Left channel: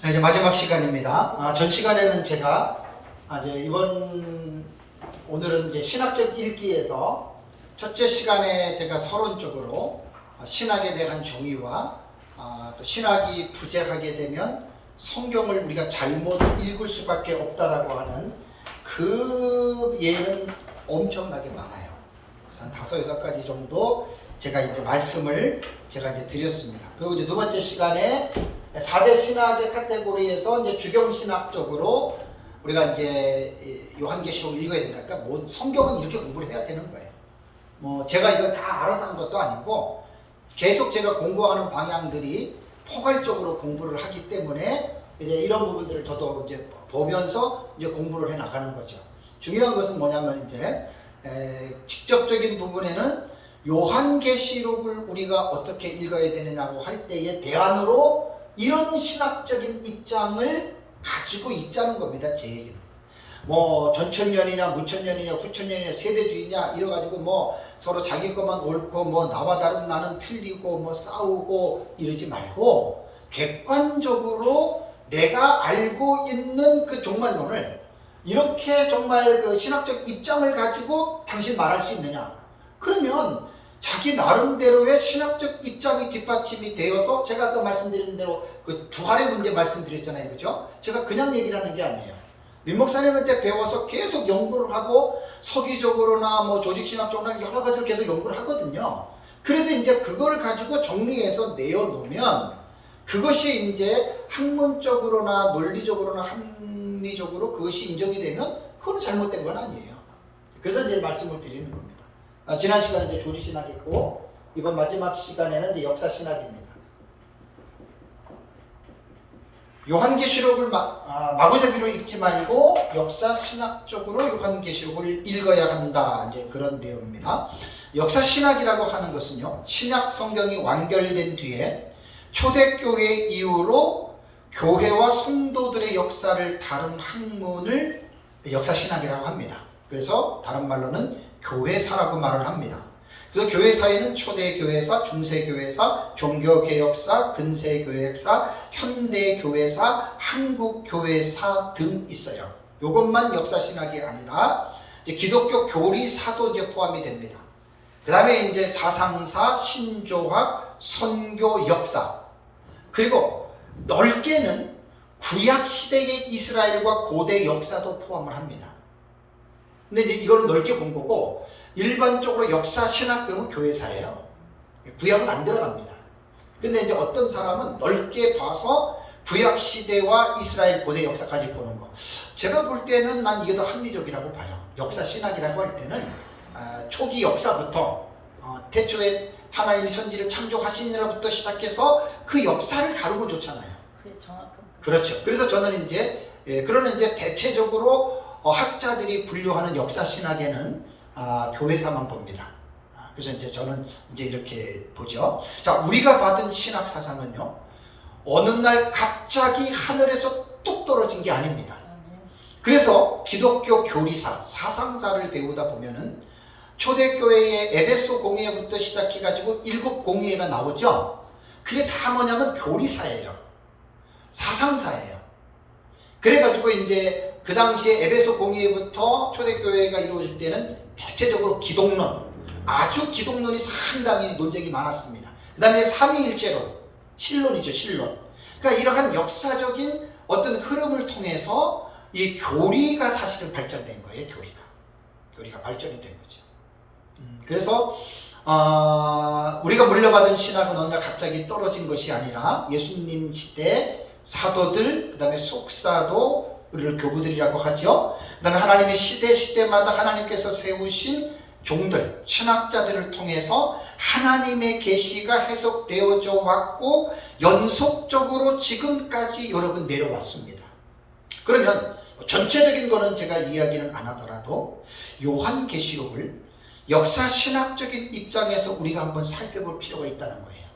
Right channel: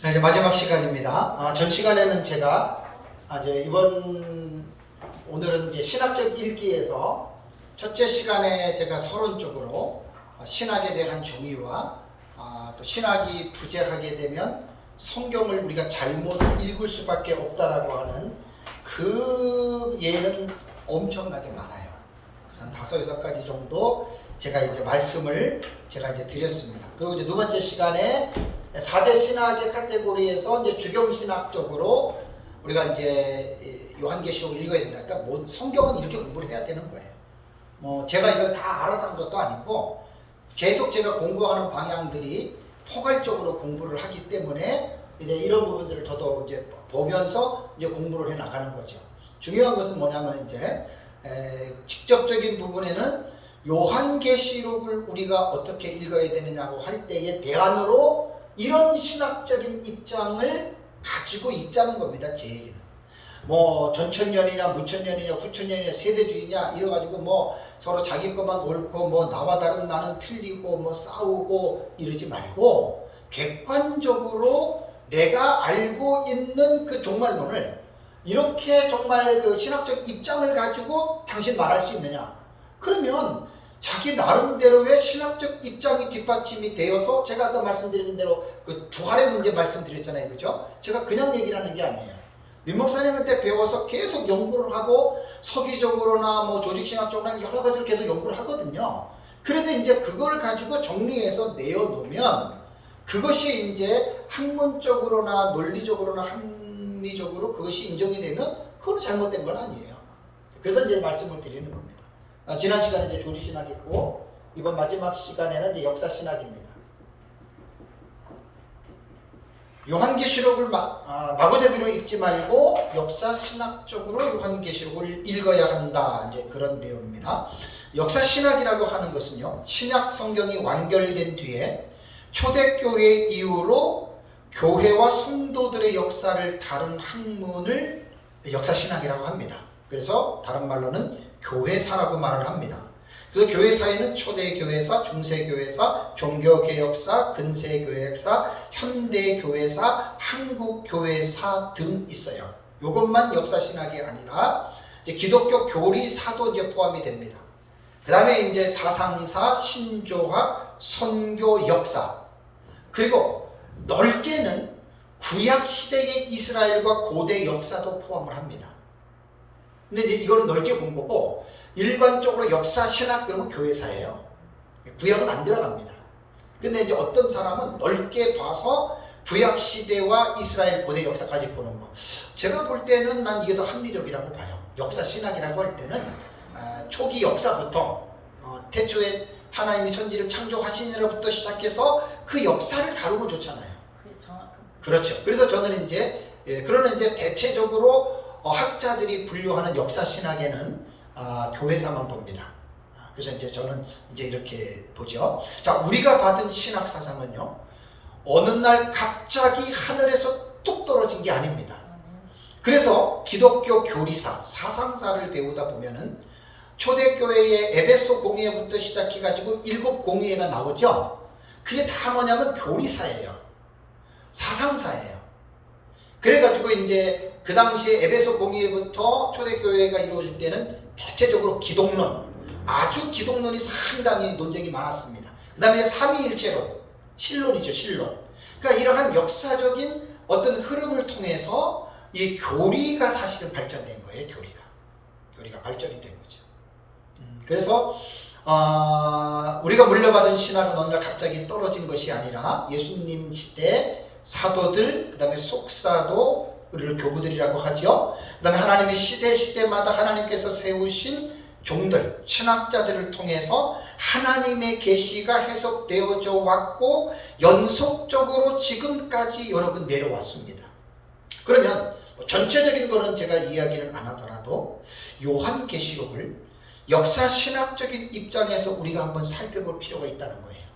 네, 이제 마지막 시간입니다. 전 시간에는 제가 이제 오늘은 이제 신학적 읽기에서 첫째 시간에 제가 서론적으로 신학에 대한 정의와 또 신학이 부재하게 되면 성경을 우리가 잘못 읽을 수밖에 없다라고 하는 그 예는 엄청나게 많아요. 그래서 한 5-6가지 정도 제가 이제 말씀을 제가 이제 드렸습니다. 그리고 이제 두 번째 시간에 4대 신학의 카테고리에서 이제 주경신학적으로 우리가 이제 요한계시록을 읽어야 된다. 그러니까 뭐 성경은 이렇게 공부를 해야 되는 거예요. 뭐 제가 이걸 다 알아서 한 것도 아니고 계속 제가 공부하는 방향들이 포괄적으로 공부를 하기 때문에 이제 이런 부분들을 저도 이제 보면서 이제 공부를 해 나가는 거죠. 중요한 것은 뭐냐면 이제 직접적인 부분에는 요한계시록을 우리가 어떻게 읽어야 되느냐고 할 때의 대안으로 이런 신학적인 입장을 가지고 읽자는 겁니다. 제 얘기는. 뭐 전천년이냐 무천년이냐 후천년이냐 세대주의냐 이래가지고 뭐 서로 자기 것만 옳고 뭐 나와 다른 나는 틀리고 뭐 싸우고 이러지 말고 객관적으로 내가 알고 있는 그 종말론을 이렇게 정말 그 신학적 입장을 가지고 당신 말할 수 있느냐. 그러면 자기 나름대로의 신학적 입장이 뒷받침이 되어서 제가 아까 말씀드린 대로 그 부활의 문제 말씀드렸잖아요. 그죠? 제가 그냥 얘기를 하는 게 아니에요. 민 목사님한테 배워서 계속 연구를 하고 서기적으로나 뭐 조직신학적으로나 여러 가지를 계속 연구를 하거든요. 그래서 이제 그걸 가지고 정리해서 내어놓으면 그것이 이제 학문적으로나 논리적으로나 합리적으로 그것이 인정이 되면 그건 잘못된 건 아니에요. 그래서 이제 말씀을 드리는 겁니다. 지난 시간에 이제 조직신학이 있고 이번 마지막 시간에는 이제 역사신학입니다. 요한계시록을 마구잡이로 읽지 말고 역사신학적으로 요한계시록을 읽어야 한다. 이제 그런 내용입니다. 역사신학이라고 하는 것은요, 신약 성경이 완결된 뒤에 초대교회 이후로 교회와 성도들의 역사를 다룬 학문을 역사신학이라고 합니다. 그래서 다른 말로는 교회사라고 말을 합니다. 그래서 교회사에는 초대교회사, 중세교회사, 종교개혁사, 근세교회사, 현대교회사, 한국교회사 등 있어요. 이것만 역사신학이 아니라 이제 기독교 교리사도 이제 포함이 됩니다. 그 다음에 이제 사상사, 신조학, 선교 역사, 그리고 넓게는 구약시대의 이스라엘과 고대 역사도 포함을 합니다. 근데 이제 이거는 넓게 본 거고, 일반적으로 역사, 신학, 그리고 교회사예요. 구약은 안 들어갑니다. 근데 이제 어떤 사람은 넓게 봐서 구약시대와 이스라엘 고대 역사까지 보는 거. 제가 볼 때는 난 이게 더 합리적이라고 봐요. 역사, 신학이라고 할 때는 초기 역사부터 태초에 하나님이 천지를 창조하시니로부터 시작해서 그 역사를 다루면 좋잖아요. 그렇죠. 그래서 저는 이제 그러나 이제 대체적으로 학자들이 분류하는 역사신학에는 교회사만 봅니다. 그래서 이제 저는 이제 이렇게 보죠. 자, 우리가 받은 신학 사상은요, 어느 날 갑자기 하늘에서 뚝 떨어진 게 아닙니다. 그래서 기독교 교리사, 사상사를 배우다 보면은 초대교회의 에베소 공회부터 시작해가지고 7 공회가 나오죠. 그게 다 뭐냐면 교리사예요. 사상사예요. 그래가지고 이제 그 당시에 에베소 공회부터 초대교회가 이루어질 때는 대체적으로 기독론, 아주 기독론이 상당히 논쟁이 많았습니다. 그 다음에 삼위일체론, 신론이죠, 신론. 그러니까 이러한 역사적인 어떤 흐름을 통해서 이 교리가 사실은 발전된 거예요, 교리가 발전이 된 거죠. 그래서 우리가 물려받은 신학은 어느 날 갑자기 떨어진 것이 아니라 예수님 시대 사도들, 그 다음에 속사도,를 교부들이라고 하죠. 그 다음에 하나님의 시대마다 하나님께서 세우신 종들, 신학자들을 통해서 하나님의 계시가 해석되어져 왔고 연속적으로 지금까지 여러 번 내려왔습니다. 그러면 전체적인 거는 제가 이야기를 안 하더라도 요한계시록을 역사신학적인 입장에서 우리가 한번 살펴볼 필요가 있다는 거예요.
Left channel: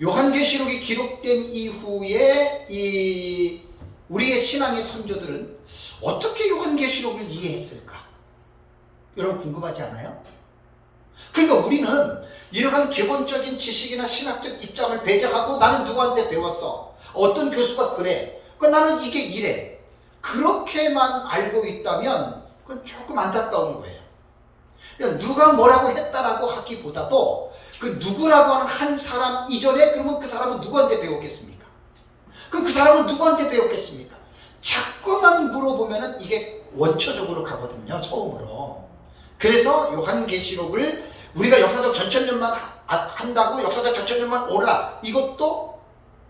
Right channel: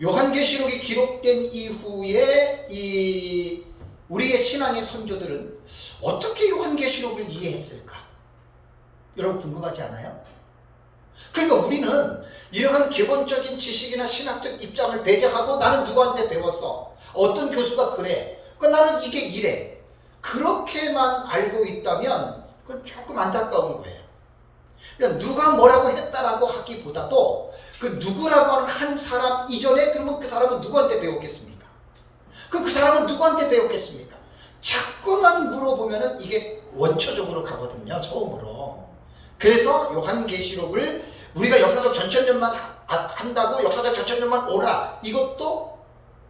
요한계시록이 기록된 이후에 우리의 신앙의 선조들은 어떻게 요한계시록을 이해했을까? 여러분 궁금하지 않아요? 그러니까 우리는 이러한 기본적인 지식이나 신학적 입장을 배제하고 나는 누구한테 배웠어? 어떤 교수가 그래? 나는 이게 이래. 그렇게만 알고 있다면 그건 조금 안타까운 거예요. 그러니까 누가 뭐라고 했다라고 하기보다도 그 누구라고 하는 한 사람 이전에 그러면 그 사람은 누구한테 배웠겠습니까? 그럼 그 사람은 누구한테 배웠겠습니까? 자꾸만 물어보면은 이게 원초적으로 가거든요. 처음으로. 그래서 요한계시록을 우리가 역사적 전천년만 한다고 역사적 전천년만 오라, 이것도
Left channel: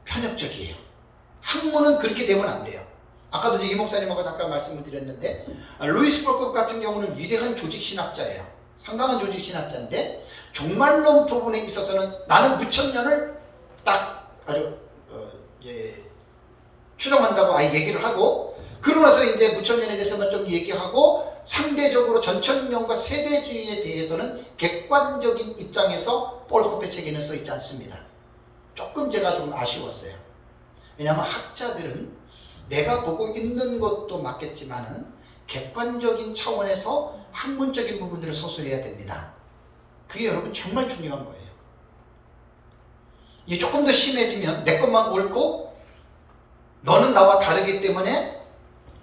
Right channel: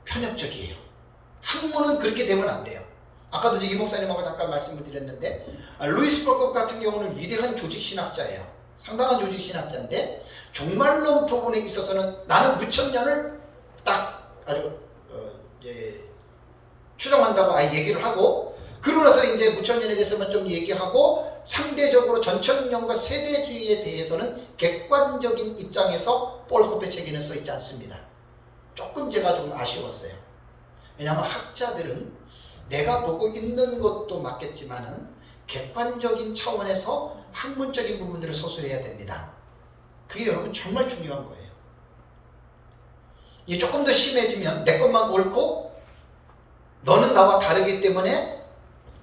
편협적이에요. 학문은 그렇게 되면 안 돼요. 아까도 이 목사님하고 잠깐 말씀을 드렸는데, 루이스 버컵 같은 경우는 위대한 조직신학자예요. 상당한 조직신학자인데 종말론 부분에 있어서는 나는 무천년을 딱 아주 이제 추정한다고 아예 얘기를 하고, 그러고 나서 이제 무천년에 대해서만 좀 얘기하고 상대적으로 전천년과 세대주의에 대해서는 객관적인 입장에서 볼코페 책에는 써 있지 않습니다. 조금 제가 좀 아쉬웠어요. 왜냐하면 학자들은 내가 보고 있는 것도 맞겠지만은 객관적인 차원에서 학문적인 부분들을 서술해야 됩니다. 그게 여러분 정말 중요한 거예요. 이게 조금 더 심해지면 내 것만 옳고 너는 나와 다르기 때문에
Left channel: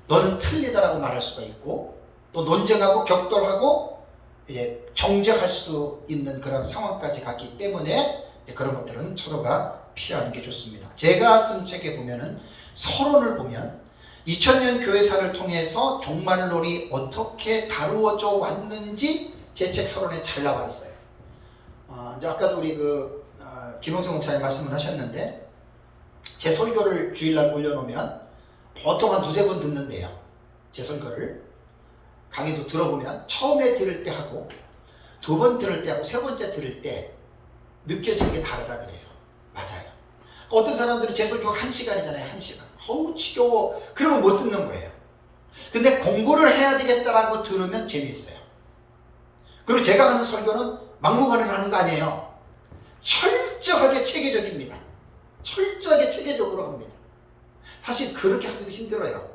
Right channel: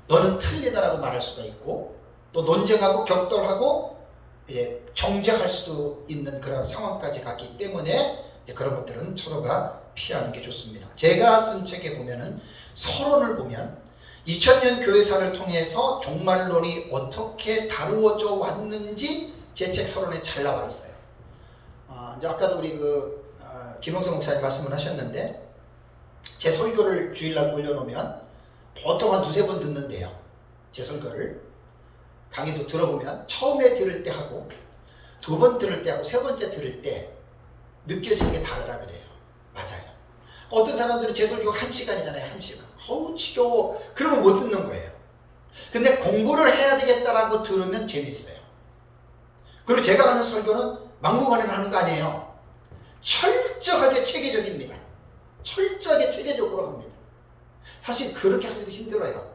너는 틀리다라고 말할 수가 있고, 또 논쟁하고 격돌하고 이제 정죄할 수도 있는 그런 상황까지 갔기 때문에 이제 그런 것들은 서로가 피하는 게 좋습니다. 제가 쓴 책에 보면은 서론을 보면 2000년 교회사를 통해서 종말론이 어떻게 다루어져 왔는지 제 책 서론에 잘 나와 있어요. 이제 아까도 우리 김홍성 목사님 말씀을 하셨는데, 제 설교를 주일날 올려놓으면 보통 한 두세 번 듣는데요. 제 설교를 강의도 들어보면 처음에 들을 때 하고 두 번 들을 때 하고 세 번째 들을 때 느껴지는 게 다르다 그래요. 맞아요. 어떤 사람들은 제 설교가 1시간이잖아요. 1시간. 어우 지겨워. 그러면 못 듣는 거예요. 근데 공부를 해야 되겠다라고 들으면 재미있어요. 그리고 제가 하는 설교는 막무가내로 하는 거 아니에요. 철저하게 체계적입니다. 철저하게 체계적으로 합니다. 사실 그렇게 하기도 힘들어요.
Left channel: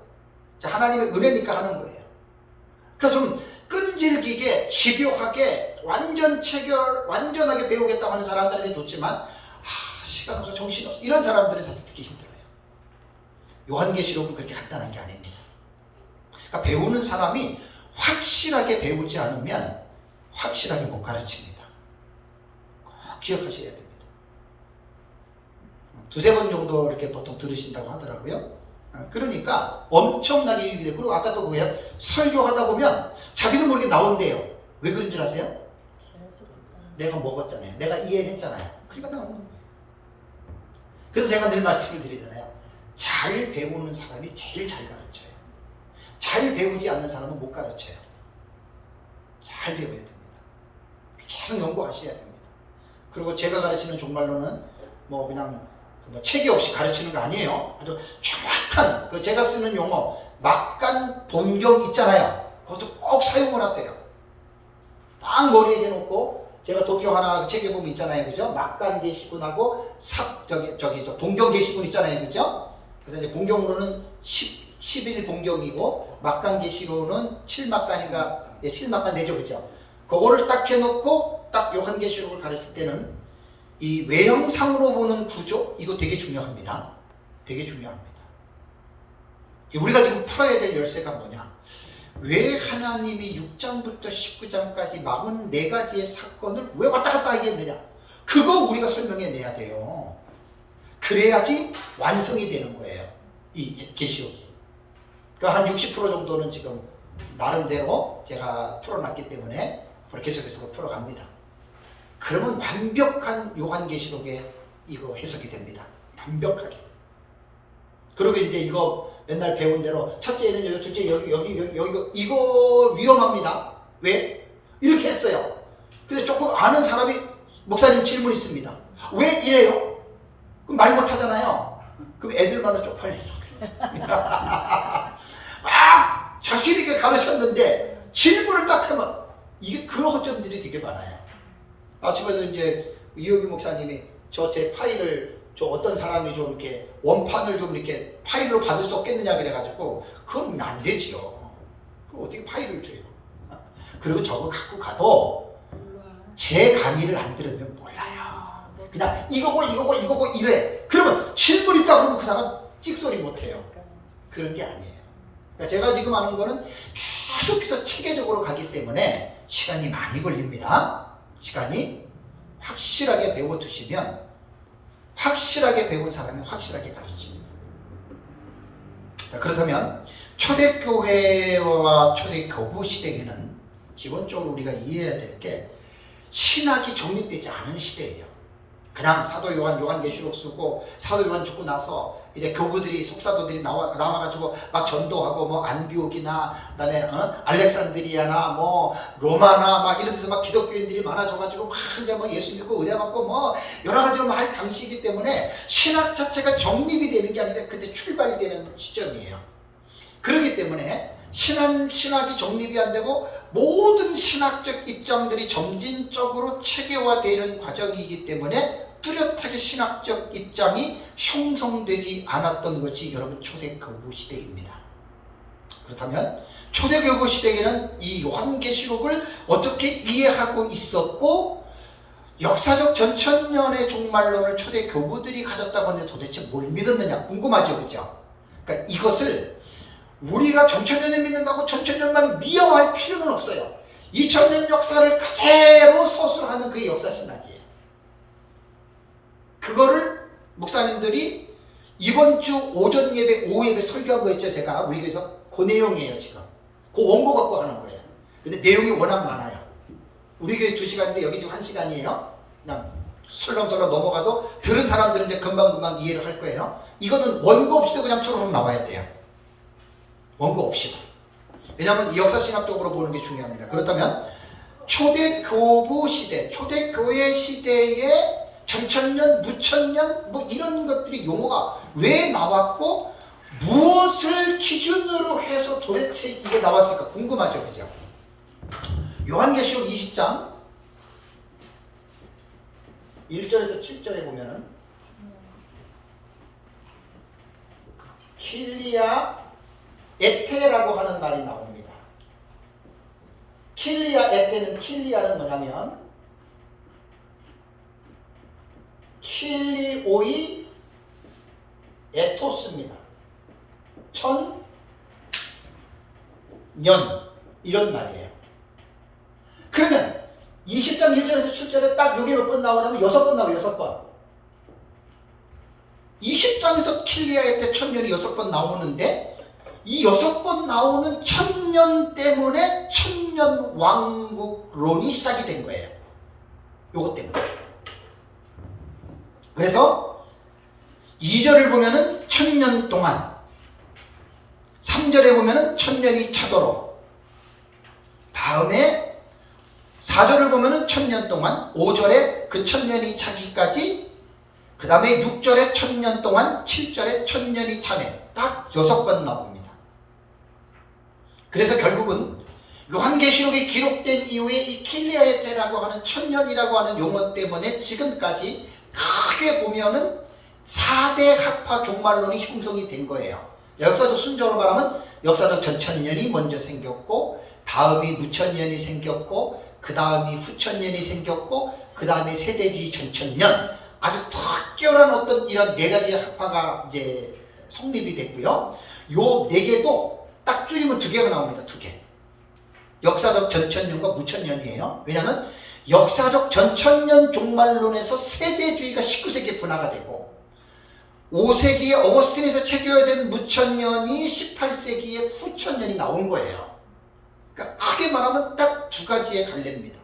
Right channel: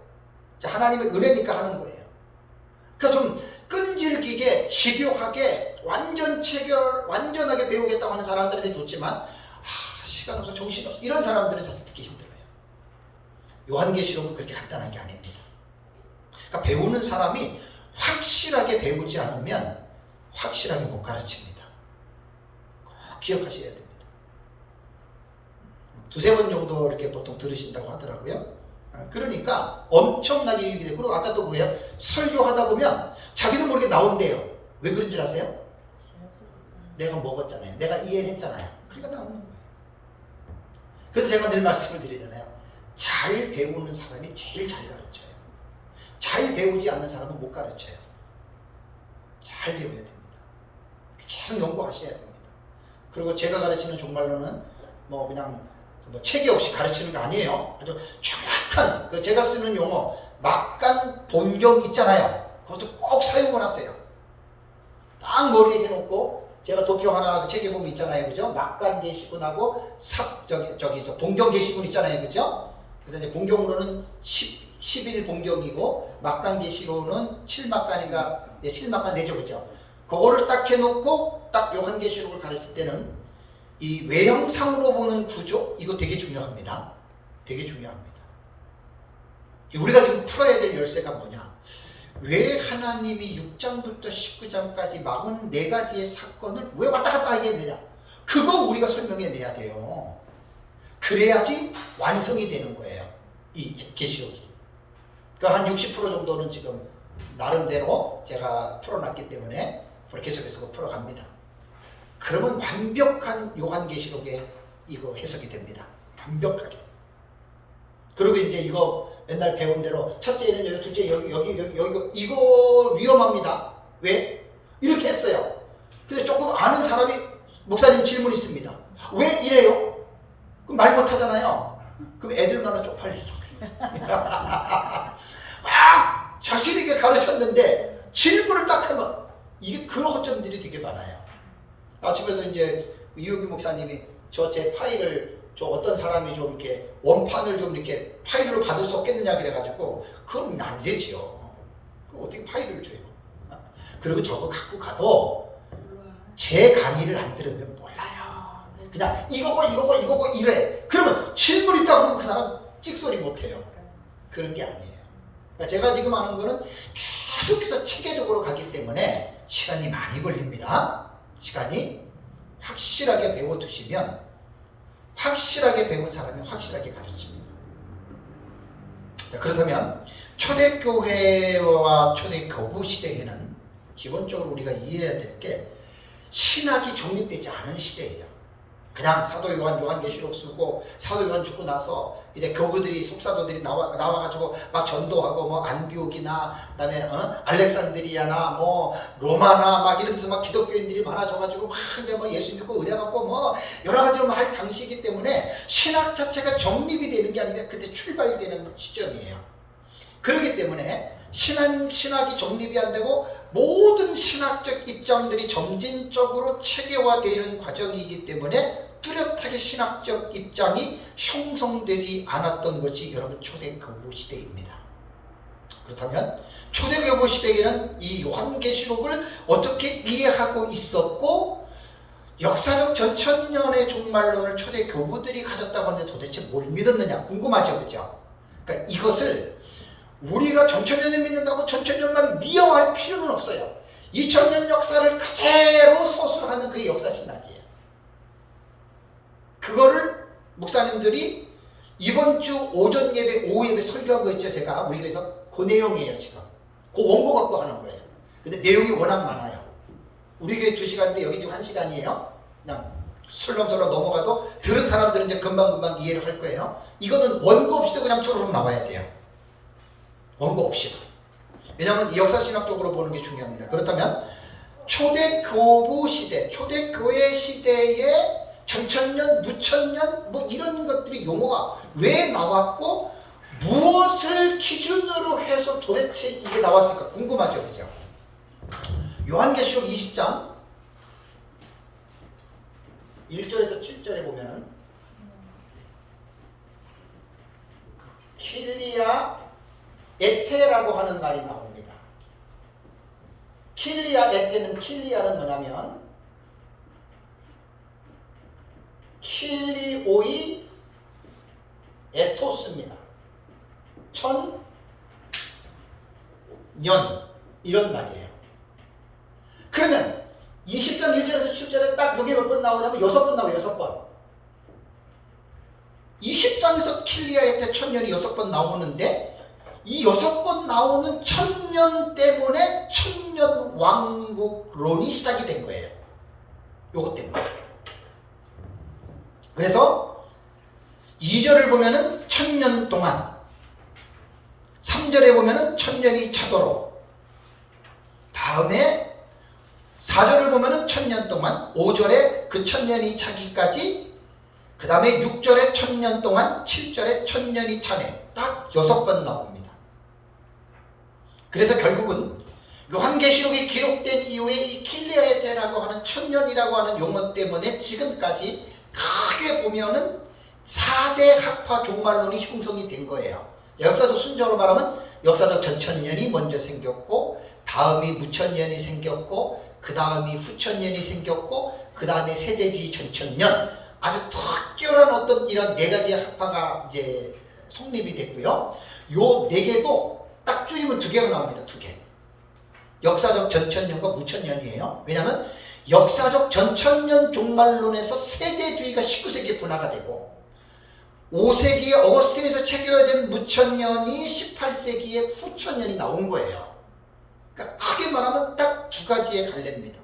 하나님의 은혜니까 하는 거예요. 그러니까 좀 끈질기게 집요하게 완전하게 배우겠다고 하는 사람들한테 좋지만 시간 없어, 정신 없어, 이런 사람들은 사실 듣기 힘들어요. 요한계시록은 그렇게 간단한 게 아닙니다. 그러니까 배우는 사람이 확실하게 배우지 않으면 확실하게 못 가르칩니다. 꼭 기억하셔야 됩니다. 두세 번 정도 이렇게 보통 들으신다고 하더라고요. 그러니까 엄청나게 유익이 돼요. 그리고 아까 또 뭐예요? 설교하다 보면 자기도 모르게 나온대요. 왜 그런 줄 아세요? 내가 먹었잖아요. 내가 이해를 했잖아요. 그러니까 나오는 거예요. 그래서 제가 늘 말씀을 드리잖아요. 잘 배우는 사람이 제일 잘 가르쳐요. 잘 배우지 않는 사람은 못 가르쳐요. 잘 배워야 됩니다. 계속 연구하셔야 됩니다. 그리고 제가 가르치는 종말론은 뭐 그냥 체계 없이 가르치는 거 아니에요. 아주 정확한 제가 쓰는 용어 막간 본경 있잖아요. 그것도 꼭 사용을 하세요. 딱 머리에 해놓고, 제가 도표 하나 책에 보면 있잖아요, 그죠? 막간 계시군하고 본경 계시군 있잖아요, 그죠? 그래서 이제 본경으로는 11 본경이고 막간 계시로는 7막간인가, 7막간 되죠, 그죠? 그거를 딱 해놓고 딱 요한계시록을 가르칠 때는 이 외형상으로 보는 구조, 이거 되게 중요합니다. 되게 중요합니다. 우리가 지금 풀어야 될 열쇠가 뭐냐? 왜 하나님이 6장부터 19장까지 44가지의 사건을 왜 왔다 갔다 하게 했느냐? 그거 우리가 설명해 내야 돼요. 그래야지 완성이 되는 거예요. 이 계시록이. 한 60% 정도는 지금 나름대로 제가 풀어놨기 때문에 계속해서 풀어갑니다. 그러면 완벽한 요한계시록에 이거 해석이 됩니다. 완벽하게. 그리고 이제 이거 맨날 배운 대로 첫째는 여기, 둘째 여기 이거 위험합니다. 왜? 이렇게 했어요. 근데 조금 아는 사람이 목사님 질문 있습니다. 왜 이래요? 그럼 말 못하잖아요. 그럼 애들마다 쪽팔리는 거예요. 막 자신있게 가르쳤는데 질문을 딱 하면 이게 그런 허점들이 되게 많아요. 아침에도 이제 이호기 목사님이 제 파일을 어떤 사람이 좀 이렇게 원판을 좀 이렇게 파일로 받을 수 없겠느냐 그래가지고, 그건 안 되지요. 그 어떻게 파일을 줘요? 그리고 저거 갖고 가도 제 강의를 안 들으면 몰라요. 그냥 이거고 이래. 그러면 질문 있다 그러면 그 사람 찍소리 못해요. 그런 게 아니에요. 그러니까 제가 지금 하는 거는 계속해서 체계적으로 가기 때문에 시간이 많이 걸립니다. 시간이 확실하게 배워두시면 확실하게 배운 사람이 확실하게 가르칩니다. 그렇다면 초대교회와 초대교부 시대에는 기본적으로 우리가 이해해야 될 게 신학이 정립되지 않은 시대예요. 그냥 사도 요한계시록 쓰고 사도 요한 죽고 나서 이제 교부들이 속사도들이 나와가지고 막 전도하고 뭐 안디옥이나 그다음에 알렉산드리아나 뭐 로마나 막 이런 데서 막 기독교인들이 많아져가지고 막 이제 뭐 예수 믿고 은혜 받고 뭐 여러 가지로 막 할 당시이기 때문에 신학 자체가 정립이 되는 게 아니라 그때 출발되는 시점이에요. 그렇기 때문에 신학이 정립이 안 되고 모든 신학적 입장들이 점진적으로 체계화되는 과정이기 때문에 뚜렷하게 신학적 입장이 형성되지 않았던 것이 여러분 초대교부 시대입니다. 그렇다면 초대교부 시대에는 이 요한계시록을 어떻게 이해하고 있었고 역사적 전천년의 종말론을 초대교부들이 가졌다고 하는데 도대체 뭘 믿었느냐 궁금하죠, 그죠? 그러니까 이것을 우리가 전천년을 믿는다고 전천년만 미화할 필요는 없어요. 2000년 역사를 그대로 서술하는 그게 역사신학이에요. 그거를 목사님들이 이번 주 오전 예배, 오후 예배 설교한 거 있죠, 제가 우리 교회에서 그 내용이에요. 지금 그 원고 갖고 하는 거예요. 근데 내용이 워낙 많아요. 우리 교회 2시간인데 여기 지금 1시간이에요. 그냥 설렁설렁 넘어가도 들은 사람들은 이제 금방금방 이해를 할 거예요. 이거는 원고 없이도 그냥 초록 나와야 돼요. 원고 없이도. 왜냐하면 역사신학적으로 보는 게 중요합니다. 그렇다면 초대교부 시대, 초대교회 시대에 전천년, 무천년 뭐 이런 것들이 용어가 왜 나왔고 무엇을 기준으로 해서 도대체 이게 나왔을까 궁금하죠, 그죠? 요한계시록 20장 1절에서 7절에 보면은 킬리아 에테라고 하는 말이 나옵니다. 킬리아는 뭐냐면 킬리오이 에토스입니다. 천년 이런 말이에요. 그러면 20장 1절에서 7절에 딱 요게 몇 번 나오냐면 6번 나와요. 6번. 20장에서 킬리아의 때 천년이 6번 나오는데 이 6번 나오는 천년 때문에 천년 왕국론이 시작이 된 거예요. 요것 때문에. 그래서 2절을 보면은 천년 동안, 3절에 보면은 천년이 차도록, 다음에 4절을 보면은 천년 동안, 5절에 그 천년이 차기까지, 그 다음에 6절에 천년 동안, 7절에 천년이 차네. 딱 6번 나옵니다. 그래서 결국은 요한계시록이 기록된 이후에 이 킬리아에테라고 하는 천년이라고 하는 용어 때문에 지금까지 크게 보면은 4대 학파 종말론이 형성이 된 거예요. 역사적 순서로 말하면 역사적 전천년이 먼저 생겼고, 다음이 무천년이 생겼고, 그 다음이 후천년이 생겼고, 그 다음에 세대주의 전천년, 아주 특별한 어떤 이런 4가지 학파가 이제 성립이 됐고요. 요 4개도 딱 줄이면 2개가 나옵니다. 2개. 역사적 전천년과 무천년이에요. 왜냐하면 역사적 전천년 종말론에서 세대주의가 19세기에 분화가 되고 5세기에 어거스틴에서 체결된 무천년이 18세기에 후천년이 나온 거예요. 그러니까 크게 말하면 딱 2가지의 갈래입니다.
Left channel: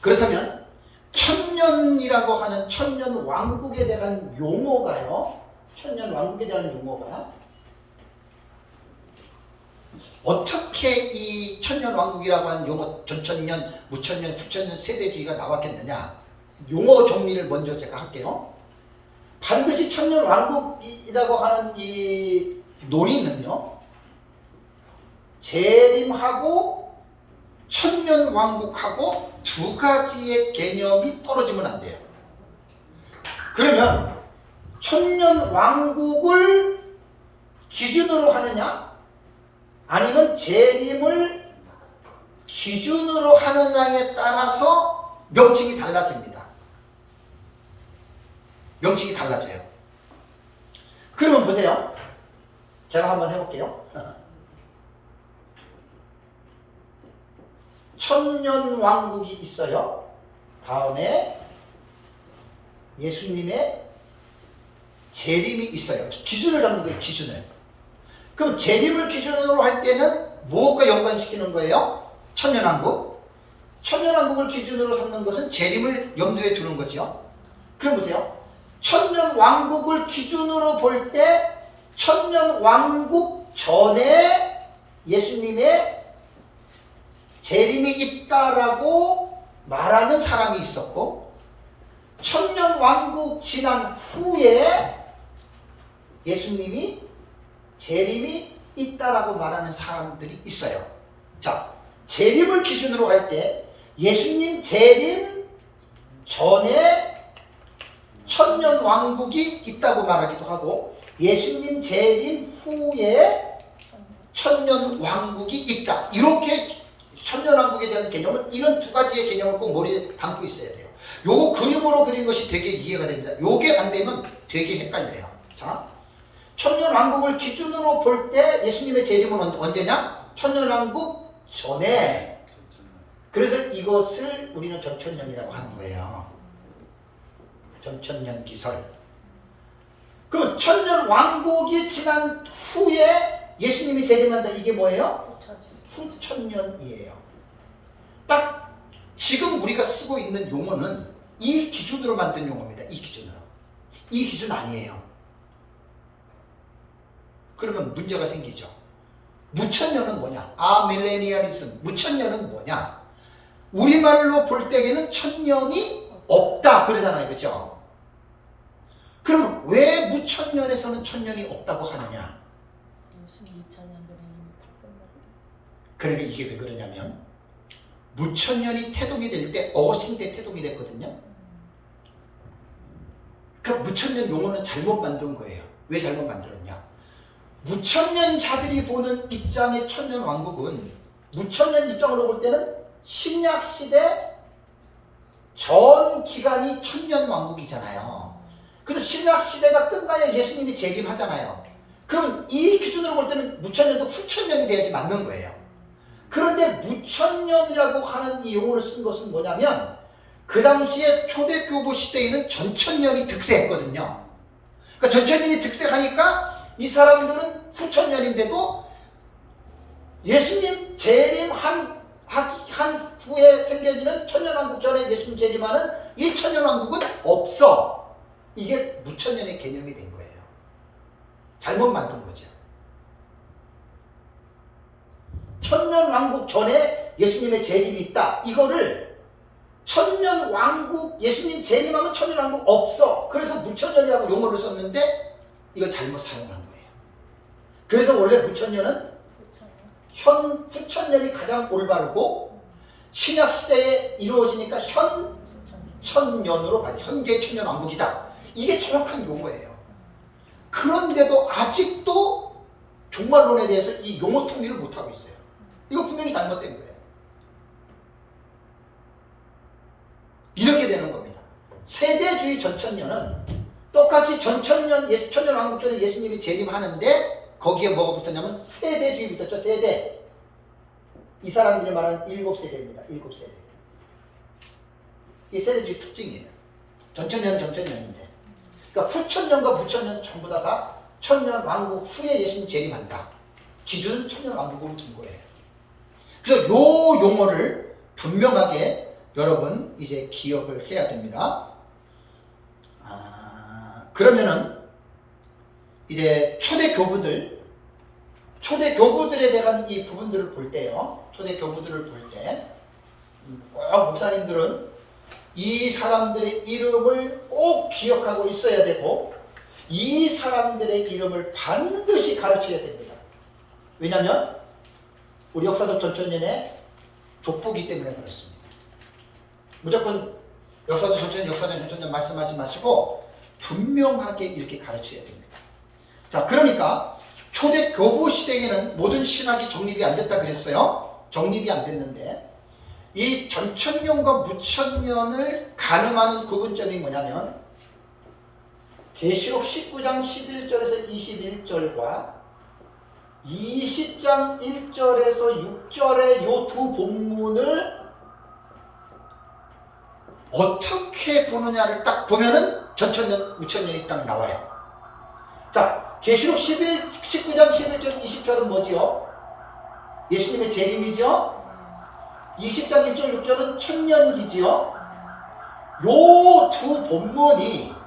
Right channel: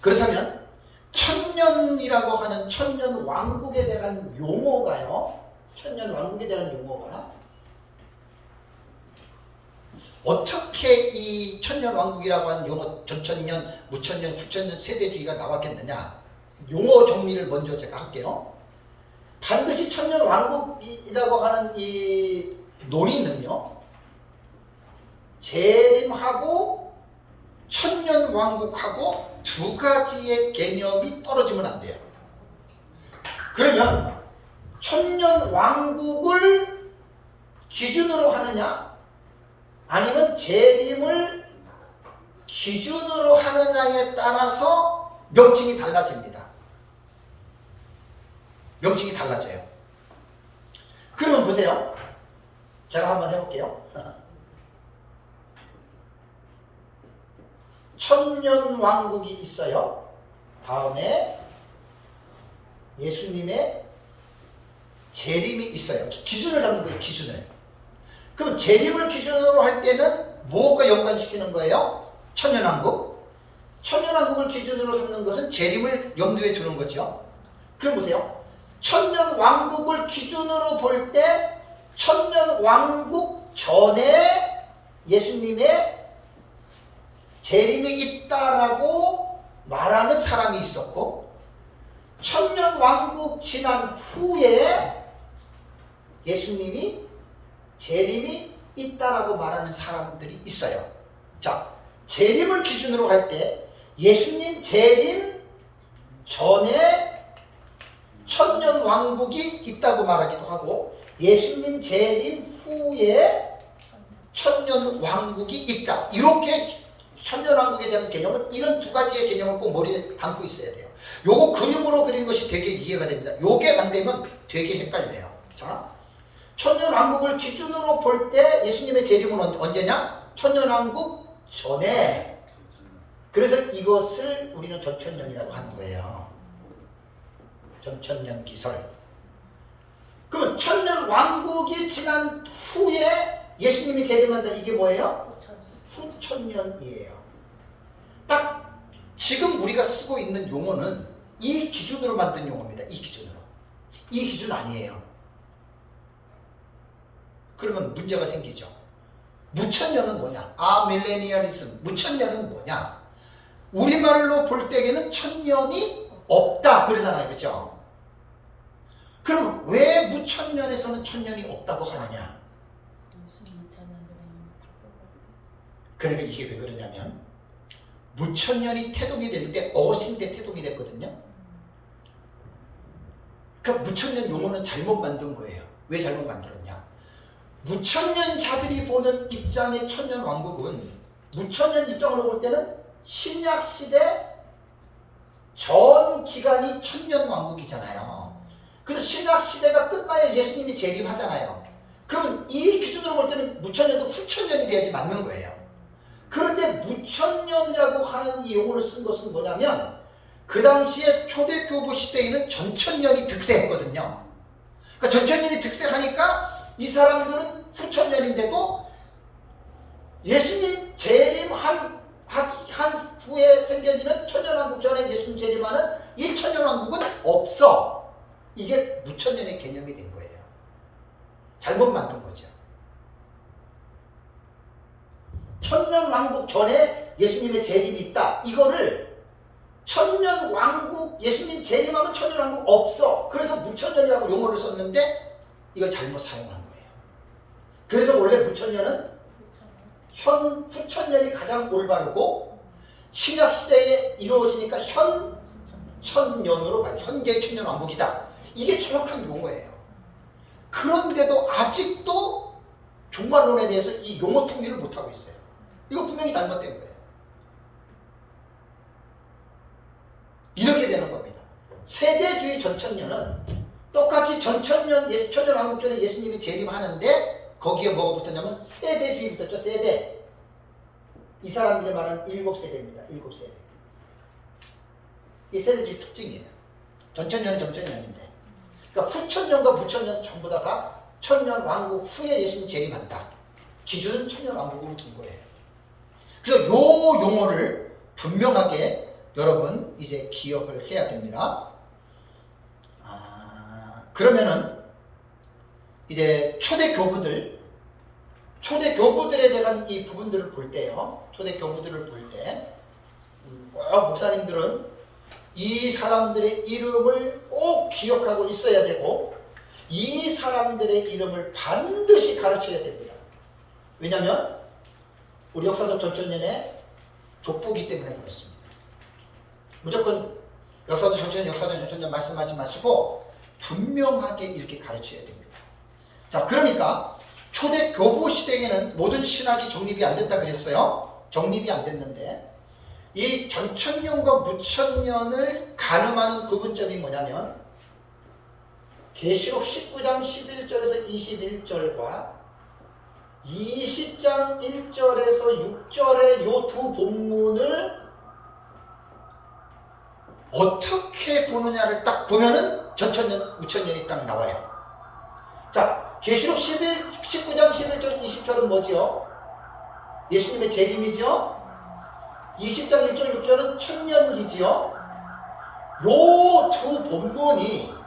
그렇다면 천년이라고 하는 천년 왕국에 대한 용어가요. 천년 왕국에 대한 용어가 어떻게 이 천년 왕국이라고 하는 용어 전천년, 무천년, 후천년 세대주의가 나왔겠느냐. 용어 정리를 먼저 제가 할게요. 반드시 천년 왕국이라고 하는 이 논의는요. 재림하고 천년 왕국하고 2가지의 개념이 떨어지면 안 돼요. 그러면 천년 왕국을 기준으로 하느냐 아니면 재림을 기준으로 하느냐에 따라서 명칭이 달라집니다. 명칭이 달라져요. 그러면 보세요. 제가 한번 해볼게요. 천년왕국이 있어요. 다음에 예수님의 재림이 있어요. 기준을 잡는 거예요. 기준을. 그럼 재림을 기준으로 할 때는 무엇과 연관시키는 거예요? 천년왕국. 천년왕국을 기준으로 삼는 것은 재림을 염두에 두는 거죠. 그럼 보세요. 천년왕국을 기준으로 볼 때 천년왕국 전에 예수님의 재림이 있다라고 말하는 사람이 있었고, 천년왕국 지난 후에 예수님이 재림이 있다라고 말하는 사람들이 있어요. 자, 재림을 기준으로 할 때 예수님 재림 전에 천년왕국이 있다고 말하기도 하고, 예수님 재림 후에 천년왕국이 있다. 이렇게 천년왕국에 대한 개념은 이런 두 가지의 개념을 꼭 머리에 담고 있어야 돼요. 요거 그림으로 그린 것이 되게 이해가 됩니다. 요게 안 되면 되게 헷갈려요. 자, 천년왕국을 기준으로 볼 때 예수님의 재림은 언제냐? 천년왕국 전에. 그래서 이것을 우리는 전천년이라고 하는 거예요. 전천년 기설. 그러면 천년왕국이 지난 후에 예수님이 재림한다. 이게 뭐예요? 후천년이에요. 딱 지금 우리가 쓰고 있는 용어는 이 기준으로 만든 용어입니다. 이 기준으로. 이 기준 아니에요. 그러면 문제가 생기죠. 무천년은 뭐냐? 아밀레니얼리즘. 무천년은 뭐냐? 우리말로 볼 때에는 천년이 없다 그러잖아요. 그렇죠? 그럼 왜 무천년에서는 천년이 없다고 하느냐? 그러니까 이게 왜 그러냐면 무천년이 태동이 될 때 어거스틴 때 태동이 됐거든요. 그러니까 무천년 용어는 잘못 만든 거예요. 왜 잘못 만들었냐? 무천년자들이 보는 입장의 천년왕국은, 무천년 입장으로 볼 때는 신약시대 전 기간이 천년왕국이잖아요. 그래서 신약시대가 끝나야 예수님이 재림하잖아요. 그럼 이 기준으로 볼 때는 무천년도 후천년이 돼야지 맞는 거예요. 그런데 무천년이라고 하는 이 용어를 쓴 것은 뭐냐면, 그 당시에 초대교부 시대에는 전천년이 득세했거든요. 그러니까 전천년이 득세하니까 이 사람들은 후천년인데도 예수님 재림한 후에 생겨지는 천년왕국 전에 예수님 재림하는 이 천년왕국은 없어. 이게 무천년의 개념이 된 거예요. 잘못 만든 거죠. 천년왕국 전에 예수님의 재림이 있다. 이거를 천년왕국, 예수님 재림하면 천년왕국 없어. 그래서 무천년이라고 용어를 썼는데 이걸 잘못 사용한 거예요. 그래서 원래 무천년은 후천년이 가장 올바르고, 신약시대에 이루어지니까 현천년으로 가요. 현재 천년왕국이다. 이게 정확한 용어예요. 그런데도 아직도 종말론에 대해서 이 용어 통일을 못하고 있어요. 이거 분명히 잘못된 거예요. 이렇게 되는 겁니다. 세대주의 전천년은 똑같이 전천년, 천년왕국 전에 예수님이 재림하는데 거기에 뭐가 붙었냐면 세대주의 붙었죠. 세대. 이 사람들이 말하는 7세대입니다. 7세대. 이게 세대주의 특징이에요. 전천년은 전천년인데, 그러니까 후천년과 무천년 전부 다 천년왕국 후에 예수님 재림한다. 기준은 천년왕국으로 둔 거예요. 그래서 요 용어를 분명하게 여러분 이제 기억을 해야 됩니다. 그러면은 이제 초대교부들에 대한 이 부분들을 볼 때요. 초대교부들을 볼 때 목사님들은 이 사람들의 이름을 꼭 기억하고 있어야 되고, 이 사람들의 이름을 반드시 가르쳐야 됩니다. 왜냐하면 우리 역사적 전천년의 족보기 때문에 그렇습니다. 무조건 역사적 전천년 말씀하지 마시고 분명하게 이렇게 가르쳐야 됩니다. 자, 그러니까 초대교부 시대에는 모든 신학이 정립이 안 됐다 그랬어요. 정립이 안 됐는데, 이 전천년과 무천년을 가늠하는 구분점이 뭐냐면, 계시록 19장 11절에서 21절과 20장 1절에서 6절의 요 두 본문을 어떻게 보느냐를 딱 보면은 전천년, 우천년이 딱 나와요. 자, 계시록 19장 11절 20절은 뭐지요? 예수님의 재림이죠? 20장 1절 6절은 천년기지요? 요 두 본문이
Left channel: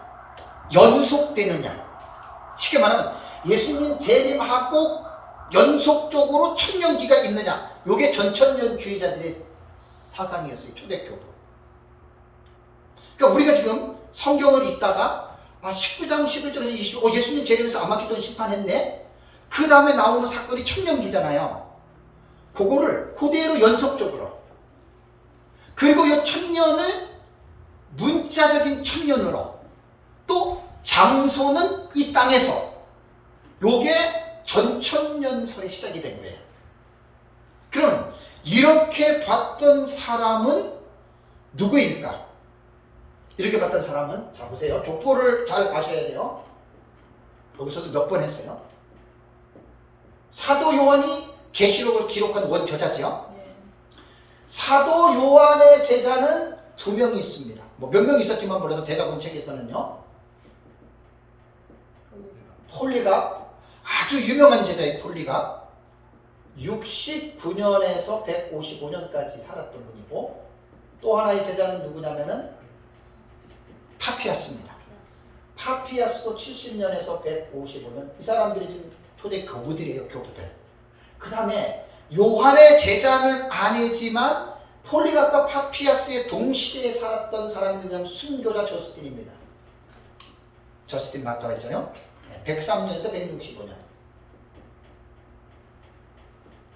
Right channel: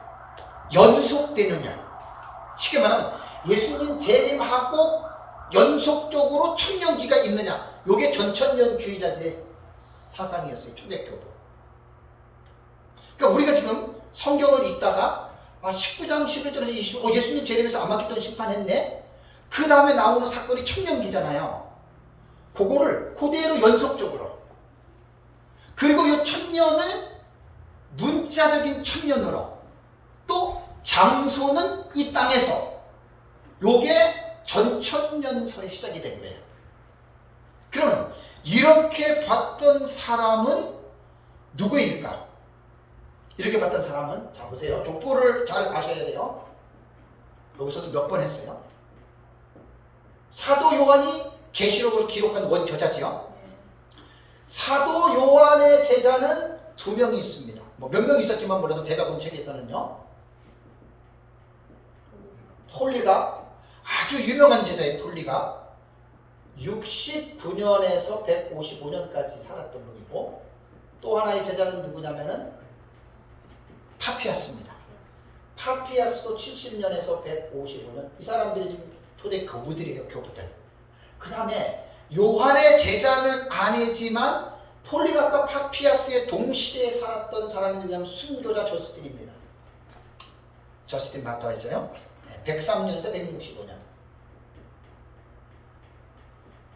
연속되느냐? 쉽게 말하면 예수님 재림하고 연속적으로 천년기가 있느냐? 요게 전천년주의자들의 사상이었어요. 초대교도. 그러니까 우리가 지금 성경을 읽다가 19장 11절에서 20절 예수님 재림에서 아마겟돈 심판했네? 그 다음에 나오는 사건이 천년기잖아요. 그거를 그대로 연속적으로 그리고 이 천년을 문자적인 천년으로 또 장소는 이 땅에서 요게 전천년설이 시작이 된 거예요. 그러면 이렇게 봤던 사람은 누구일까? 이렇게 봤던 사람은 자 보세요. 족보를 잘 아셔야 돼요. 여기서도 몇 번 했어요. 사도 요한이 계시록을 기록한 원저자지요. 사도 요한의 제자는 2명이 있습니다. 뭐 몇 명 있었지만 몰라도 제가 본 책에서는요. 폴리가 아주 유명한 제자의 폴리가 69년에서 155년까지 살았던 분이고 또 하나의 제자는 누구냐면은 파피아스입니다. 파피아스도 70년에서 155년. 이 사람들이 지금 초대 교부들이에요. 교부들. 그 다음에 요한의 제자는 아니지만 폴리각과 파피아스의 동시대에 살았던 사람이 누구냐면 순교자 저스틴입니다. 저스틴 마타이잖아요. 103년에서 165년.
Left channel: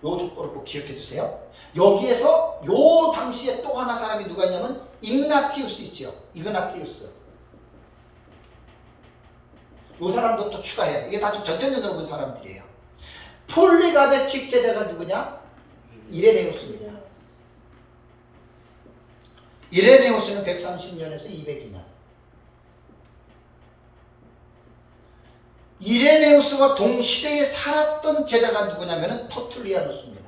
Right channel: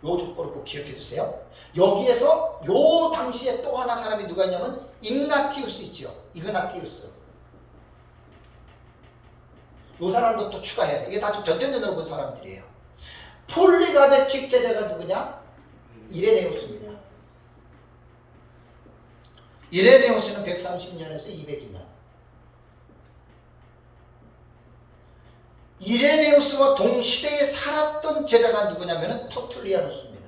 요 족보를 꼭 기억해 두세요. 여기에서 요 당시에 또 하나 사람이 누가 있냐면 ig나티우스 있죠. 이그나티우스. 요 사람도 또 추가해야 돼. 이게 다 좀 전천년으로 본 사람들이에요. 폴리갑의 직제자가 누구냐? 이레네우스입니다. 이레네우스는 130년에서 202년. 이레네우스와 동시대에 살았던 제자가 누구냐면 터툴리아누스입니다.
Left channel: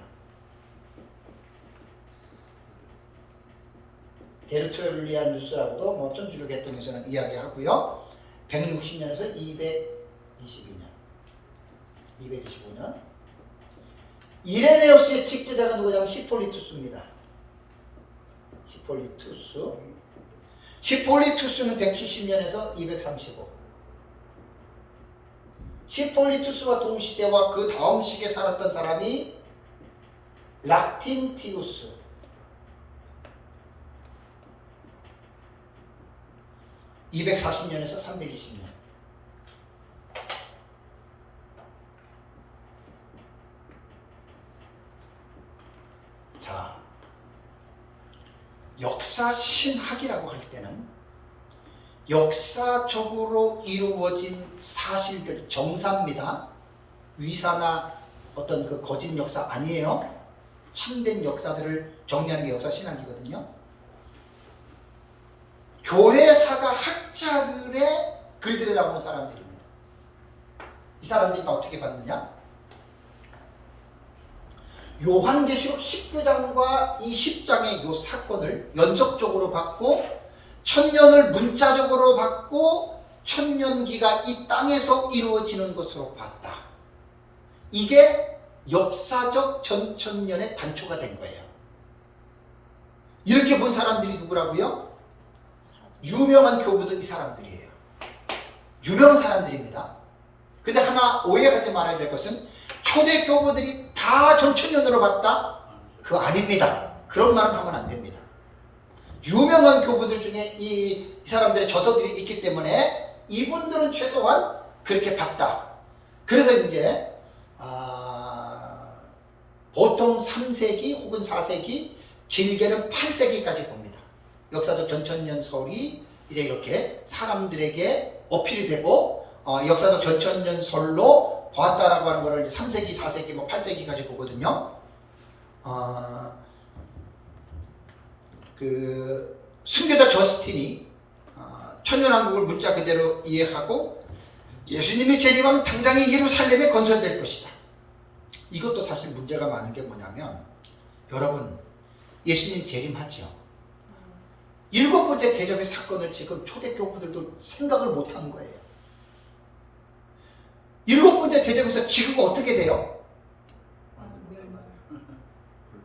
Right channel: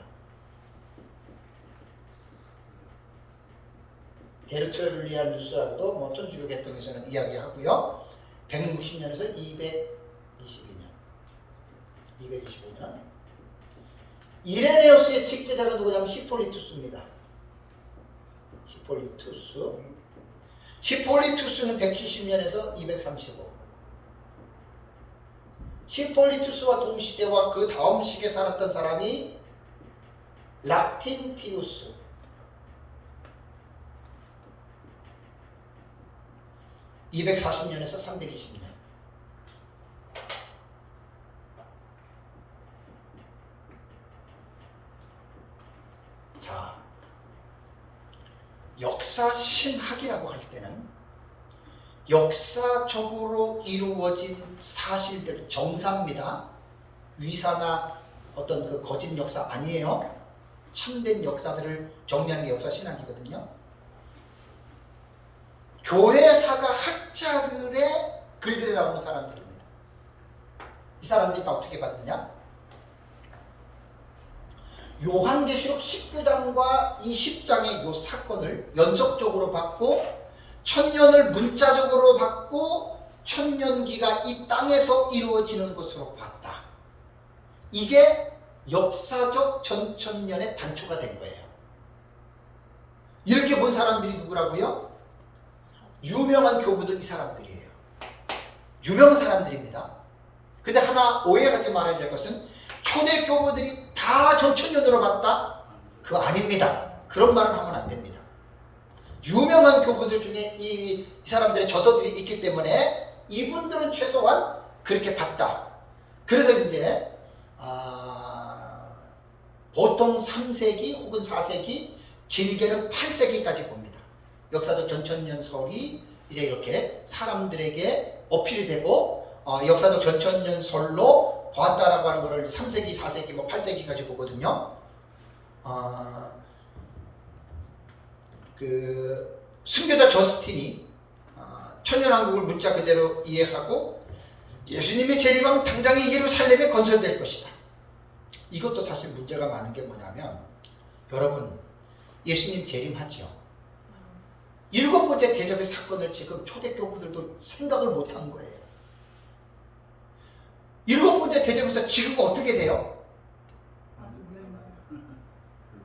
데르툴리아누스라고도 뭐 천주교 계통에서는 이야기하고요. 160년에서 225년. 이레네우스의 직제자가 누구냐면 히폴리투스입니다. 히폴리투스는 170년에서 235. 히폴리투스와 동시대와 그 다음 시기에 살았던 사람이 락틴티우스. (240년에서 320년) 자, 역사 신학이라고 할 때는 역사적으로 이루어진 사실들, 정사입니다. 위사나 어떤 그 거짓 역사 아니에요. 참된 역사들을 정리하는 게 역사 신학이거든요. 교회사가 학자들의 글들에 나오는 사람들입니다. 이 사람들이 다 어떻게 봤느냐? 요한계시록 19장과 20장의 요 사건을 연속적으로 봤고 천년을 문자적으로 봤고 천년기가 이 땅에서 이루어지는 것으로 봤다. 이게 역사적 전천년의 단초가 된 거예요. 이렇게 본 사람들이 누구라고요? 유명한 교부들 이 사람들이에요. 유명한 사람들입니다. 근데 하나 오해하지 말아야 될 것은 초대 교부들이 다 전천년으로 봤다? 그거 아닙니다. 그런 말은 하면 안 됩니다. 유명한 교부들 중에 이 사람들의 저서들이 있기 때문에 이분들은 최소한 그렇게 봤다. 그래서 이제 보통 3세기 혹은 4세기 길게는 8세기까지 봅니다. 역사적 전천년설이 이제 이렇게 사람들에게 어필이 되고 역사적 전천년설로 보았다라고 하는 것을 3세기, 4세기, 뭐 8세기까지 보거든요. 그 순교자 저스틴이 천년왕국을 문자 그대로 이해하고 예수님이 재림하면 당장에 예루살렘에 건설될 것이다. 이것도 사실 문제가 많은 게 뭐냐면 여러분 예수님 재림하죠. 7번째 대접의 사건을 지금 초대교부들도 생각을 못한 거예요. 7번째 대접에서 지금 어떻게 돼요?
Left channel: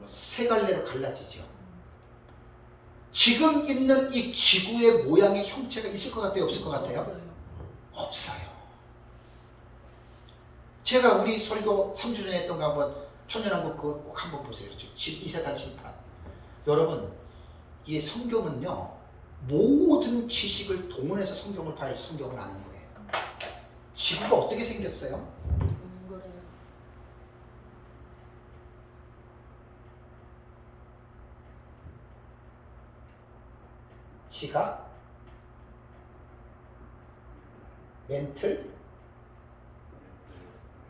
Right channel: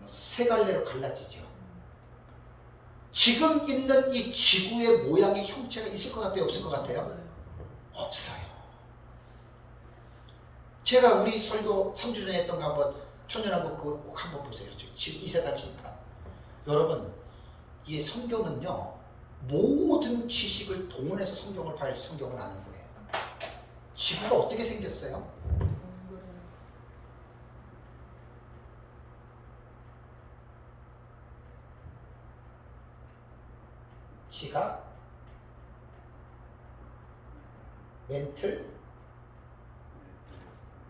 세 갈래로 갈라지죠. 지금 있는 이 지구의 모양의 형체가 있을 것 같아요? 없을 것 같아요? 없어요. 제가 우리 설교 3주 전에 했던 거 한번 천년왕국 그거 꼭 한번 보세요. 이 세상 심판. 여러분 이 성경은요 모든 지식을 동원해서 성경을 봐야 성경을 아는 거예요. 지구가 어떻게 생겼어요? 시각, 멘틀,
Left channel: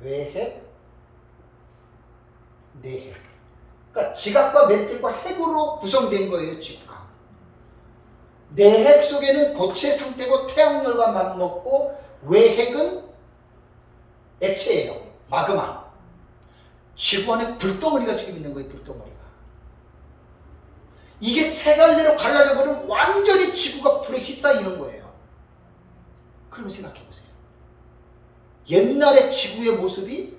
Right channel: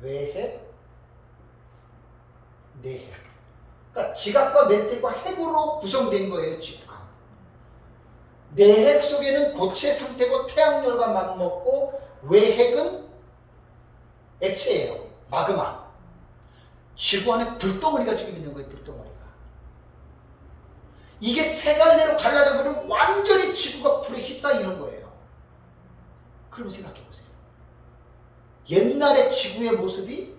외핵, 내핵. 그러니까 지각과 멘틀과 핵으로 구성된 거예요, 지구가. 내핵 속에는 고체 상태고 태양열과 맞먹고 외핵은 액체예요. 마그마. 지구 안에 불덩어리가 지금 있는 거예요, 불덩어리가. 이게 세 갈래로 갈라져 버리면 완전히 지구가 불에 휩싸이는 거예요. 그러면 생각해 보세요. 옛날의 지구의 모습이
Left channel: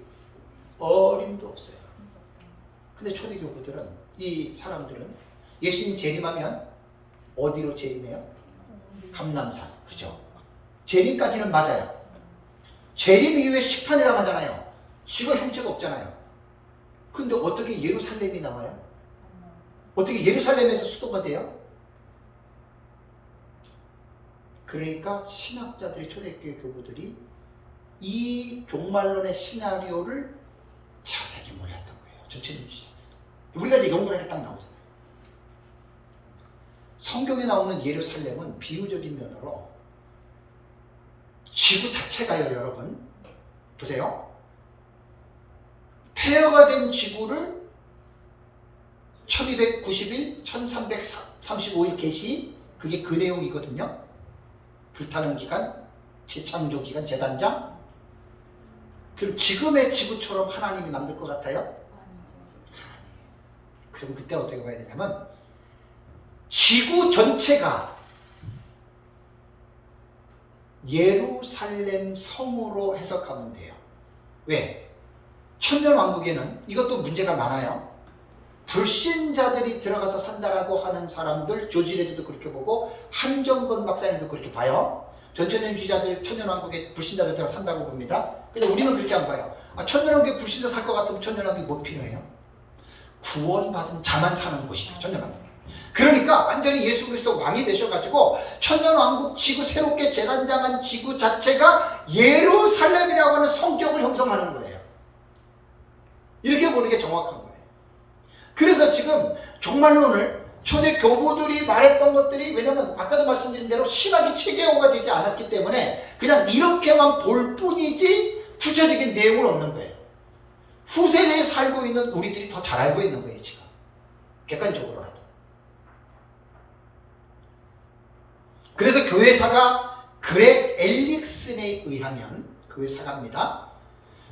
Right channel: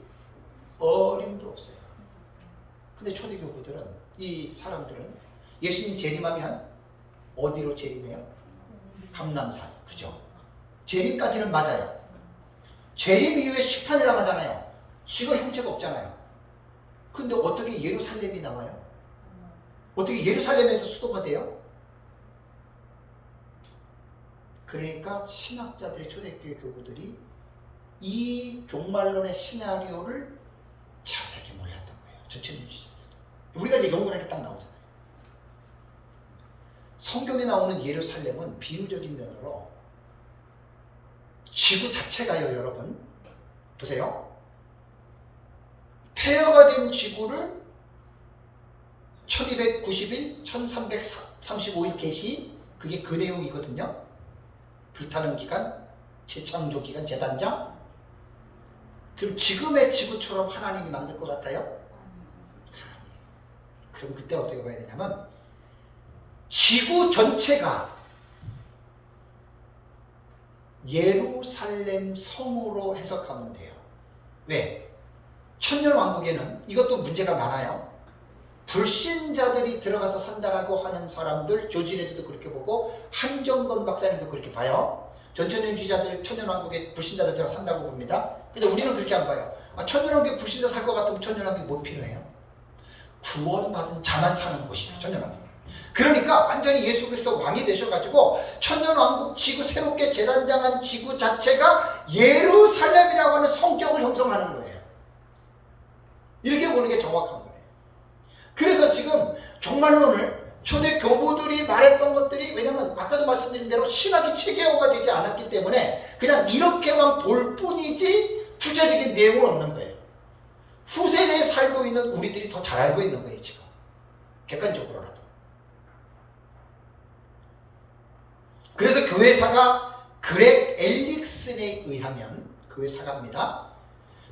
어림도 없어요. 근데 초대교부들은 이 사람들은 예수님 재림하면 어디로 재림해요? 감람산. 그죠? 재림까지는 맞아요. 재림 이후에 심판을 당하잖아요. 지구 형체가 없잖아요. 근데 어떻게 예루살렘이 나와요? 어떻게 예루살렘에서 수도가 돼요? 그러니까 신학자들이 초대교회 교부들이 이 종말론의 시나리오를 자세히 몰랐던 거예요. 전체주의자들. 우리가 이제 연구를 하니까 딱 나오잖아요. 성경에 나오는 예루살렘은 비유적인 면으로 지구 자체가요, 여러분. 보세요. 폐허가 된 지구를 1291, 1335일 개시, 그게 그 내용이거든요. 불타는 기간, 재창조 기간, 재단장. 그럼 지금의 지구처럼 하나님이 만들 것 같아요? 아니에요. 그럼 그때 어떻게 봐야 되냐면 지구 전체가 예루살렘 성으로 해석하면 돼요. 왜? 천년왕국에는 이것도 문제가 많아요. 불신자들이 들어가서 산다라고 하는 사람들, 조지 레드도 그렇게 보고 한정건 박사님도 그렇게 봐요. 전천년주의자들 천년왕국에 불신자들 들어가 산다고 봅니다. 근데 우리는 그렇게 안 봐요. 천년왕국에 불신자 살 것 같으면 천년왕국이 뭐 필요해요? 구원받은 자만 사는 곳이에요, 천년왕국. 그러니까 완전히 예수 그리스도 왕이 되셔가지고 천년왕국 지구 새롭게 재단장한 지구 자체가 예루살렘이라고 하는 성격을 형성하는 거예요. 이렇게 보는 게 정확한 거예요. 그래서 지금 종말론을 초대 교부들이 말했던 것들이, 왜냐면 아까도 말씀드린 대로 신학이 체계화가 되지 않았기 때문에 그냥 이렇게만 볼 뿐이지 구체적인 내용은 없는 거예요. 후세대에 살고 있는 우리들이 더 잘 알고 있는 거예요, 지금. 객관적으로라도. 그래서 교회사가 그렉 엘릭슨에 의하면, 교회사가입니다.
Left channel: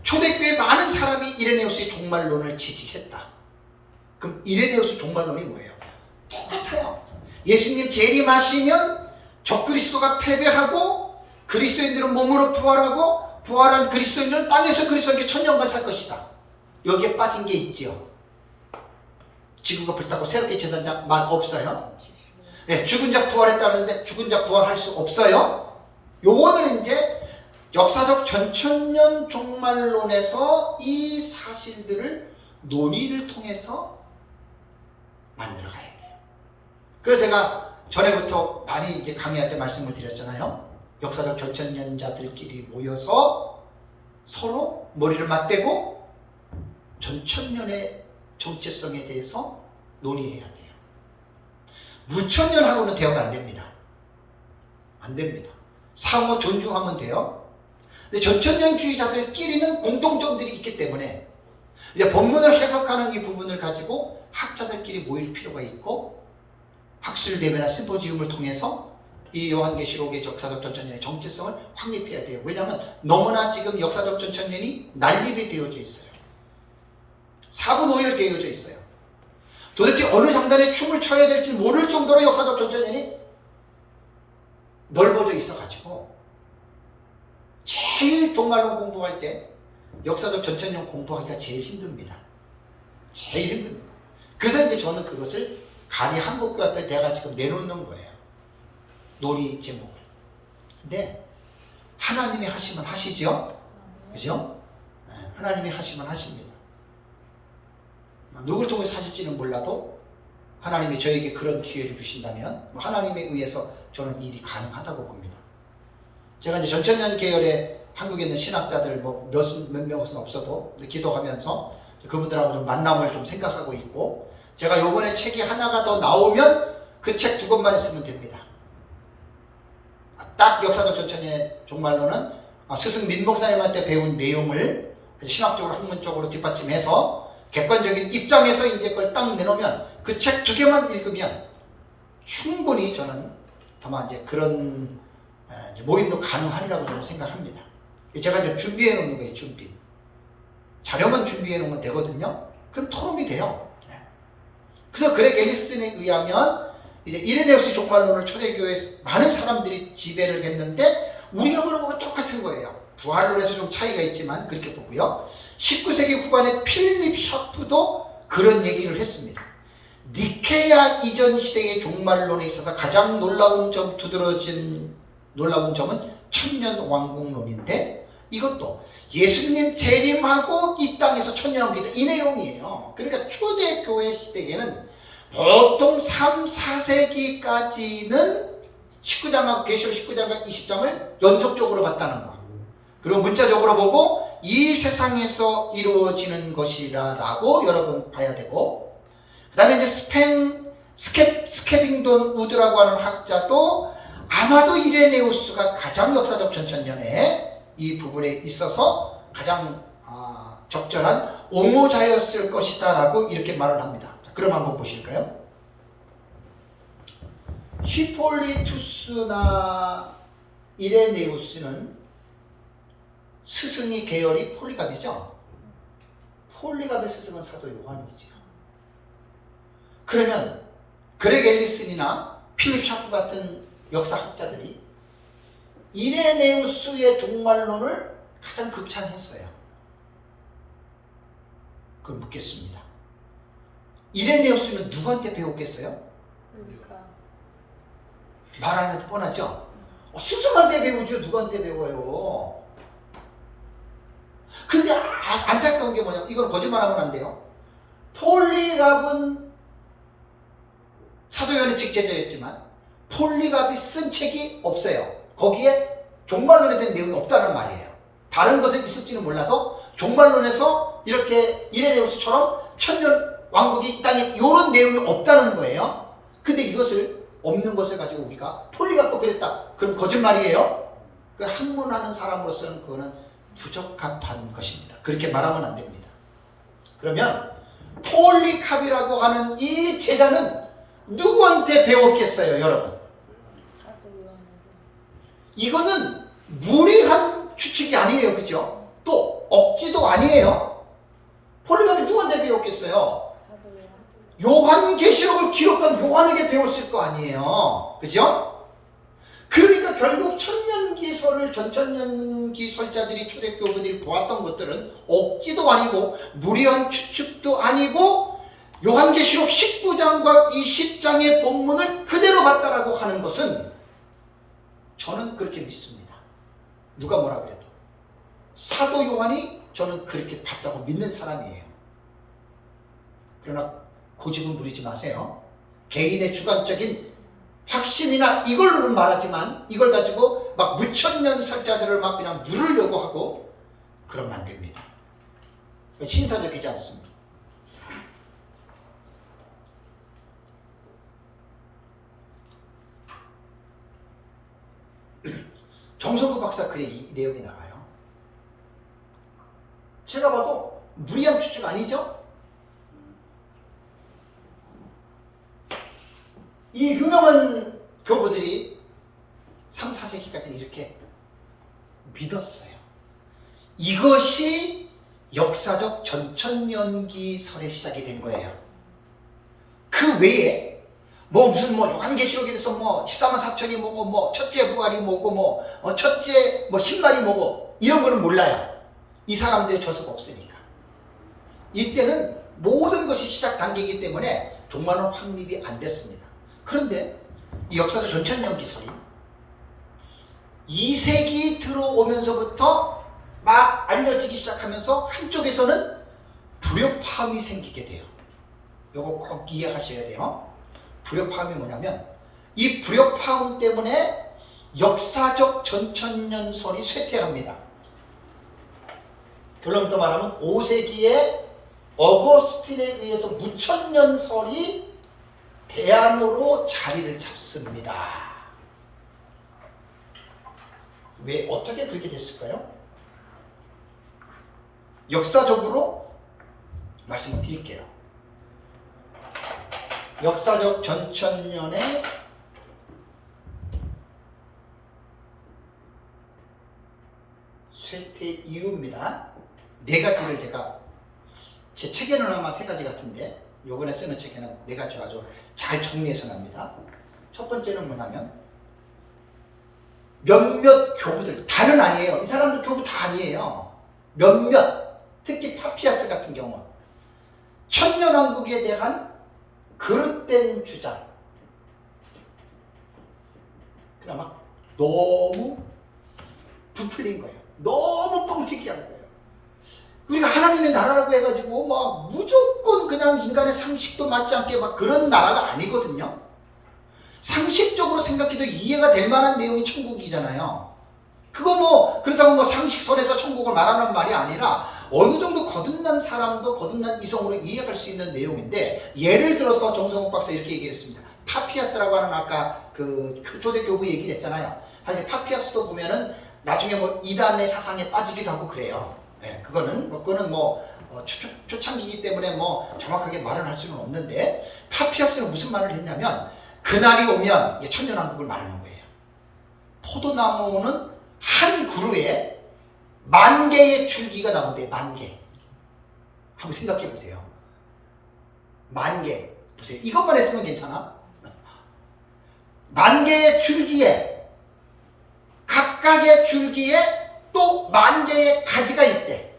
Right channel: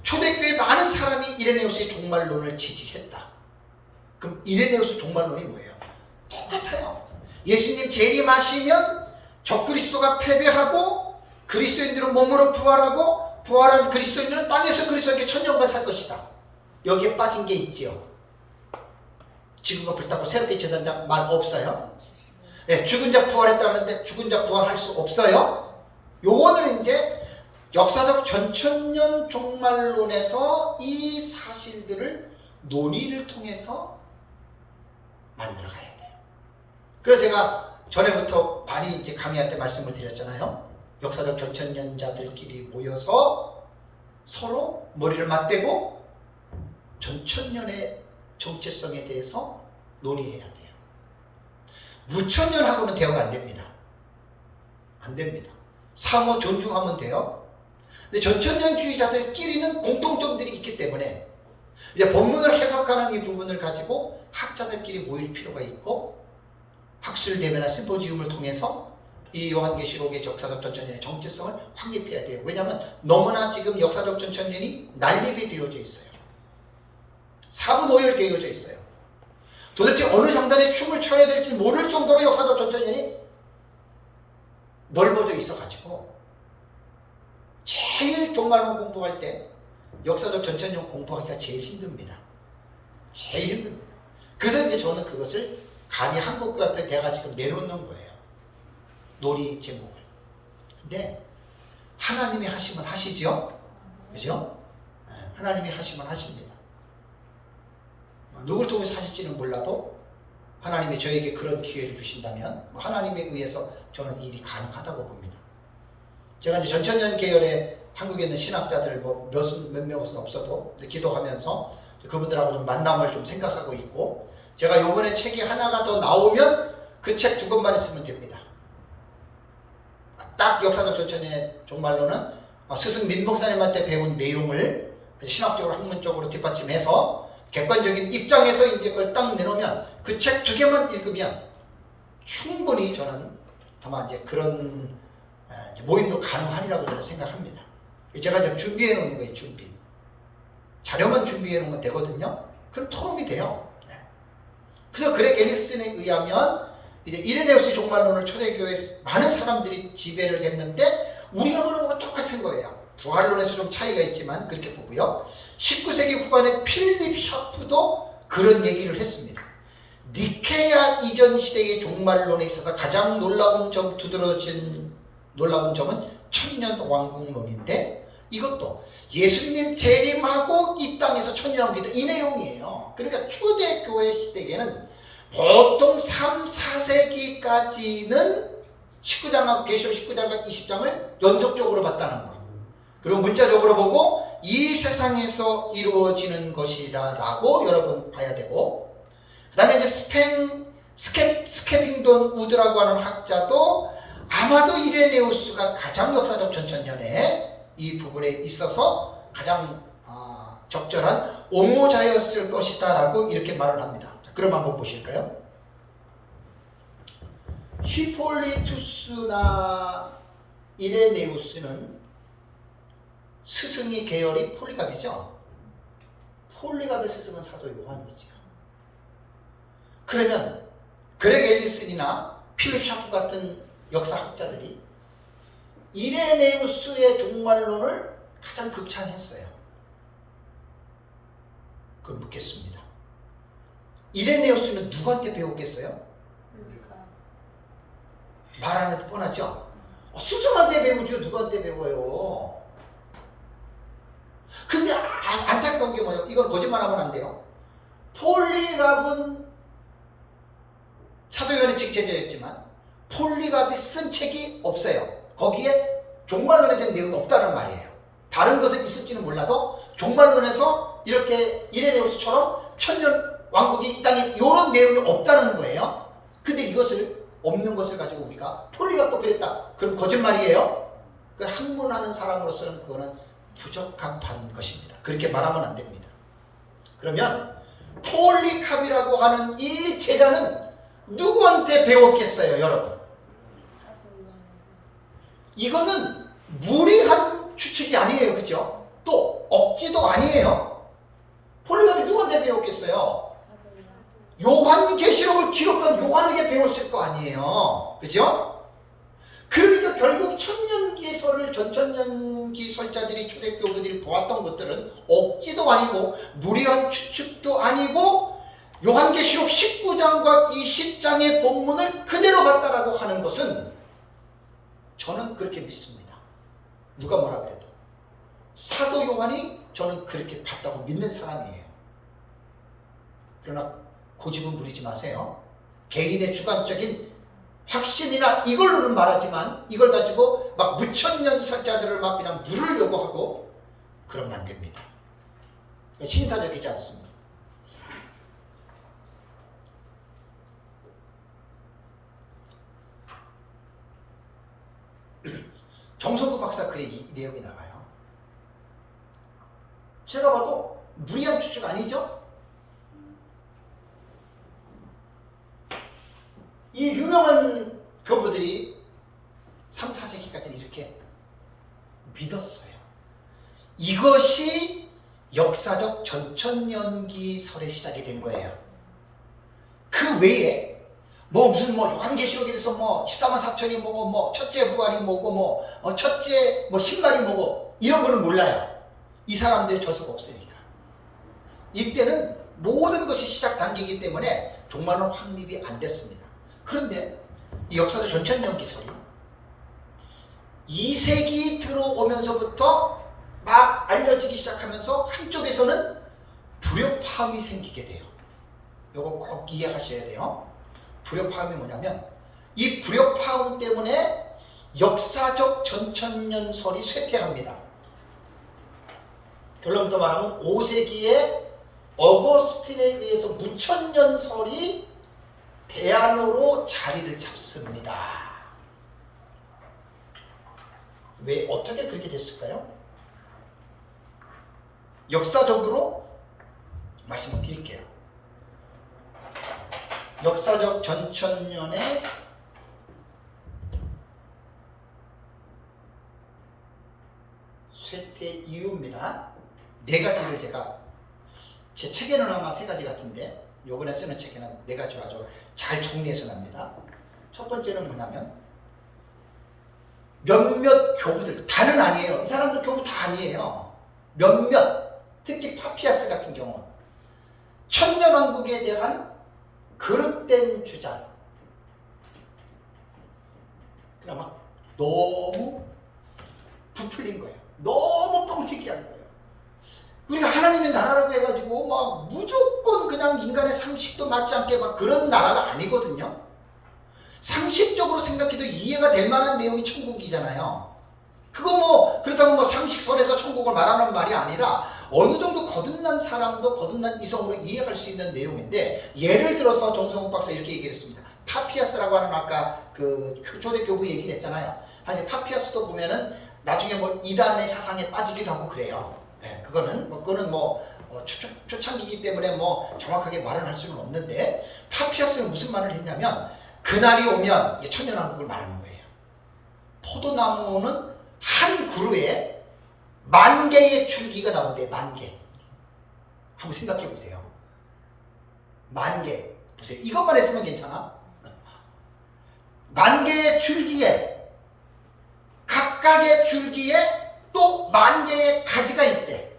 초대교회 많은 사람이 이레네우스의 종말론을 지지했다. 그럼 이레네우스 종말론이 뭐예요? 똑같아요. 예수님 재림하시면 적그리스도가 패배하고 그리스도인들은 몸으로 부활하고 부활한 그리스도인들은 땅에서 그리스도와 함께 천년간 살 것이다. 여기에 빠진 게 있지요. 지구가 불타고 새롭게 재단장 말 없어요? 네, 죽은 자 부활했다는데 죽은 자 부활할 수 없어요? 요거는 이제 역사적 전천년 종말론에서 이 사실들을 논의를 통해서 만들어 가야 돼요. 그래서 제가 전에부터 많이 이제 강의할 때 말씀을 드렸잖아요. 역사적 전천년자들끼리 모여서 서로 머리를 맞대고 전천년의 정체성에 대해서 논의해야 돼요. 무천년하고는 대화가 안 됩니다. 안 됩니다. 상호 존중하면 돼요. 근데 전천년주의자들끼리는 공통점들이 있기 때문에 이제 본문을 해석하는 이 부분을 가지고 학자들끼리 모일 필요가 있고 학술대회나 심포지움을 통해서 이 요한계시록의 역사적 전천년의 정체성을 확립해야 돼요. 왜냐하면 너무나 지금 역사적 전천년이 난립이 되어져 있어요. 사분오열되어져 있어요. 도대체 어느 장단에 춤을 춰야 될지 모를 정도로 역사적 전천년이 넓어져 있어가지고 제일 종말론 공부할 때 역사적 전천년 공부하기가 제일 힘듭니다. 제일 힘듭니다. 그래서 이제 저는 그것을 감히 한국교 앞에 내가 지금 내놓는 거예요. 놀이 제목을. 근데 하나님이 하시면 하시죠? 그죠? 하나님이 하시면 하십니다. 누굴 통해서 하실지는 몰라도 하나님이 저에게 그런 기회를 주신다면 하나님에 의해서 저는 이 일이 가능하다고 봅니다. 제가 이제 전천년 계열의 한국에 있는 신학자들 몇 명은 없어도 기도하면서 그분들하고 좀 만남을 좀 생각하고 있고, 제가 요번에 책이 하나가 더 나오면 그 책 2권만 있으면 됩니다. 딱 역사적 전천년의 종말론은 스승 민 목사님한테 배운 내용을 신학적으로 학문적으로 뒷받침해서 객관적인 입장에서 이제 그걸 딱 내놓으면 그 책 2개만 읽으면 충분히 저는 아마 이제 그런 모임도 가능하리라고 저는 생각합니다. 제가 이제 준비해 놓는 거예요. 준비. 자료만 준비해 놓으면 되거든요. 그럼 토론이 돼요. 그래서 그렉 앨리슨에 의하면 이제 이레네우스 종말론을 초대교회에 많은 사람들이 지배를 했는데 우리가 보는 것과 똑같은 거예요. 부활론에서 좀 차이가 있지만 그렇게 보고요. 19세기 후반에 필립 샤프도 그런 얘기를 했습니다. 니케아 이전 시대의 종말론에 있어서 가장 놀라운 점은 천년왕국론인데, 이것도 예수님 재림하고 이 땅에서 천년왕국이다, 이 내용이에요. 그러니까 초대교회 시대에는 보통 3, 4세기까지는 19장과 계시록 19장과 20장을 연속적으로 봤다는 거. 그리고 문자적으로 보고 이 세상에서 이루어지는 것이라고 여러분 봐야 되고, 그 다음에 이제 스케빙돈 우드라고 하는 학자도 아마도 이레네우스가 가장 역사적 전천년에 이 부분에 있어서 가장 적절한 옹호자였을 것이다 라고 이렇게 말을 합니다. 자, 그럼 한번 보실까요? 히폴리투스나 이레네우스는 스승이 계열이 폴리갑이죠. 폴리갑의 스승은 사도 요한이죠. 그러면 그렉 앨리슨이나 필립 샤프 같은 역사학자들이 이레네우스의 종말론을 가장 극찬했어요. 그럼 묻겠습니다. 이레네우스는 누구한테 배웠겠어요? 말 안 해도 뻔하죠? 스승한테 배우죠. 누구한테 배워요? 근데 안타까운 게 뭐냐면, 이건 거짓말하면 안 돼요. 폴리갑은 사도 요한의 직제자였지만 폴리갑이 쓴 책이 없어요. 거기에 종말론에 대한 내용이 없다는 말이에요. 다른 것은 있을지는 몰라도 종말론에서 이렇게 이레네우스처럼 천년 왕국이 이 땅에 이런 내용이 없다는 거예요. 근데 이것을 없는 것을 가지고 우리가 폴리갑도 그랬다, 그럼 거짓말이에요. 그걸 학문하는 사람으로서는 그거는 부적합한 것입니다. 그렇게 말하면 안 됩니다. 그러면 폴리캅이라고 하는 이 제자는 누구한테 배웠겠어요, 여러분? 이거는 무리한 추측이 아니에요, 그죠? 또 억지도 아니에요. 폴리갑이 누구한테 배웠겠어요? 요한계시록을 기록한 요한에게 배웠을 거 아니에요, 그죠? 그러니까 결국 천년기설을 전천년기설자들이 초대교부들이 보았던 것들은 억지도 아니고 무리한 추측도 아니고 요한계시록 19장과 20장의 본문을 그대로 봤다라고 하는 것은 저는 그렇게 믿습니다. 누가 뭐라 그래도 사도 요한이 저는 그렇게 봤다고 믿는 사람이에요. 그러나 고집은 부리지 마세요. 개인의 주관적인 확신이나 이걸로는 말하지만 이걸 가지고 막 무천년설자들을 막 그냥 물으려고 하고 그러면 안 됩니다. 신사적이지 않습니다. 정성구 박사 글에 이 내용이 나와요. 제가 봐도 무리한 추측 아니죠? 이 유명한 교부들이 3, 4세기까지는 이렇게 믿었어요. 이것이 역사적 전천년기설의 시작이 된 거예요. 그 외에 무슨 요한계시록에 대해서 14만 4천이 뭐고 첫째 부활이 뭐고 첫째 신발이 뭐고 이런 거는 몰라요. 이 사람들의 저서가 없으니까. 이때는 모든 것이 시작 단계이기 때문에 종말은 확립이 안 됐습니다. 그런데 이 역사적 전천년기설이 2세기 들어오면서부터 막 알려지기 시작하면서 한쪽에서는 불협화음이 생기게 돼요. 요거 꼭 이해하셔야 돼요. 불협화음이 뭐냐면 이 불협화음 때문에 역사적 전천년설이 쇠퇴합니다. 결론부터 말하면 5세기에 어거스틴에 의해서 무천년설이 대안으로 자리를 잡습니다. 왜 어떻게 그렇게 됐을까요? 역사적으로 말씀을 드릴게요. 역사적 전천년의 쇠퇴 이유입니다. 네 가지를 제가 제 책에는 아마 세 가지 같은데 요번에 쓰는 책에는 네 가지로 아주 잘 정리해서 납니다. 첫 번째는 뭐냐면 몇몇 교부들, 다는 아니에요. 이 사람들 교부 다 아니에요. 몇몇, 특히 파피아스 같은 경우 천년왕국에 대한 그릇된 주장, 그러나 막 너무 부풀린 거예요. 너무 뻥튀기한 거예요. 우리가 하나님의 나라라고 해가지고 막 무조건 그냥 인간의 상식도 맞지 않게 막 그런 나라가 아니거든요. 상식적으로 생각해도 이해가 될 만한 내용이 천국이잖아요. 그거 그렇다고 상식설에서 천국을 말하는 말이 아니라 어느 정도 거듭난 사람도 거듭난 이성으로 이해할 수 있는 내용인데, 예를 들어서 정성욱 박사 이렇게 얘기했습니다. 파피아스라고 하는 아까 그 초대 교부 얘기를 했잖아요. 사실 파피아스도 보면은 나중에 이단의 사상에 빠지기도 하고 그래요. 네, 그거는 초창기이기 때문에 정확하게 말은 할 수는 없는데, 파피아스는 무슨 말을 했냐면 그날이 오면 천년왕국을 말하는 거예요. 포도나무는 한 그루에 10,000개의 줄기가 나오는데 10,000개. 한번 생각해 보세요. 10,000개. 보세요. 이것만 했으면 괜찮아. 10,000개의 줄기에, 각각의 줄기에 또 10,000개의 가지가 있대.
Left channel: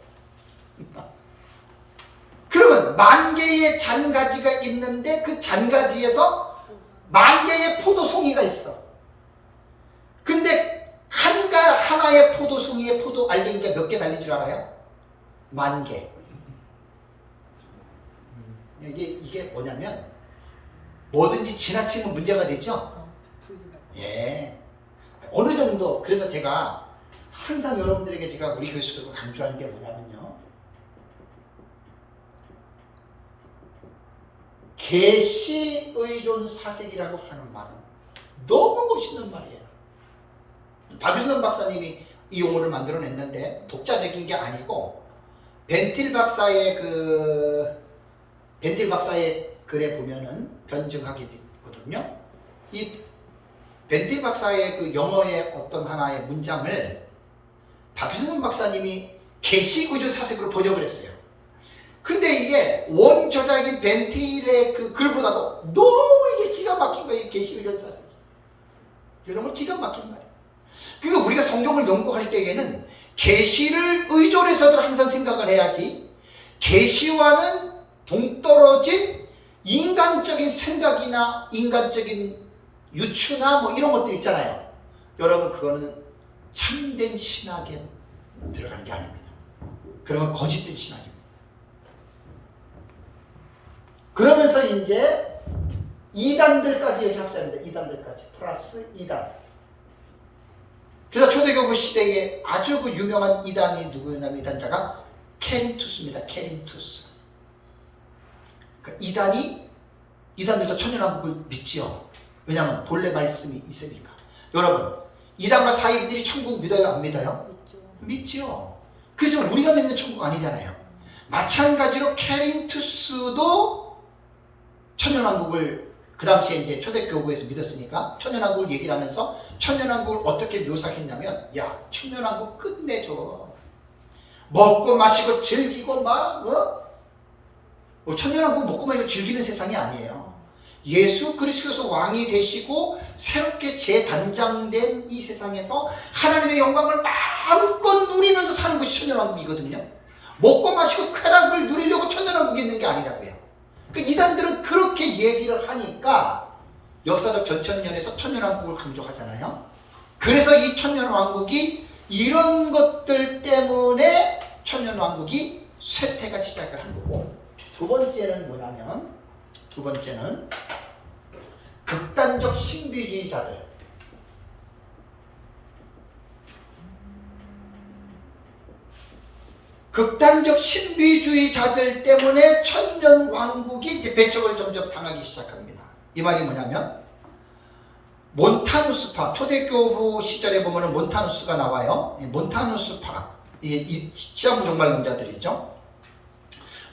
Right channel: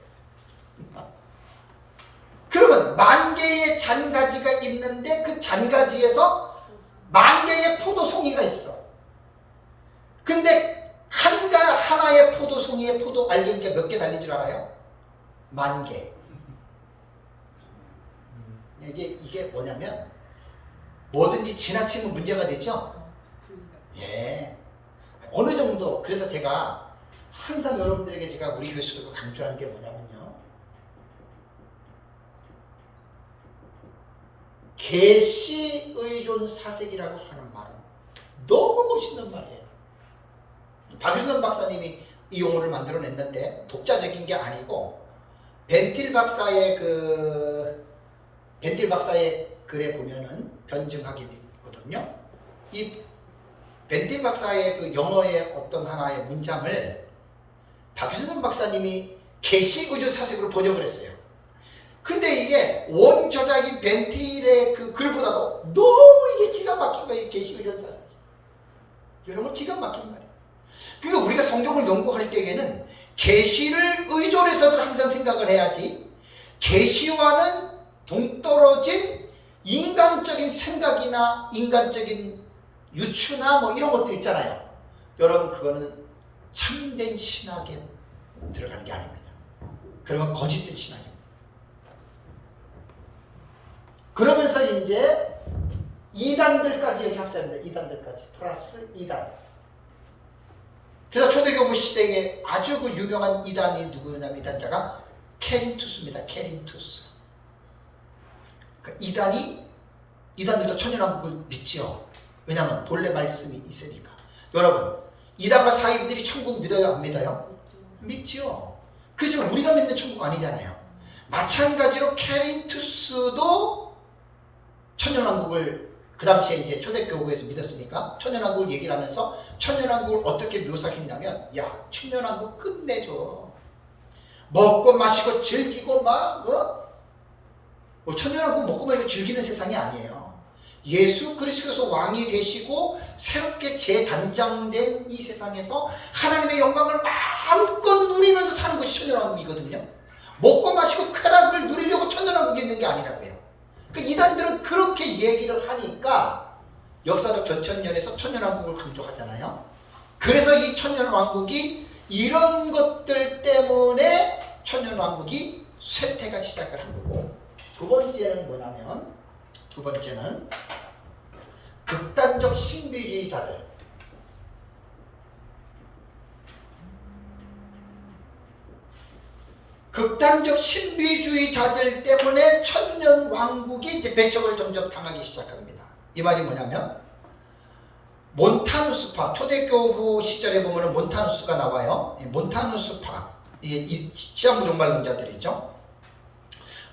그러면 10,000개의 잔가지가 있는데 그 잔가지에서 10,000개의 포도송이가 있어. 근데 하나의 포도송이에 포도 알갱이가 몇 개 달린 줄 알아요? 10,000개. 이게 뭐냐면 뭐든지 지나치면 문제가 되죠? 예. 어느 정도, 그래서 제가 항상 여러분들에게 제가 우리 교수들과 강조하는 게 뭐냐면요. 계시의존 사색이라고 하는 말은 너무 멋있는 말이에요. 박유선 박사님이 이 용어를 만들어냈는데 독자적인 게 아니고 벤틸 박사의 글에 보면은 변증하게 되거든요. 이 벤틸 박사의 그 영어의 어떤 하나의 문장을 박유선 박사님이 계시의존 사색으로 번역을 했어요. 근데 이게 원저자인 벤틸의 그 글보다도 너무 이게 기가 막힌 거예요. 계시의존 사색이. 이게 정말 기가 막힌 말이에요. 그러니까 우리가 성경을 연구할 때에는 계시를 의존해서도 항상 생각을 해야지, 계시와는 동떨어진 인간적인 생각이나 인간적인 유추나 이런 것들 있잖아요. 여러분, 그거는 참된 신학에 들어가는 게 아닙니다. 그러면 거짓된 신학입니다. 그러면서 이제 이단들까지 여기 합사합니다. 이단들까지 플러스 이단. 그래서 초대교부 시대에 아주 유명한 이단이 누구냐면 이단자가 케린투스입니다. 케린투스. 그러니까 이단들도 천년왕국을 믿지요. 왜냐하면 본래 말씀이 있으니까. 여러분, 이단과 사이비들이 천국 믿어요, 안 믿어요? 믿지요. 그래서 우리가 믿는 천국 아니잖아요. 마찬가지로 케린투스도 천년왕국을 그 당시에 이제 초대교구에서 믿었으니까 천년왕국을 얘기를 하면서 천년왕국을 어떻게 묘사했냐면, 야, 천년왕국 끝내줘. 먹고 마시고 즐기고 막 천년왕국 먹고 마시고 즐기는 세상이 아니에요. 예수 그리스도께서 왕이 되시고 새롭게 재단장된 이 세상에서 하나님의 영광을 마음껏 누리면서 사는 것이 천년왕국이거든요. 먹고 마시고 쾌락을 누리려고 천년왕국이 있는 게 아니라고요. 그러니까 이단들은 그렇게 얘기를 하니까 역사적 전천년에서 천년왕국을 강조하잖아요. 그래서 이 천년왕국이 이런 것들 때문에 천년왕국이 쇠퇴가 시작을 한 거고, 두 번째는 뭐냐면, 두 번째는 극단적 신비주의자들. 극단적 신비주의자들 때문에 천년왕국이 이제 배척을 점점 당하기 시작합니다. 이 말이 뭐냐면, 몬타누스파, 초대교부 시절에 보면 몬타누스가 나와요. 몬타누스파, 이게 시한부종말론자들이죠.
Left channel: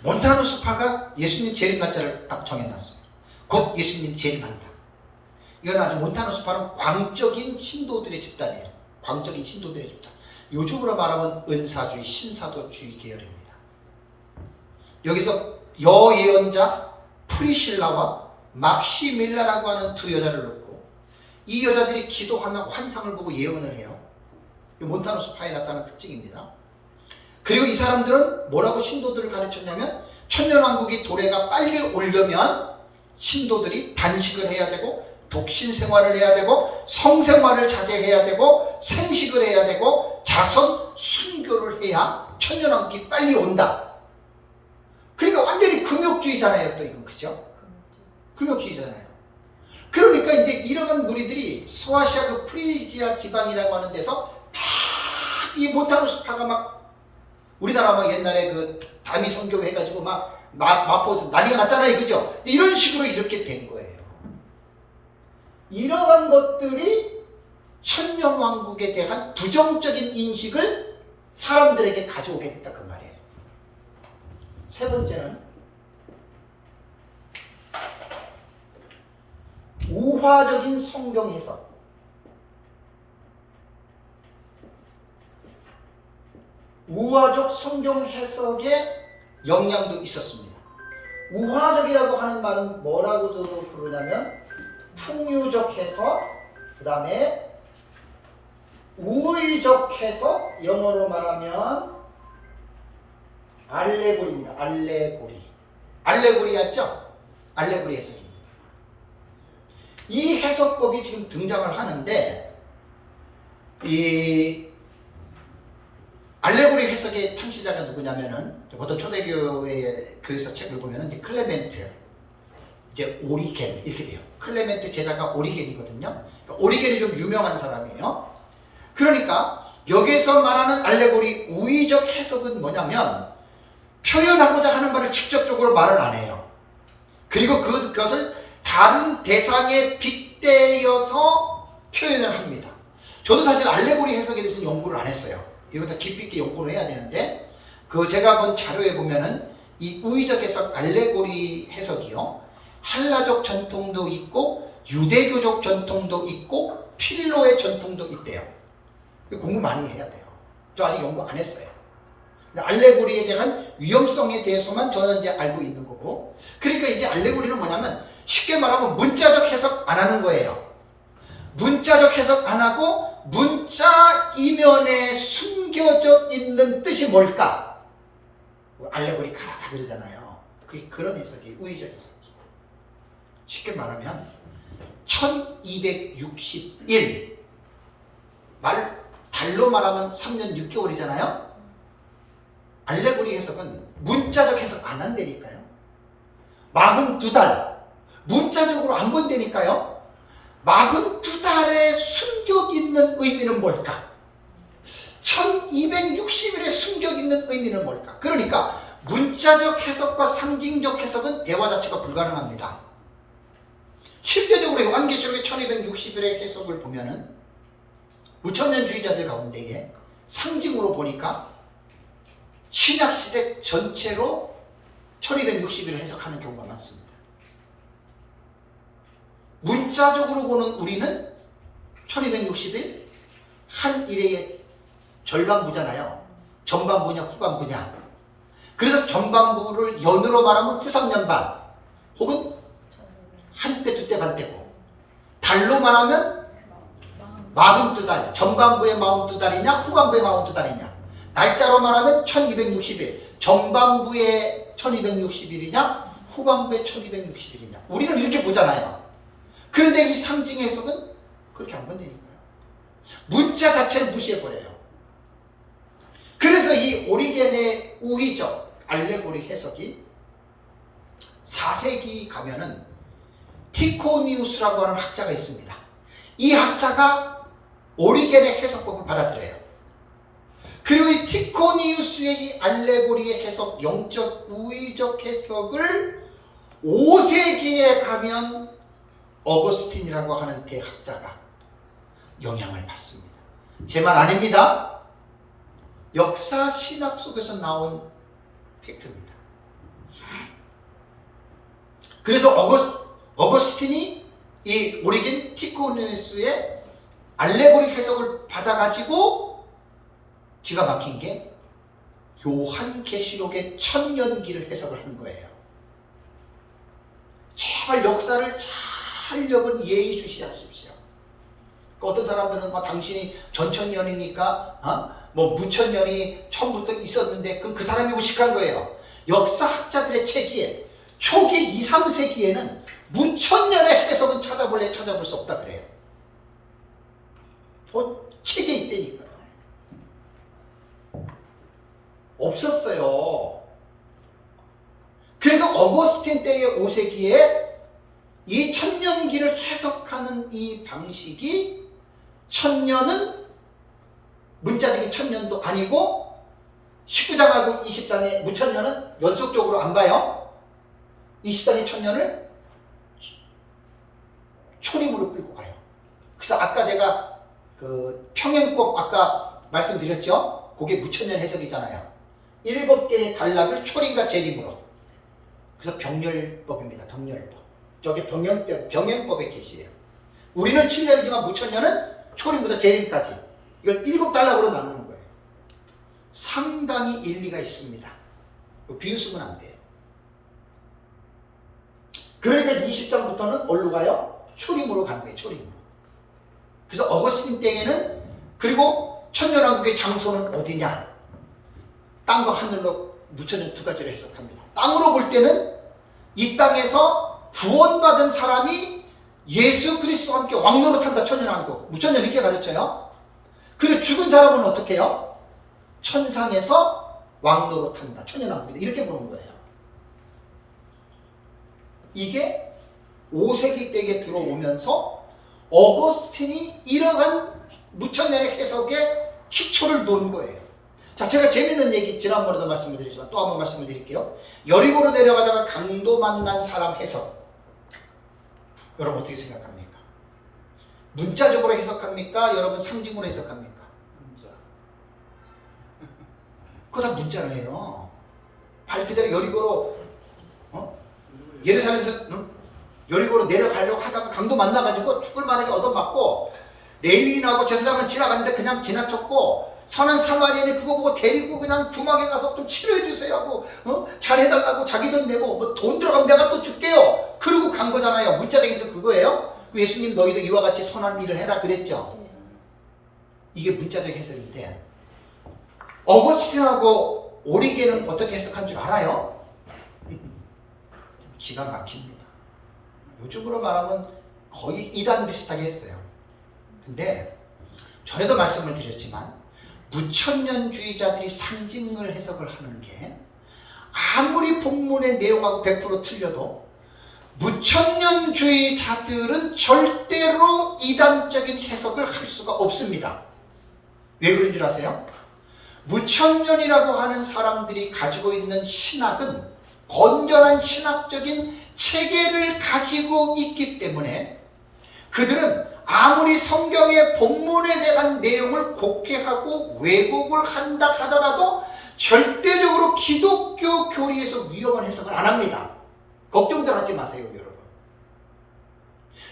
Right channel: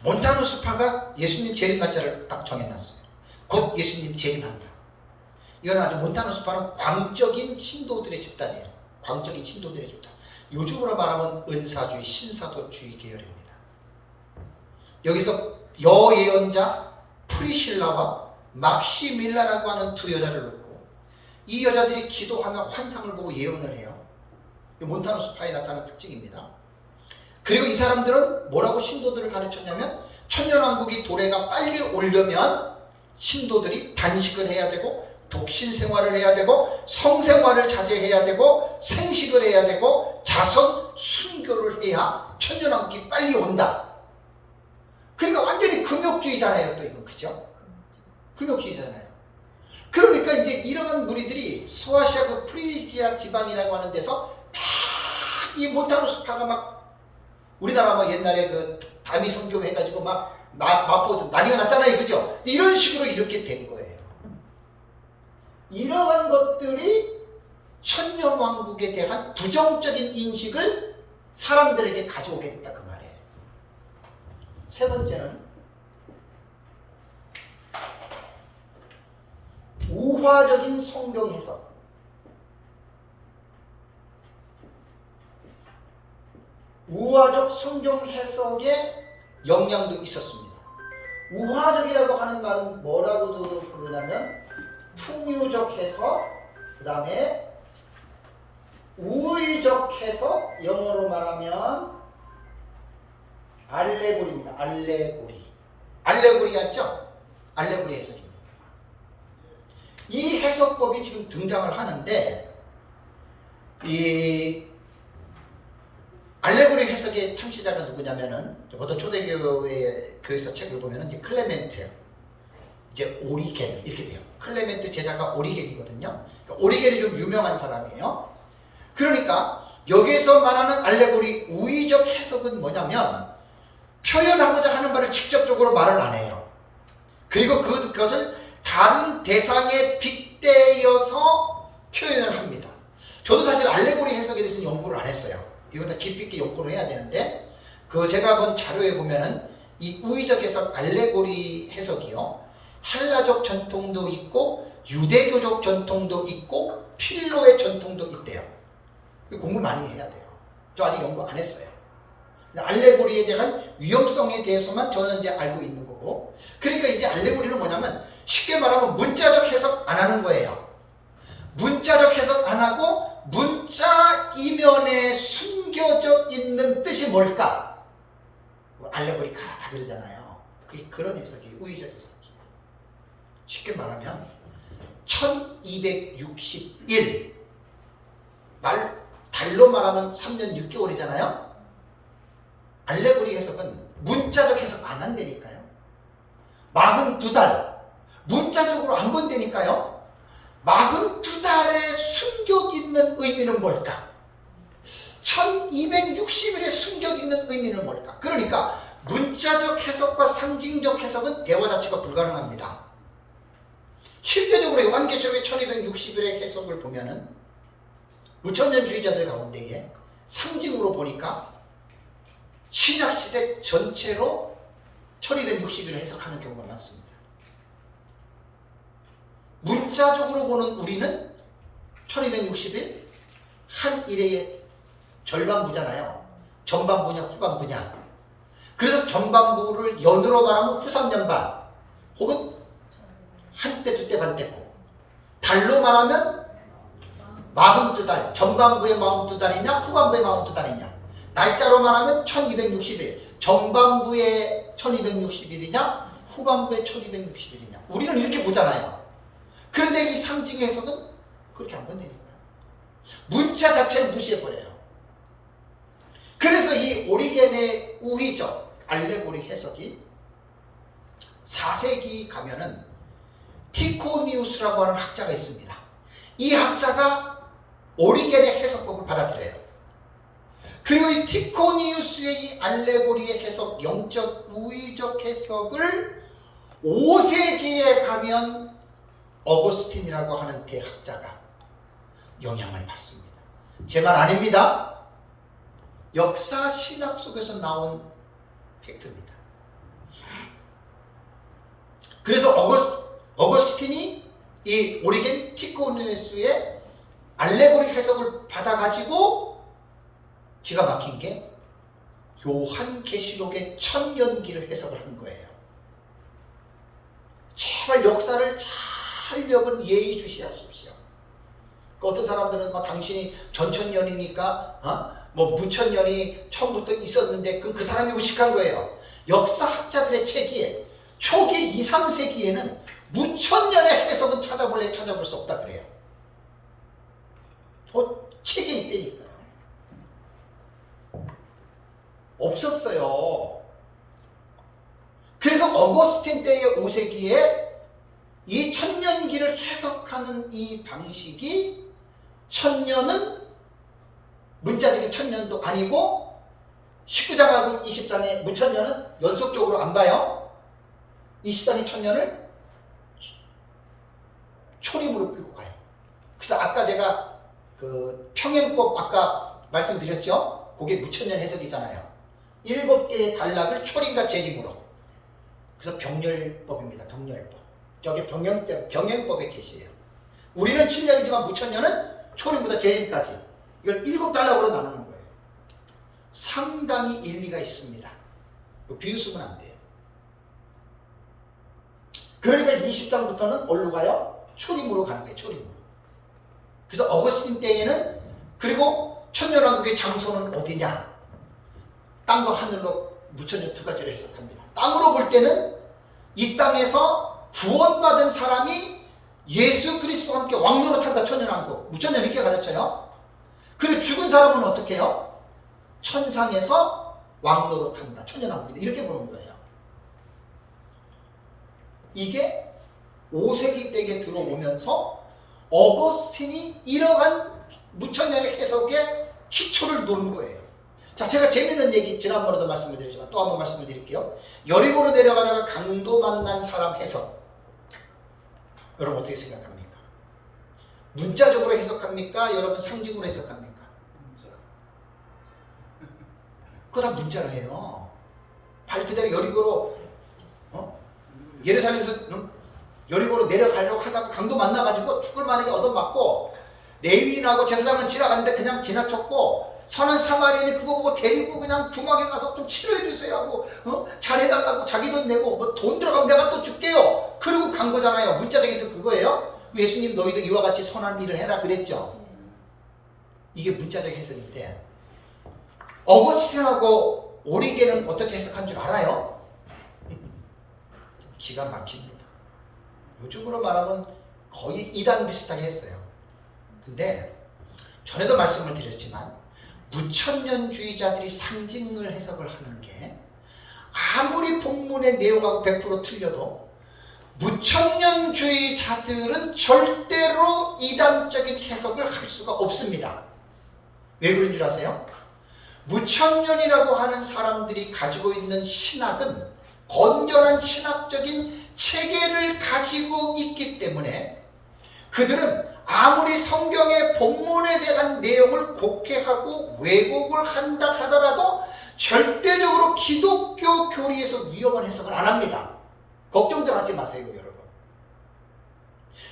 몬타누스파가 예수님 재림 날짜를 딱 정해놨어요. 곧 예수님 재림한다. 이건 아주 몬타누스파는 광적인 신도들의 집단이에요. 광적인 신도들의 집단. 요즘으로 말하면 은사주의, 신사도주의 계열입니다. 여기서 여예언자 프리실라와 막시밀라라고 하는 두 여자를 놓고, 이 여자들이 기도하며 환상을 보고 예언을 해요. 몬타누스파에 나타나는 특징입니다. 그리고 이 사람들은 뭐라고 신도들을 가르쳤냐면, 천년왕국이 도래가 빨리 오려면 신도들이 단식을 해야 되고, 독신 생활을 해야 되고, 성생활을 자제해야 되고, 생식을 해야 되고, 자선 순교를 해야 천년왕국이 빨리 온다. 그러니까 완전히 금욕주의잖아요. 또 이건 그죠? 금욕주의잖아요. 그러니까 이제 이러한 무리들이 소아시아 그 프리지아 지방이라고 하는 데서 막 이 몬타누스파가 막, 우리나라 막 옛날에 그 다미 선교 해가지고 막 마포 난리가 났잖아요. 그죠? 이런 식으로 이렇게 된 거예요. 이러한 것들이 천년왕국에 대한 부정적인 인식을 사람들에게 가져오게 됐다 그 말이에요. 세 번째는 우화적인 성경 해석. 우화적 성경 해석에 영향도 있었습니다. 우화적이라고 하는 말은 뭐라고도 부르냐면 풍유적 해석, 그 다음에 우의적 해석, 영어로 말하면 알레고리입니다. 알레고리. 알레고리 알죠? 알레고리 해석입니다. 이 해석법이 지금 등장을 하는데, 이 알레고리 해석의 창시자가 누구냐면은, 보통 초대교회 교회사 책을 보면은 이제 클레멘트, 이제 오리겐 이렇게 돼요. 클레멘트 제자가 오리겐이거든요. 그러니까 오리겐이 좀 유명한 사람이에요. 그러니까 여기서 말하는 알레고리 우의적 해석은 뭐냐면, 표현하고자 하는 말을 직접적으로 말을 안 해요. 그리고 그것을 다른 대상에 빗대어서 표현을 합니다. 저도 사실 알레고리 해석에 대해서는 연구를 안 했어요. 이거 다 깊이 있게 연구를 해야 되는데, 그 제가 본 자료에 보면은 이 우의적 해석, 알레고리 해석이요, 한라적 전통도 있고 유대교적 전통도 있고 필로의 전통도 있대요. 공부 많이 해야 돼요. 저 아직 연구 안 했어요. 알레고리에 대한 위험성에 대해서만 저는 이제 알고 있는 거고, 그러니까 이제 알레고리는 뭐냐면 쉽게 말하면 문자적 해석 안 하는 거예요. 문자적 해석 안 하고 문자 이면에 숨겨져 있는 뜻이 뭘까? 알레고리 가라다 그러잖아요. 그게 그런 해석이 우의적 해석이. 쉽게 말하면 1261 달로 말하면 3년 6개월이잖아요. 알레고리 해석은 문자적 해석 안 한다니까요. 42달 문자적으로 안 본다니까요. 42달에 숨겨있는 의미는 뭘까? 1260일에 숨겨있는 의미는 뭘까? 그러니까 문자적 해석과 상징적 해석은 대화 자체가 불가능합니다. 실제적으로 요한계시록의 1260일의 해석을 보면은 무천년주의자들 가운데에 상징으로 보니까 신약시대 전체로 1260일을 해석하는 경우가 많습니다. 문자적으로 보는 우리는 1260일 한 일의 절반부잖아요. 전반부냐 후반부냐. 그래서 전반부를 연으로 말하면 후삼년반 혹은 한때 두때 반때고, 달로 말하면 42달, 전반부의 42달이냐 후반부의 42달이냐. 날짜로 말하면 1260일, 전반부의 1260일이냐 후반부의 1260일이냐. 우리는 이렇게 보잖아요. 그런데 이 상징의 해석은 그렇게 안 건드리니까요. 문자 자체를 무시해버려요. 그래서 이 오리겐의 우의적 알레고리 해석이 4세기 가면은 티코니우스라고 하는 학자가 있습니다. 이 학자가 오리겐의 해석법을 받아들여요. 그리고 이 티코니우스의 이 알레고리의 해석, 영적 우의적 해석을 5세기에 가면 어거스틴이라고 하는 대학자가 영향을 받습니다. 제 말 아닙니다. 역사 신학 속에서 나온 팩트입니다. 그래서 어거스틴이 이 오리겐 티코니우스의 알레고리 해석을 받아가지고 기가 막힌 게 요한계시록의 천년기를 해석을 한 거예요. 제발 역사를 잘 여러분 예의주시하십시오. 어떤 사람들은 막 당신이 전천년이니까 뭐 무천년이 처음부터 있었는데 그 사람이 무식한 거예요. 역사학자들의 책에 초기 2, 3세기에는 무천년의 해석은 찾아볼 수 없다 그래요. 책에 있다니까요. 없었어요. 그래서 어거스틴 때의 5세기에 이 천년기를 해석하는 이 방식이 천년은 문자적인 천년도 아니고 19장하고 20장의 무천년은 연속적으로 안 봐요. 20장의 천년을 초림으로 끌고 가요. 그래서 아까 제가 그 평행법 아까 말씀드렸죠? 그게 무천년 해석이잖아요. 7개의 단락을 초림과 재림으로. 그래서 병렬법입니다. 병렬법. 저게 병행법의 계시예요. 우리는 7년이지만 무천년은 초림부터 재림까지. 이걸 7단락으로 나누는 거예요. 상당히 일리가 있습니다. 비웃으면 안 돼요. 그러니까 20장부터는 어디로 가요? 초림으로 가는 거예요. 초림으로. 그래서 어거스틴 때에는 그리고 천년왕국의 장소는 어디냐? 땅과 하늘로 무천년 두 가지로 해석합니다. 땅으로 볼 때는 이 땅에서 구원받은 사람이 예수 그리스도와 함께 왕노릇한다. 천년왕국. 무천년 이렇게 가르쳐요. 그리고 죽은 사람은 어떻게 해요? 천상에서 왕노릇한다. 천년왕국이다. 이렇게 보는 거예요. 이게 5세기 때에 들어오면서 어거스틴이 이러한 무천년의 해석에 기초를 놓은 거예요. 자, 제가 재밌는 얘기 지난번에도 말씀을 드리지만 또 한번 말씀을 드릴게요. 여리고로 내려가다가 강도 만난 사람 해석. 여러분 어떻게 생각합니까? 문자적으로 해석합니까? 여러분 상징으로 해석합니까? 문자. 그거 다 문자로 해요. 말 그대로 여리고로 예루살렘에서 여리고로 내려가려고 하다가 강도 만나가지고 죽을 만하게 얻어맞고 레위인하고 제사장은 지나갔는데 그냥 지나쳤고 선한 사마리아인이 그거 보고 데리고 그냥 중앙에 가서 좀 치료해 주세요 하고 잘해달라고 자기 돈 내고 뭐 돈 들어가면 내가 또 줄게요. 그러고 간 거잖아요. 문자적인 해석 그거예요. 예수님 너희도 이와 같이 선한 일을 해라 그랬죠. 이게 문자적 해석인데 어거스틴하고 오리겐은 어떻게 해석한 줄 알아요? 기가 막힙니다. 요즘으로 말하면 거의 이단 비슷하게 했어요. 근데 전에도 말씀을 드렸지만 무천년주의자들이 상징을 해석을 하는 게 아무리 본문의 내용하고 100% 틀려도 무천년주의자들은 절대로 이단적인 해석을 할 수가 없습니다. 왜 그런 줄 아세요? 무천년이라고 하는 사람들이 가지고 있는 신학은 건전한 신학적인 체계를 가지고 있기 때문에 그들은 아무리 성경의 본문에 대한 내용을 곡해하고 왜곡을 한다 하더라도 절대적으로 기독교 교리에서 위험한 해석을 안 합니다. 걱정들 하지 마세요, 여러분.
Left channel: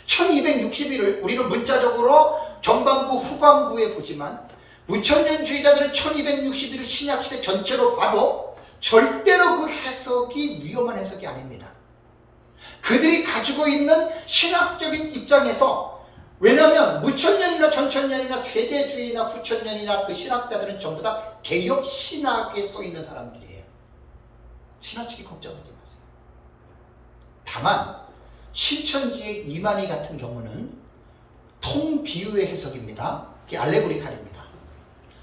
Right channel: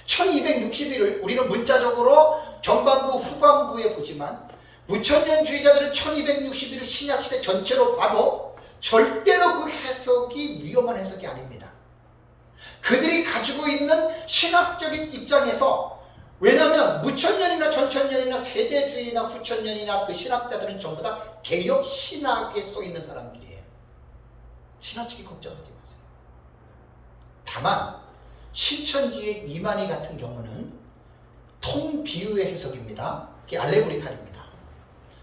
1260일을 우리는 문자적으로 전반부 후반부에 보지만 무천년주의자들은 1260일을 신약시대 전체로 봐도 절대로 그 해석이 위험한 해석이 아닙니다. 그들이 가지고 있는 신학적인 입장에서, 왜냐하면 무천년이나 전천년이나 세대주의나 후천년이나 그 신학자들은 전부 다 개혁 신학에 서 있는 사람들이에요. 지나치게 걱정하지 마세요. 다만 신천지의 이만희 같은 경우는 통비유의 해석입니다. 그게 알레고리칼입니다.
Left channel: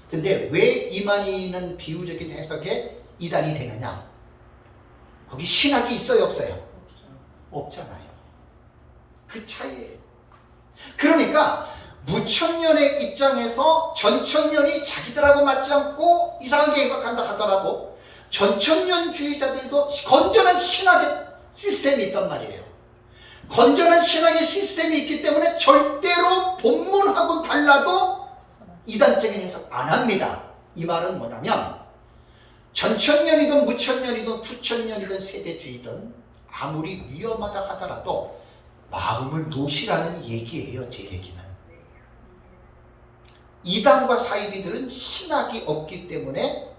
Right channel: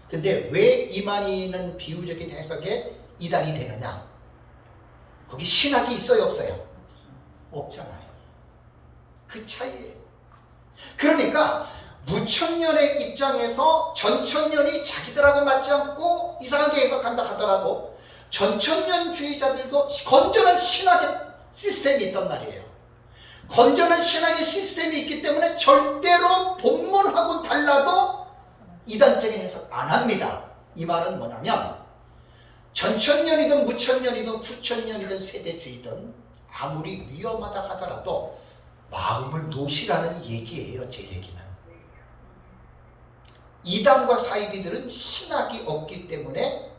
근데 왜 이만희는 비유적인 해석에 이단이 되느냐? 거기 신학이 있어요, 없어요? 없잖아요. 그 차이예요. 그러니까 무천년의 입장에서 전천년이 자기들하고 맞지 않고 이상하게 해석한다 하더라도 전천년주의자들도 건전한 신학의 시스템이 있단 말이에요. 건전한 신학의 시스템이 있기 때문에 절대로 본문하고 달라도 이단적인 해석 안 합니다. 이 말은 뭐냐면 전천년이든 무천년이든 후천년이든 세대주의든 아무리 위험하다 하더라도 마음을 놓으시라는 얘기예요. 제 얘기는. 이단과 사이비들은 신학이 없기 때문에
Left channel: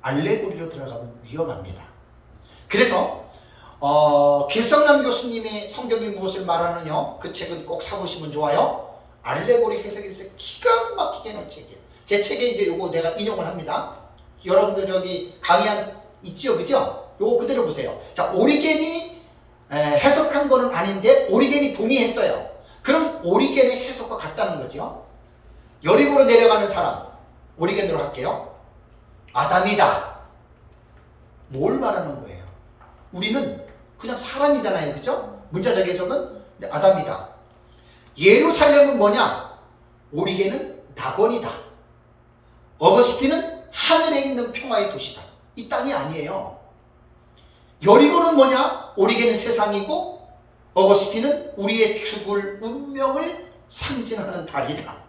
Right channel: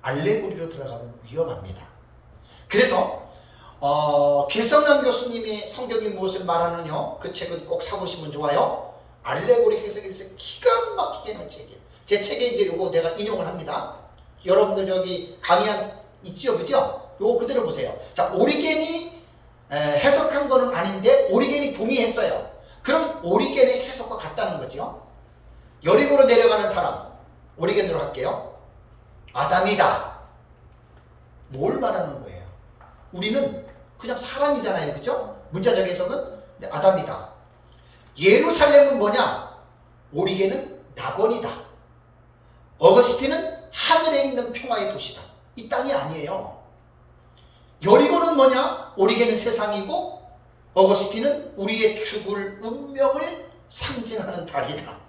알레고리로 들어가면 위험합니다. 그래서 길성남 교수님의 성경이 무엇을 말하느냐, 그 책은 꼭 사보시면 좋아요. 알레고리 해석에 대해서 기가 막히게 놓은 책이에요. 제 책에 이제 요거 내가 인용을 합니다. 여러분들 저기 강의한 있죠, 그죠? 요거 그대로 보세요. 자, 오리겐이 해석한 거는 아닌데 오리겐이 동의했어요. 그럼 오리겐의 해석과 같다는 거죠. 여리고로 내려가는 사람, 오리겐으로 할게요. 아담이다. 뭘 말하는 거예요? 우리는 그냥 사람이잖아요, 그죠? 문자적 해석은 아담이다. 예루살렘은 뭐냐? 오리겐은 낙원이다. 어거스틴은 하늘에 있는 평화의 도시다. 이 땅이 아니에요. 여리고는 뭐냐? 오리겐은 세상이고 어거스틴은 우리의 죽을 운명을 상징하는 달이다.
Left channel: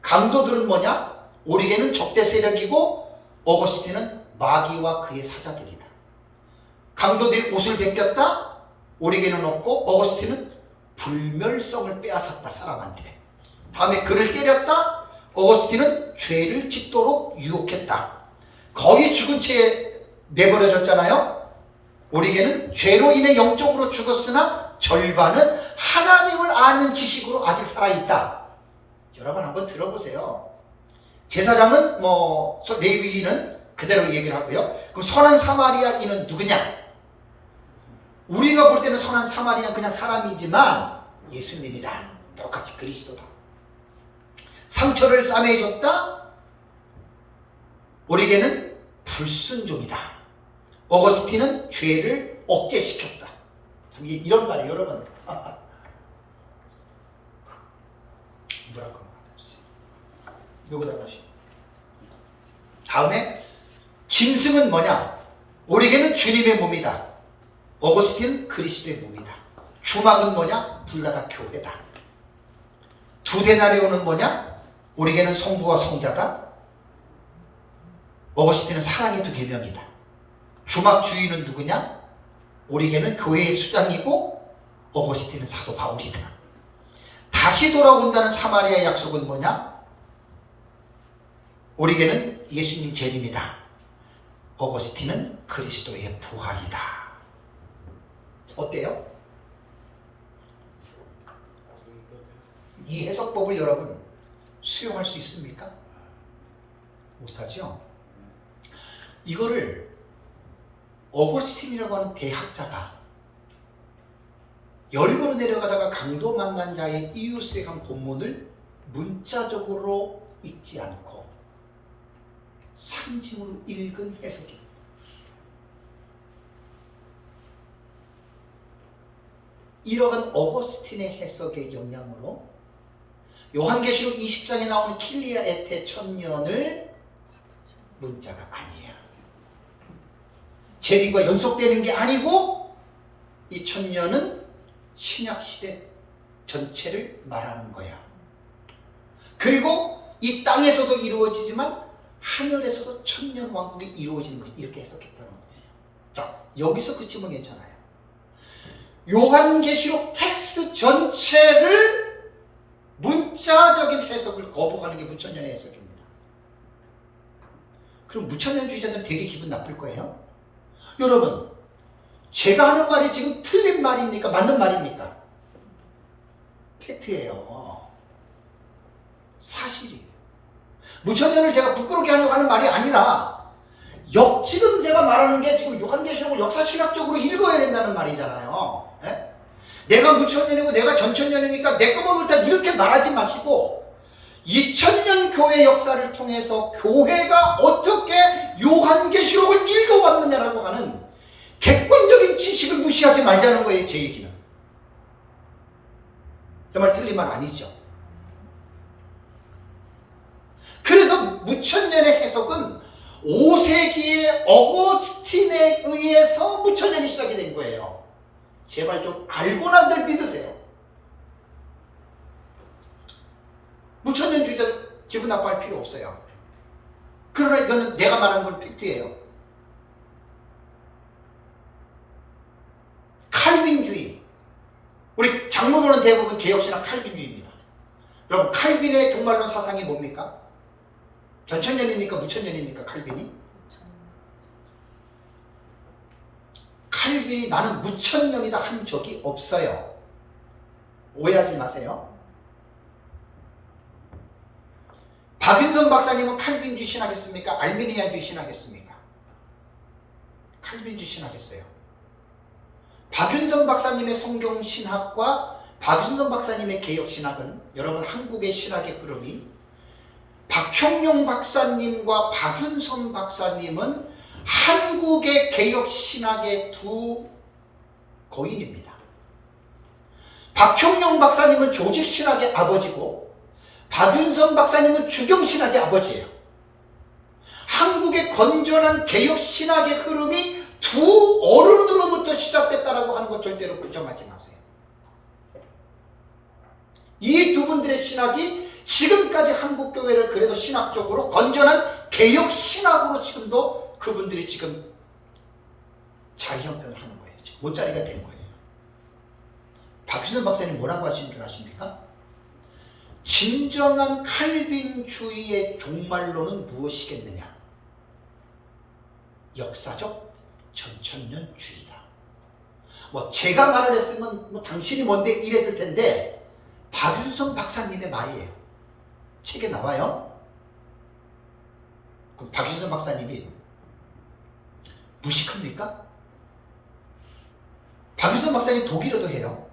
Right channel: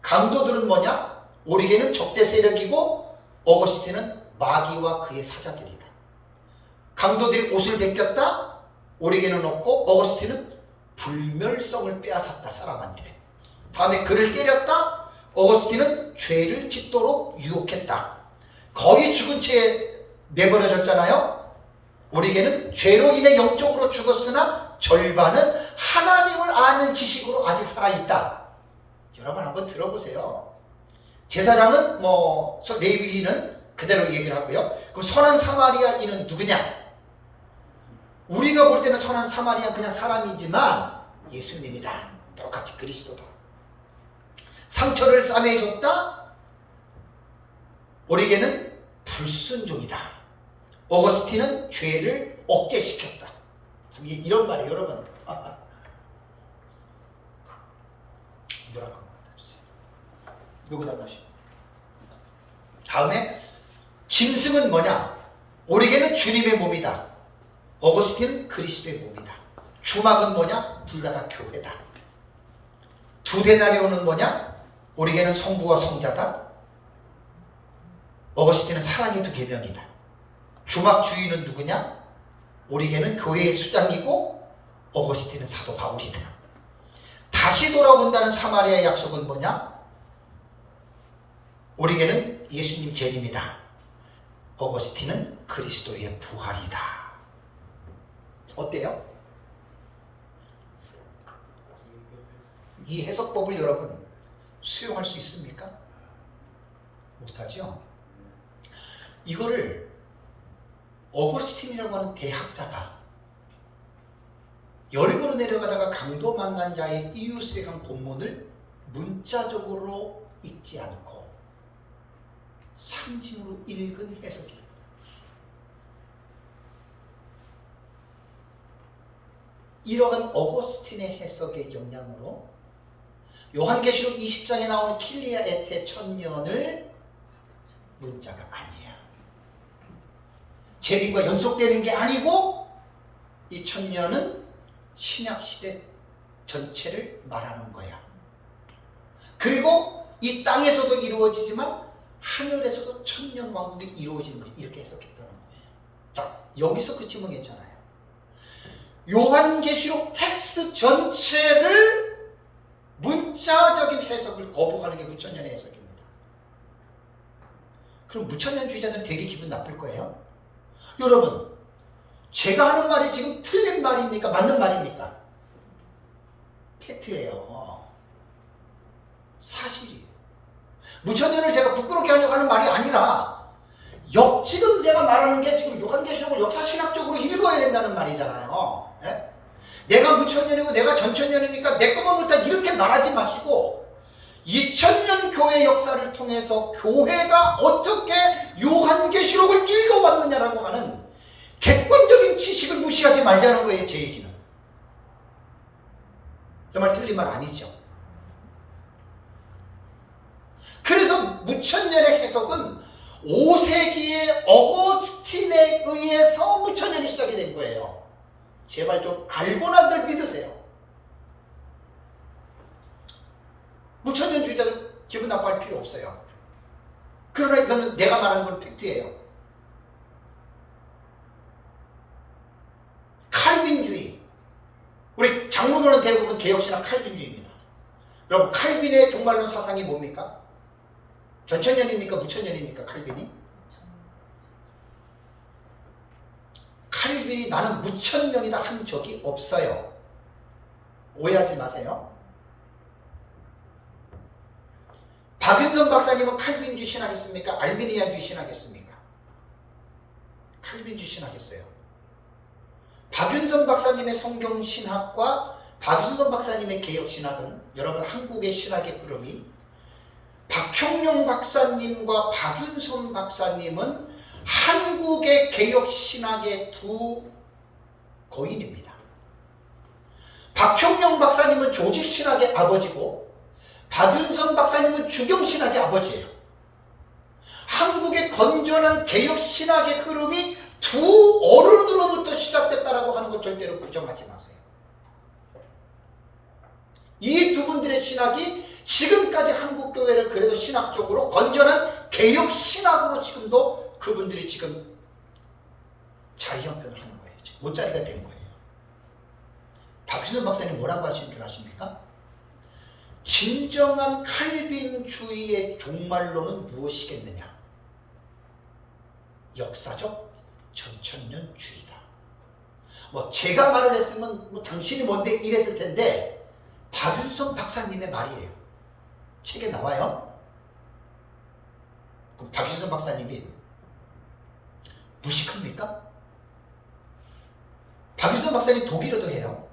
강도들은 뭐냐? 오리겐은 적대 세력이고 어거스틴은 마귀와 그의 사자들이다. 강도들이 옷을 벗겼다. 오리겐은 없고 어거스틴은 불멸성을 빼앗았다, 사람한테. 다음에 그를 때렸다. 어거스틴은 죄를 짓도록 유혹했다. 거의 죽은 채 내버려졌잖아요. 오리겐은 죄로 인해 영적으로 죽었으나 절반은 하나님을 아는 지식으로 아직 살아있다. 여러분 한번 들어보세요. 제사장은 레위인은 그대로 얘기를 하고요. 그럼 선한 사마리아인은 누구냐? 우리가 볼 때는 선한 사마리아는 그냥 사람이지만 예수님이다. 똑같이 그리스도다. 상처를 싸매줬다. 오리겐은 불순종이다. 어거스틴은 죄를 억제시켰다. 참 이런 말이에요, 여러분. 이거랑 그거 주세요. 이거보다 다시. 다음에 짐승은 뭐냐? 오리겐은 주님의 몸이다. 어거스틴은 그리스도의 몸이다. 주막은 뭐냐? 둘 다 교회다. 두 데나리온은 뭐냐? 오리겐은 성부와 성자다. 어거스틴은 사랑의 두 계명이다. 주막 주인은 누구냐? 오리겐은 교회의 수장이고 어거스틴은 사도 바울이다. 다시 돌아온다는 사마리아의 약속은 뭐냐? 오리겐은 예수님 재림이다. 어거스틴은 그리스도의 부활이다. 어때요? 이 해석법을 여러분 수용할 수 있습니까? 못하죠? 이거를 어거스틴이라고 하는 대학자가 여리고로 내려가다가 강도 만난 자의 이웃에 간 본문을 문자적으로 읽지 않고 상징으로 읽은 해석입니다. 이러한 어거스틴의 해석의 영향으로 요한계시록 20장에 나오는 킬리아 에테 천년을 문자가 아니에요. 재림과 연속되는 게 아니고 이 천년은 신약시대 전체를 말하는 거야. 그리고 이 땅에서도 이루어지지만 하늘에서도 천년 왕국이 이루어지는 거, 이렇게 해석했다는 거예요. 자, 여기서 그치면 괜찮아요. 요한계시록 텍스트 전체를 문자적인 해석을 거부하는 게 무천년의 해석입니다. 그럼 무천년주의자들은 되게 기분 나쁠 거예요. 여러분, 제가 하는 말이 지금 틀린 말입니까? 맞는 말입니까? 팩트예요. 사실이에요. 무천년을 제가 부끄럽게 하려고 하는 말이 아니라 지금 제가 말하는 게 지금 요한계시록을 역사신학적으로 읽어야 된다는 말이잖아요. 예? 내가 무천년이고 내가 전천년이니까 내 것만 옳다 이렇게 말하지 마시고 2000년 교회 역사를 통해서 교회가 어떻게 요한계시록을 읽어왔느냐라고 하는 객관적인 지식을 무시하지 말자는 거예요. 제 얘기는. 정말 틀린 말 아니죠. 그래서 무천년의 해석은 5세기의 어거스틴에 의해서 무천년이 시작이 된 거예요. 제발 좀 알고나들 믿으세요. 무천년주의자들 기분 나빠할 필요 없어요. 그러나 이거는 내가 말하는 건 팩트예요. 칼빈주의. 우리 장로교는 대부분 개혁신학 칼빈주의입니다. 여러분, 칼빈의 종말론 사상이 뭡니까? 전천년입니까? 무천년입니까? 칼빈이? 칼빈이 나는 무천년이다 한 적이 없어요. 오해하지 마세요. 박윤선 박사님은 칼빈주의 신학했습니까? 알미니안주의 신학했습니까? 칼빈주의 신학했어요. 박윤선 박사님의 성경신학과 박윤선 박사님의 개혁신학은 여러분 한국의 신학의 흐름이 박형용 박사님과 박윤선 박사님은 한국의 개혁신학의 두 거인입니다. 박형용 박사님은 조직신학의 아버지고 박윤선 박사님은 주경신학의 아버지예요. 한국의 건전한 개혁신학의 흐름이 두 어른으로부터 시작됐다라고 하는 것 절대로 부정하지 마세요. 이 두 분들의 신학이 지금까지 한국교회를 그래도 신학적으로 건전한 개혁신학으로 지금도 그분들이 지금 자리형편을 하는 거예요. 못자리가 된 거예요. 박윤선 박사님 뭐라고 하시는 줄 아십니까? 진정한 칼빈주의의 종말론은 무엇이겠느냐? 역사적 전천년주의다. 제가 말을 했으면 당신이 뭔데 이랬을 텐데 박윤선 박사님의 말이에요. 책에 나와요. 그럼 박윤선 박사님이 무식합니까? 박윤선 박사님 독일어도 해요.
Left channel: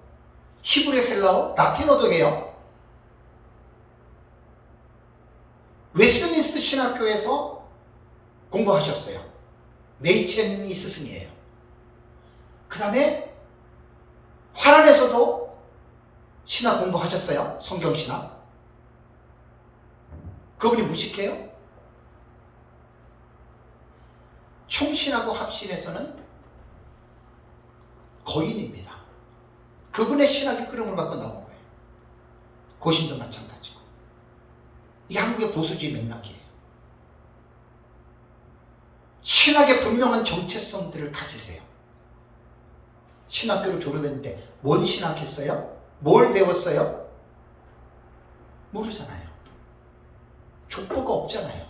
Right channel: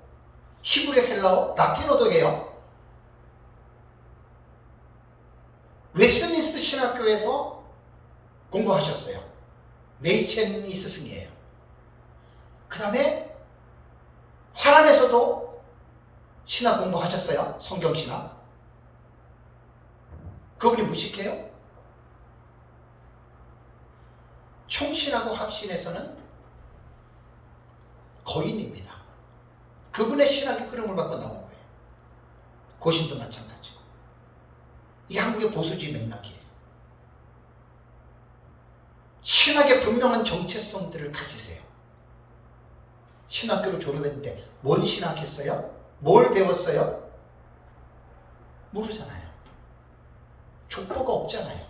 히브리, 헬라어, 라틴어도 해요. 웨스트민스터 신학교에서 공부하셨어요. 메이첸이 스승이에요. 그 다음에 화란에서도 신학 공부하셨어요. 성경신학. 그분이 무식해요? 총신하고 합신에서는 거인입니다. 그분의 신학의 흐름을 갖고 나온 거예요. 고신도 마찬가지고. 이게 한국의 보수주의 맥락이에요. 신학의 분명한 정체성들을 가지세요. 신학교를 졸업했는데 뭔 신학했어요? 뭘 배웠어요? 모르잖아요. 족보가 없잖아요.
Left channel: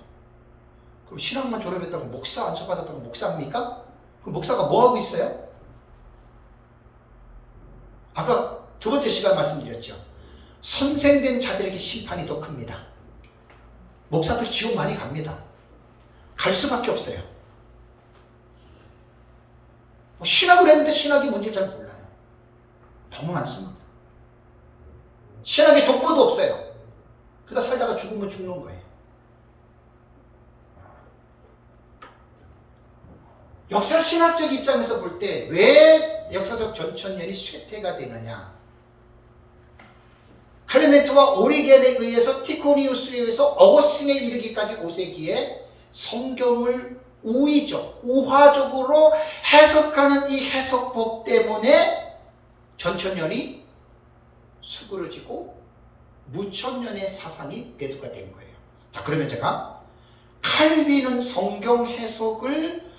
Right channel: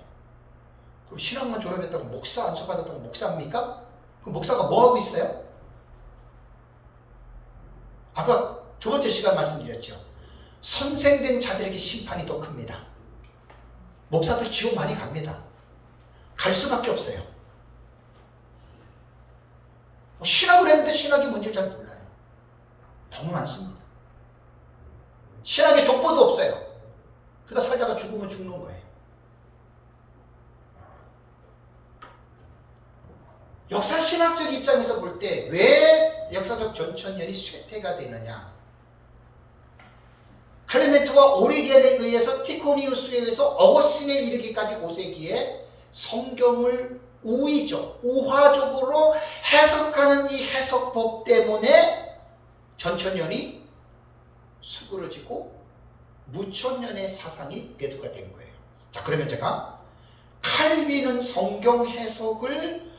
그럼 신학만 졸업했다고 목사 안수받았다고 목사입니까? 그럼 목사가 뭐하고 있어요? 아까 두 번째 시간 말씀드렸죠. 선생된 자들에게 심판이 더 큽니다. 목사들 지옥 많이 갑니다. 갈 수밖에 없어요. 신학을 했는데 신학이 뭔지 잘 몰라요. 너무 많습니다. 신학에 족보도 없어요. 그러다 살다가 죽으면 죽는 거예요. 역사신학적 입장에서 볼 때 왜 역사적 전천년이 쇠퇴가 되느냐? 클레멘트와 오리겐에 의해서 티코니우스에 의해서 어거스틴에 이르기까지 5세기에 성경을 우화적으로 해석하는 이 해석법 때문에 전천년이 수그러지고 무천년의 사상이 대두가 된 거예요. 자, 그러면 제가 칼빈은 성경 해석을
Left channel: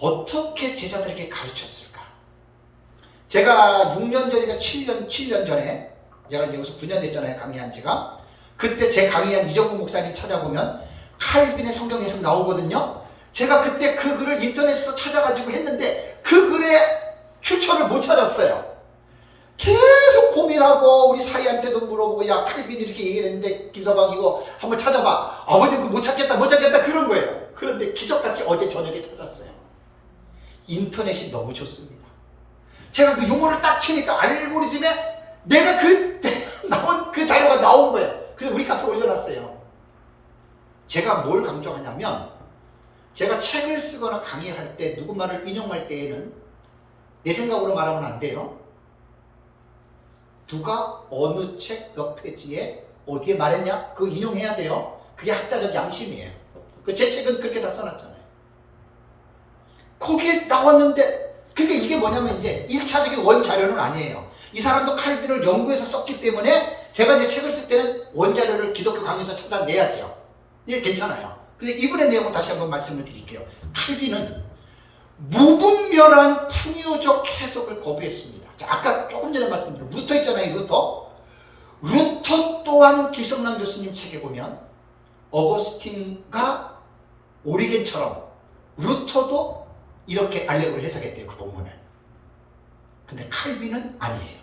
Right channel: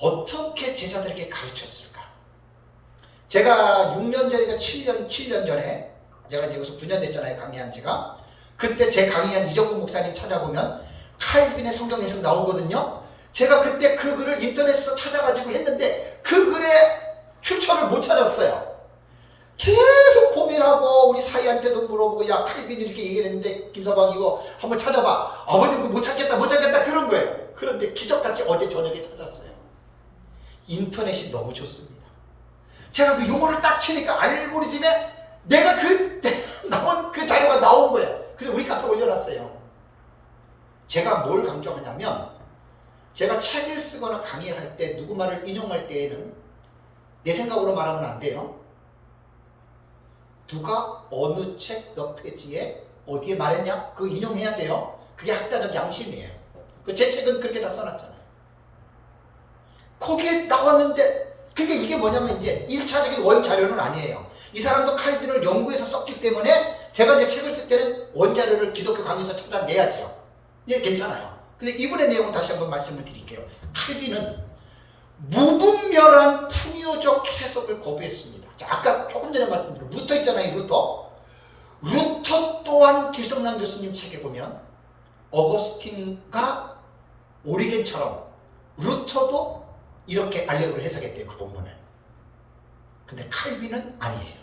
어떻게 제자들에게 가르쳤을까? 제가 6년 전이가 7년 전에 제가 이제 여기서 9년 됐잖아요. 강의한 지가. 그때 제 강의한 이정국 목사님 찾아보면 칼빈의 성경 해석 나오거든요. 제가 그때 그 글을 인터넷에서 찾아가지고 했는데 그 글에 출처를 못 찾았어요. 계속 고민하고 우리 사이한테도 물어보고 야 칼빈이 이렇게 얘기했는데 김서방 이거 한번 찾아봐. 아버님 그거 못 찾겠다 그런 거예요. 그런데 기적같이 어제 저녁에 찾았어요. 인터넷이 너무 좋습니다. 제가 그 용어를 딱 치니까 알고리즘에 내가 나온 그 자료가 나온 거예요. 그래서 우리 카페에 올려놨어요. 제가 뭘 강조하냐면 제가 책을 쓰거나 강의를 할 때 누구 말을 인용할 때에는 내 생각으로 말하면 안 돼요. 누가 어느 책 몇 페이지에 어디에 말했냐? 그거 인용해야 돼요. 그게 학자적 양심이에요. 제 책은 그렇게 다 써놨잖아요. 거기에 나왔는데 그러니까 이게 뭐냐면 이제 1차적인 원자료는 아니에요. 이 사람도 칼빈을 연구해서 썼기 때문에 제가 이제 책을 쓸 때는 원자료를 기독교 강의에서 찾아내야죠. 예, 괜찮아요. 근데 이분의 내용을 다시 한번 말씀을 드릴게요. 칼빈은 무분별한 풍요적 해석을 거부했습니다. 자, 아까 조금 전에 말씀드린 루터 있잖아요. 루터 또한 길성남 교수님 책에 보면 어거스틴과 오리겐처럼 루터도 이렇게 알레고리를 해석했대요. 그 본문을. 근데 칼빈은 아니에요.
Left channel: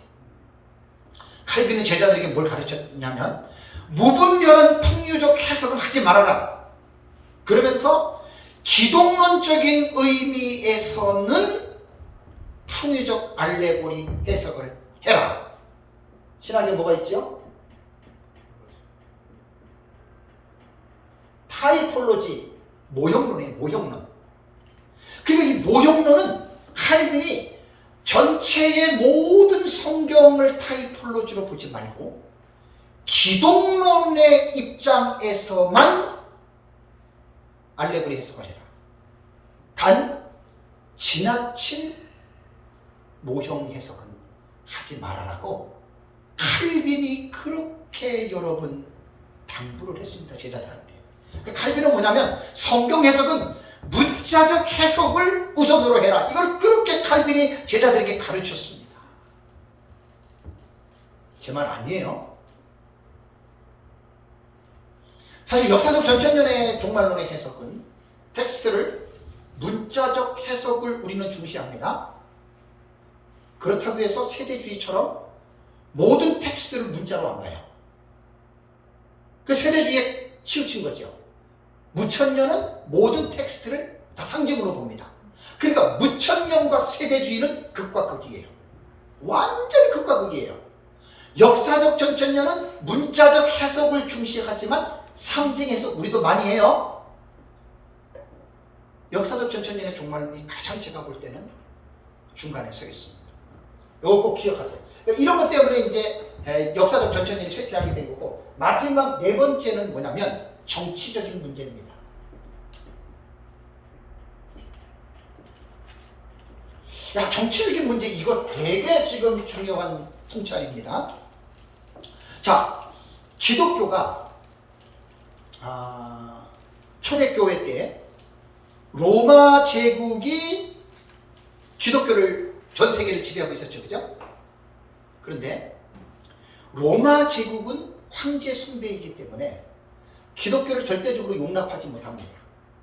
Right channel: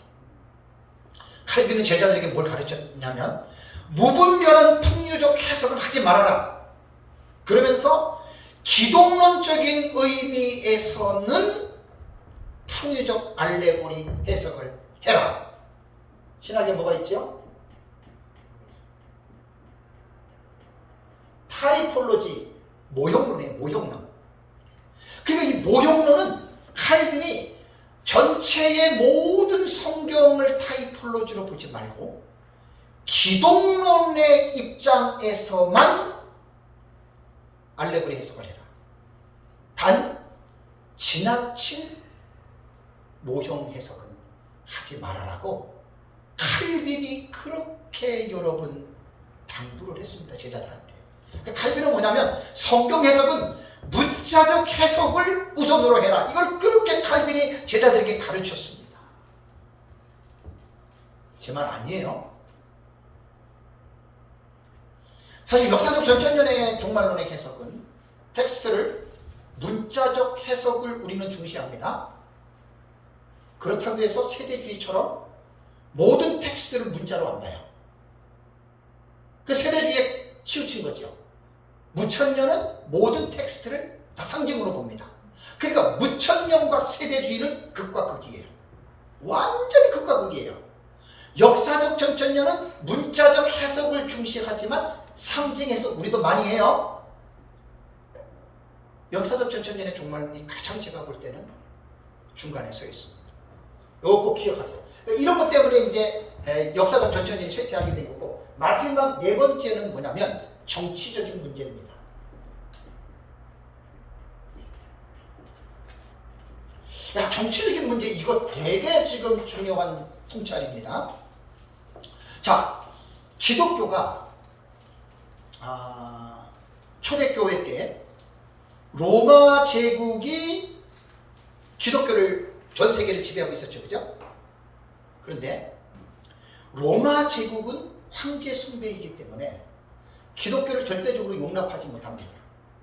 칼빈은 제자들에게 뭘 가르쳤냐면 무분별한 풍요적 해석을 하지 말아라. 그러면서 기독론적인 의미에서는 풍요적 알레고리 해석을 해라. 신학에 뭐가 있죠? 타이폴로지, 모형론이에요. 모형론. 그러니까 이 모형론은 칼빈이 전체의 모든 성경을 타이폴로지로 보지 말고 기독론의 입장에서만 알레고리 해석을 해라. 단 지나친 모형 해석은 하지 말아라고 칼빈이 그렇게 여러 번 당부를 했습니다. 제자들한테. 칼빈은 뭐냐면 성경 해석은 문자적 해석을 우선으로 해라. 이걸 그렇게 칼빈이 제자들에게 가르쳤습니다. 제 말 아니에요. 사실 역사적 전천년의 종말론의 해석은 텍스트를 문자적 해석을 우리는 중시합니다. 그렇다고 해서 세대주의처럼 모든 텍스트를 문자로 안 봐요. 그 세대주의에 치우친 거죠. 무천년은 모든 텍스트를 다 상징으로 봅니다. 그러니까 무천년과 세대주의는 극과 극이에요. 완전히 극과 극이에요. 역사적 전천년은 문자적 해석을 중시하지만 상징 해석 우리도 많이 해요. 역사적 전천년의 종말론이 가장 제가 볼 때는 중간에 서 있습니다. 이거 꼭 기억하세요. 그러니까 이런 것 때문에 이제 역사적 전천년이 쇠퇴하게 된 거고, 마지막 네 번째는 뭐냐면 정치적인 문제입니다. 야, 정치적인 문제 이거 되게 지금 중요한 통찰입니다. 자, 기독교가 초대교회 때 로마 제국이 기독교를 전 세계를 지배하고 있었죠. 그죠? 그런데 로마 제국은 황제 숭배이기 때문에 기독교를 절대적으로 용납하지 못합니다.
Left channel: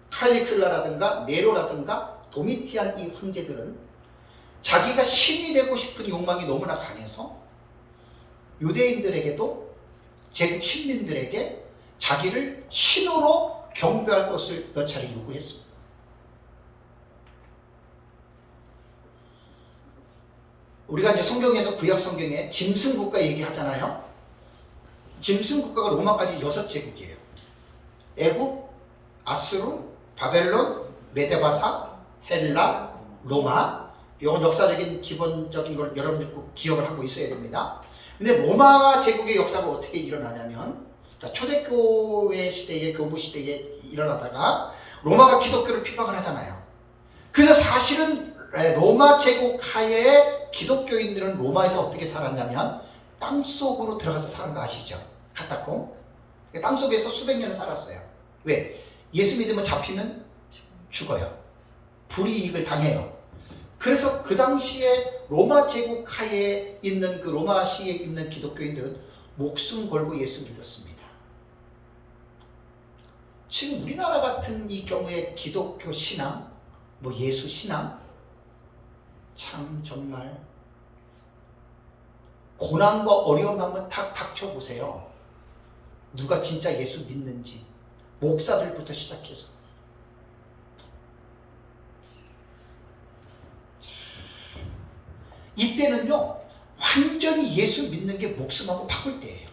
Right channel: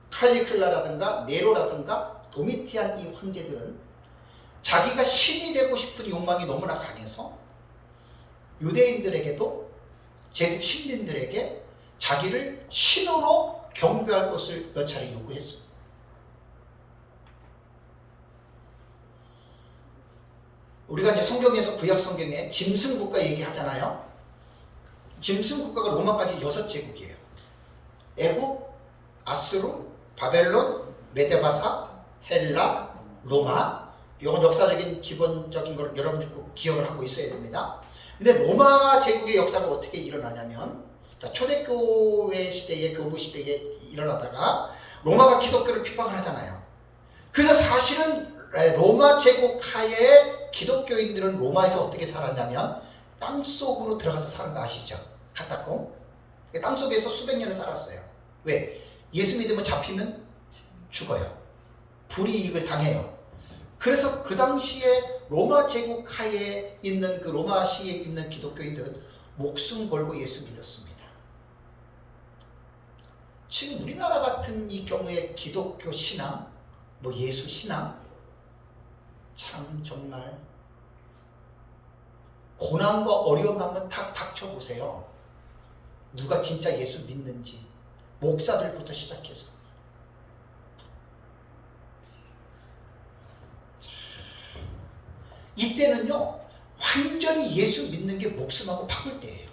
칼리큘라라든가 네로라든가 도미티안 이 황제들은 자기가 신이 되고 싶은 욕망이 너무나 강해서 유대인들에게도 제국 신민들에게 자기를 신으로 경배할 것을 몇 차례 요구했습니다. 우리가 이제 성경에서 구약 성경에 짐승국가 얘기하잖아요. 짐승국가가 로마까지 6제국이에요. 애국, 아수르, 바벨론, 메데바사, 헬라, 로마. 이건 역사적인 기본적인 걸 여러분들 꼭 기억을 하고 있어야 됩니다. 근데 로마 제국의 역사가 어떻게 일어나냐면, 초대교회 시대에, 교부 시대에 일어나다가 로마가 기독교를 핍박을 하잖아요. 그래서 사실은 로마 제국 하에 기독교인들은 로마에서 어떻게 살았냐면 땅속으로 들어가서 사는 거 아시죠? 카타콤. 땅속에서 수백 년을 살았어요. 왜? 예수 믿으면 잡히면 죽어요. 불이익을 당해요. 그래서 그 당시에 로마 제국 하에 있는 그 로마시에 있는 기독교인들은 목숨 걸고 예수 믿었습니다. 지금 우리나라 같은 이 경우에 기독교 신앙, 뭐 예수 신앙, 참 정말 고난과 어려움 한번 탁 닥쳐보세요. 누가 진짜 예수 믿는지, 목사들부터 시작해서. 이때는요, 완전히 예수 믿는 게 목숨하고 바꿀 때예요.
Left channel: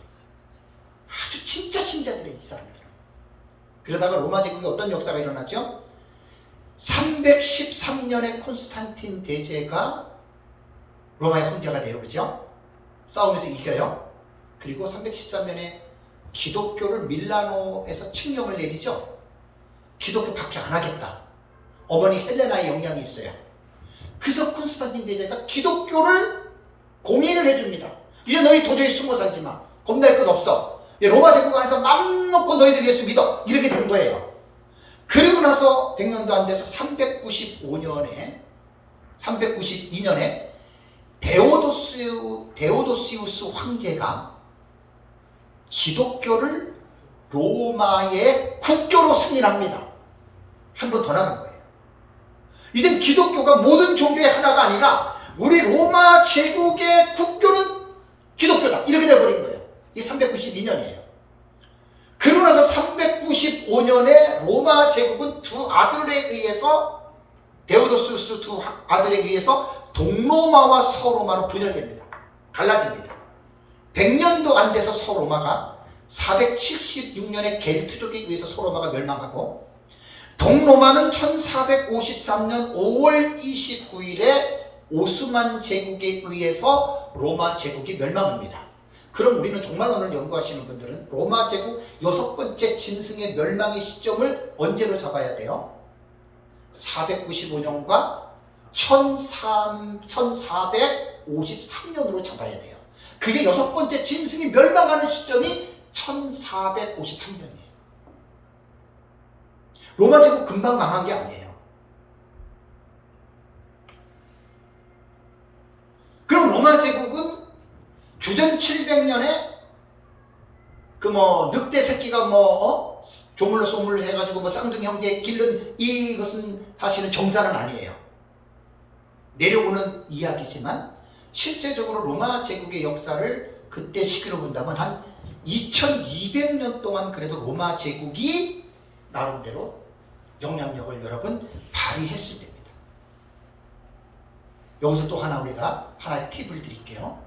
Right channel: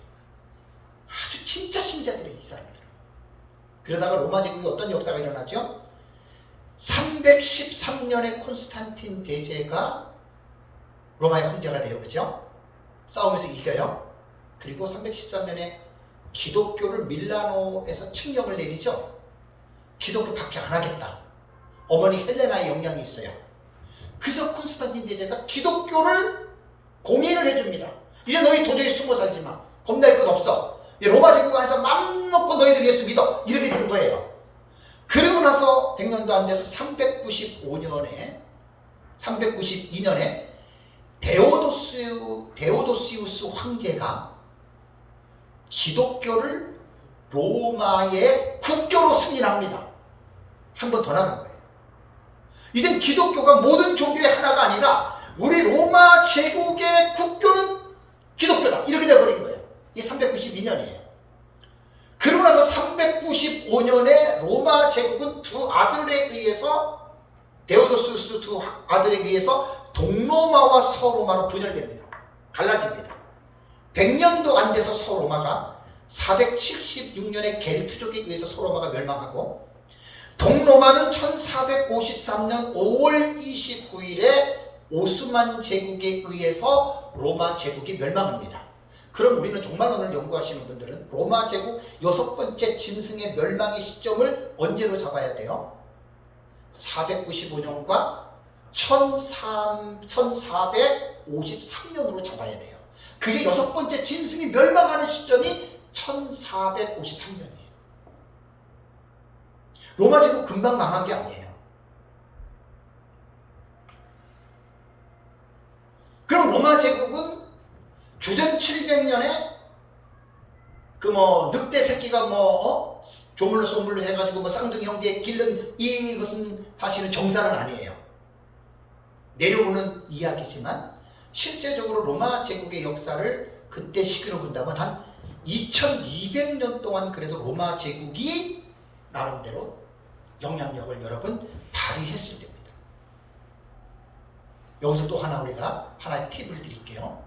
아주 진짜 신자들의 이 사람들. 그러다가 로마 제국에 어떤 역사가 일어났죠? 313년에 콘스탄틴 대제가 로마의 황제가 돼요. 그죠? 싸움에서 이겨요. 그리고 313년에 기독교를 밀라노에서 칙령을 내리죠. 기독교 박해 안 하겠다. 어머니 헬레나의 영향이 있어요. 그래서 콘스탄틴 대제가 기독교를 공인을 해줍니다. 이제 너희 도저히 숨어 살지 마. 겁낼 것 없어. 로마 제국 안에서 맘먹고 너희들 예수 믿어. 이렇게 된 거예요. 그리고 나서 100년도 안 돼서 392년에 데오도시우스 황제가 기독교를 로마의 국교로 승인합니다. 한 번 더 나간 거예요. 이젠 기독교가 모든 종교의 하나가 아니라 우리 로마 제국의 국교는 기독교다. 이렇게 돼버린 거예요. 이게 392년이에요. 그러고 나서 395년에 로마 제국은 두 아들에 의해서, 데오도시우스 두 아들에 의해서 동로마와 서로마로 분열됩니다. 갈라집니다. 100년도 안 돼서 서로마가 476년에 게르트족에 의해서 서로마가 멸망하고, 동로마는 1453년 5월 29일에 오스만 제국에 의해서 로마 제국이 멸망합니다. 그럼 우리는 정말 오늘 연구하시는 분들은 로마 제국 6번째 짐승의 멸망의 시점을 언제로 잡아야 돼요? 495년과 1453년으로 잡아야 돼요. 그게 6번째 짐승이 멸망하는 시점이 1453년이에요. 로마 제국 금방 망한 게 아니에요. 그럼 로마 제국은 주전 700년에 늑대 새끼가 조물로 소물로 해가지고 쌍둥이 형제 기른 이것은 사실은 정사는 아니에요. 내려오는 이야기지만 실제적으로 로마 제국의 역사를 그때 시기로 본다면 한 2200년 동안 그래도 로마 제국이 나름대로 영향력을 여러분 발휘했을 때입니다. 여기서 또 우리가 하나의 팁을 드릴게요.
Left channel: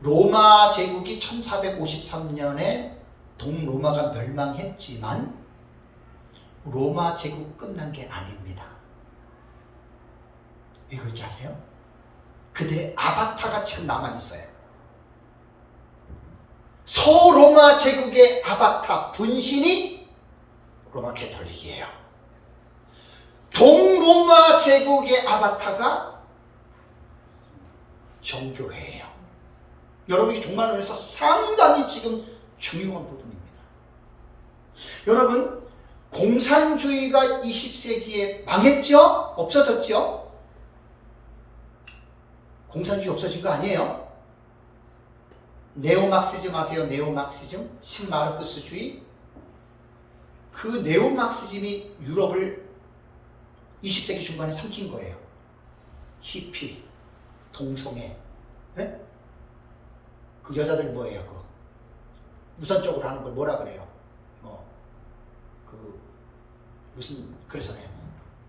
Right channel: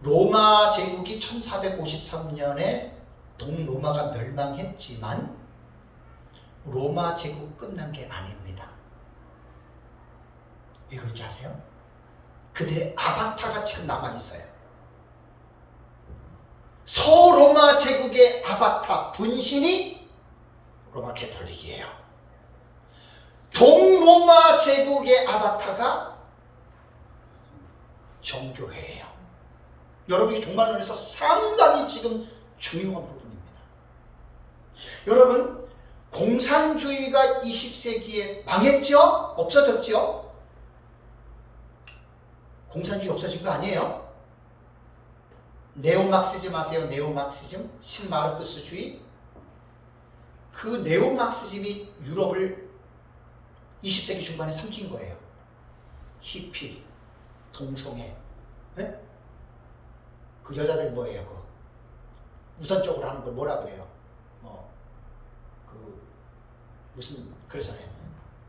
로마 제국이 1453년에 동로마가 멸망했지만 로마 제국 끝난 게 아닙니다. 왜 그런지 아세요? 그들의 아바타가 지금 남아있어요. 서로마 제국의 아바타 분신이 로마 캐톨릭이에요. 동로마 제국의 아바타가 정교회예요. 여러분이 종말론에서 상당히 지금 중요한 부분입니다. 여러분, 공산주의가 20세기에 망했죠? 없어졌죠? 공산주의 없어진 거 아니에요? 네오막시즘 아세요? 네오막시즘? 신마르크스주의? 그 네오막시즘이 유럽을 20세기 중반에 삼킨 거예요. 히피, 동성애, 네? 그 여자들 뭐예요? 우선적으로 하는 걸 뭐라 그래요? 무슨 그러잖아요.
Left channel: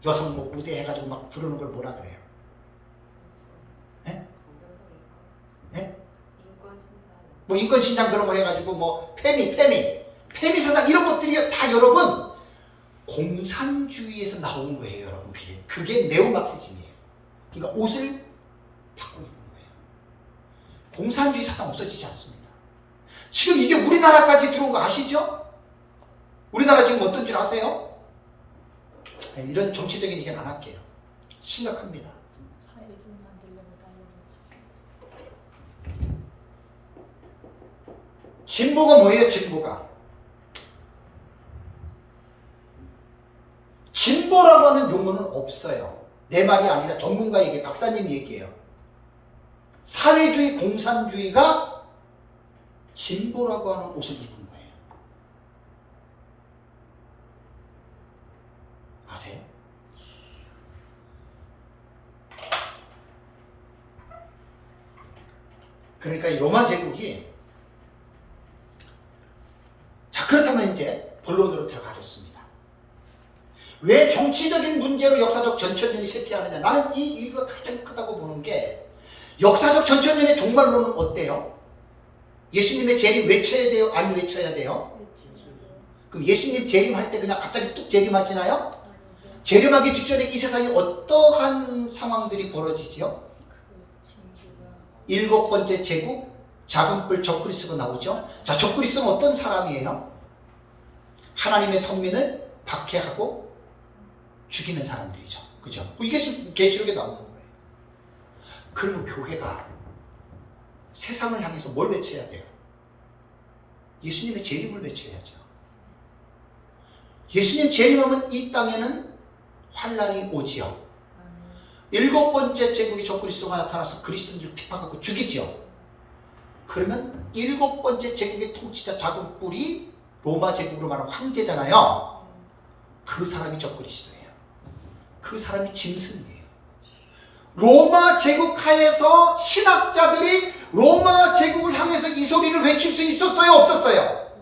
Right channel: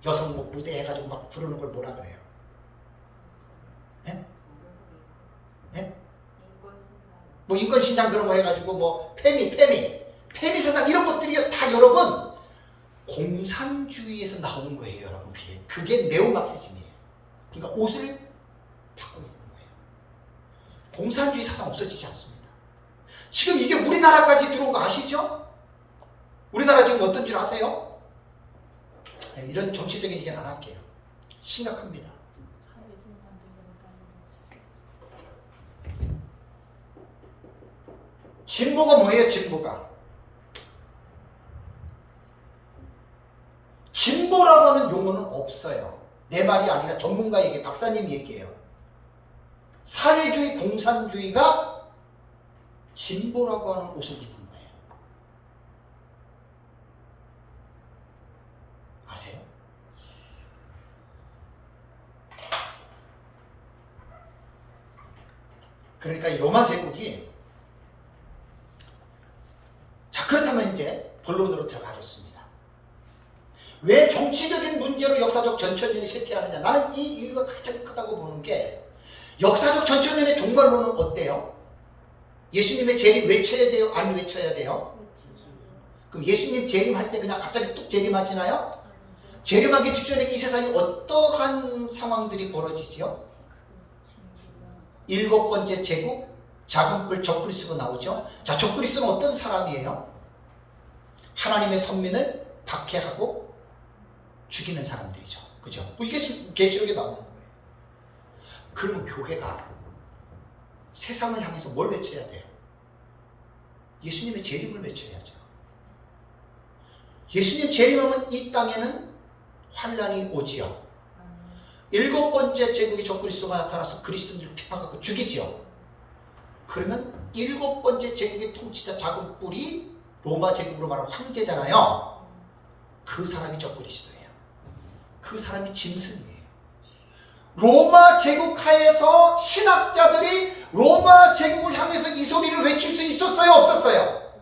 여성 무대 해가지고 막 부르는 걸 뭐라 그래요? 네? 네? 인권신장 그런 거 해가지고 페미사상 이런 것들이 다 여러분 공산주의에서 나온 거예요. 여러분 그게 네오막시즘이에요. 그러니까 옷을 바꾸는 거예요. 공산주의 사상 없어지지 않습니다. 지금 이게 우리나라까지 들어온 거 아시죠? 우리나라 지금 어떤 줄 아세요? 이런 정치적인 얘기는 안 할게요. 심각합니다. 진보가 뭐예요? 진보라고 하는 용어는 없어요. 내 말이 아니라 전문가 얘기, 박사님 얘기예요. 사회주의, 공산주의가 진보라고 하는 옷을 입은 거예요. 아세요? 그러니까 이 로마 제국이, 자, 그렇다면 이제 본론으로 들어가겠습니다. 왜 정치적인 문제로 역사적 전천년이 쇠퇴하느냐? 나는 이 이유가 가장 크다고 보는 게, 역사적 전천년의 종말론은 어때요? 예수님의 재림 외쳐야 돼요? 안 외쳐야 돼요? 그럼 예수님 재림할 때 그냥 갑자기 뚝 재림하시나요? 재림하기 직전에 이 세상에 어떠한 상황들이 벌어지지요? 7번째 제국, 작은 뿔 적그리스도가 나오죠. 자, 적그리스도는 어떤 사람이에요? 하나님의 선민을 박해하고 죽이는 사람들이죠. 그죠? 이게 지금 계시록에 나오는 거예요. 그러면 교회가 세상을 향해서 뭘 외쳐야 돼요? 예수님의 재림을 외쳐야죠. 예수님 재림하면 이 땅에는 환란이 오지요. 7번째 제국의 적그리스도가 나타나서 그리스도인들을 핍박하고 죽이지요. 그러면 7번째 제국의 통치자 작은 뿔이 로마 제국으로 말하면 황제잖아요. 그 사람이 적그리스도예요. 그 사람이 짐승이에요. 로마 제국 하에서 신학자들이 로마 제국을 향해서 이 소리를 외칠 수 있었어요? 없었어요?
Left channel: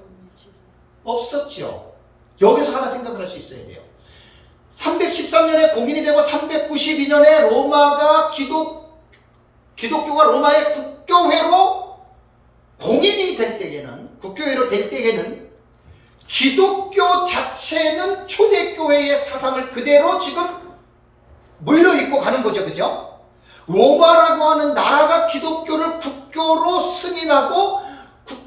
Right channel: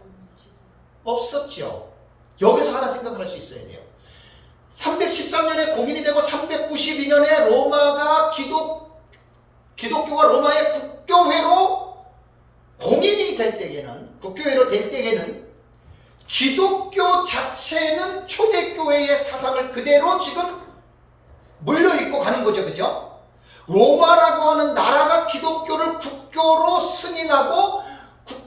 없었죠. 여기서 하나 생각을 할 수 있어야 돼요. 313년에 공인이 되고 392년에 로마가 기독교가 로마의 국교회로 공인이 될 때에는, 국교회로 될 때에는 기독교 자체는 초대교회의 사상을 그대로 지금 물려입고 가는 거죠. 그죠? 로마라고 하는 나라가 기독교를 국교로 승인하고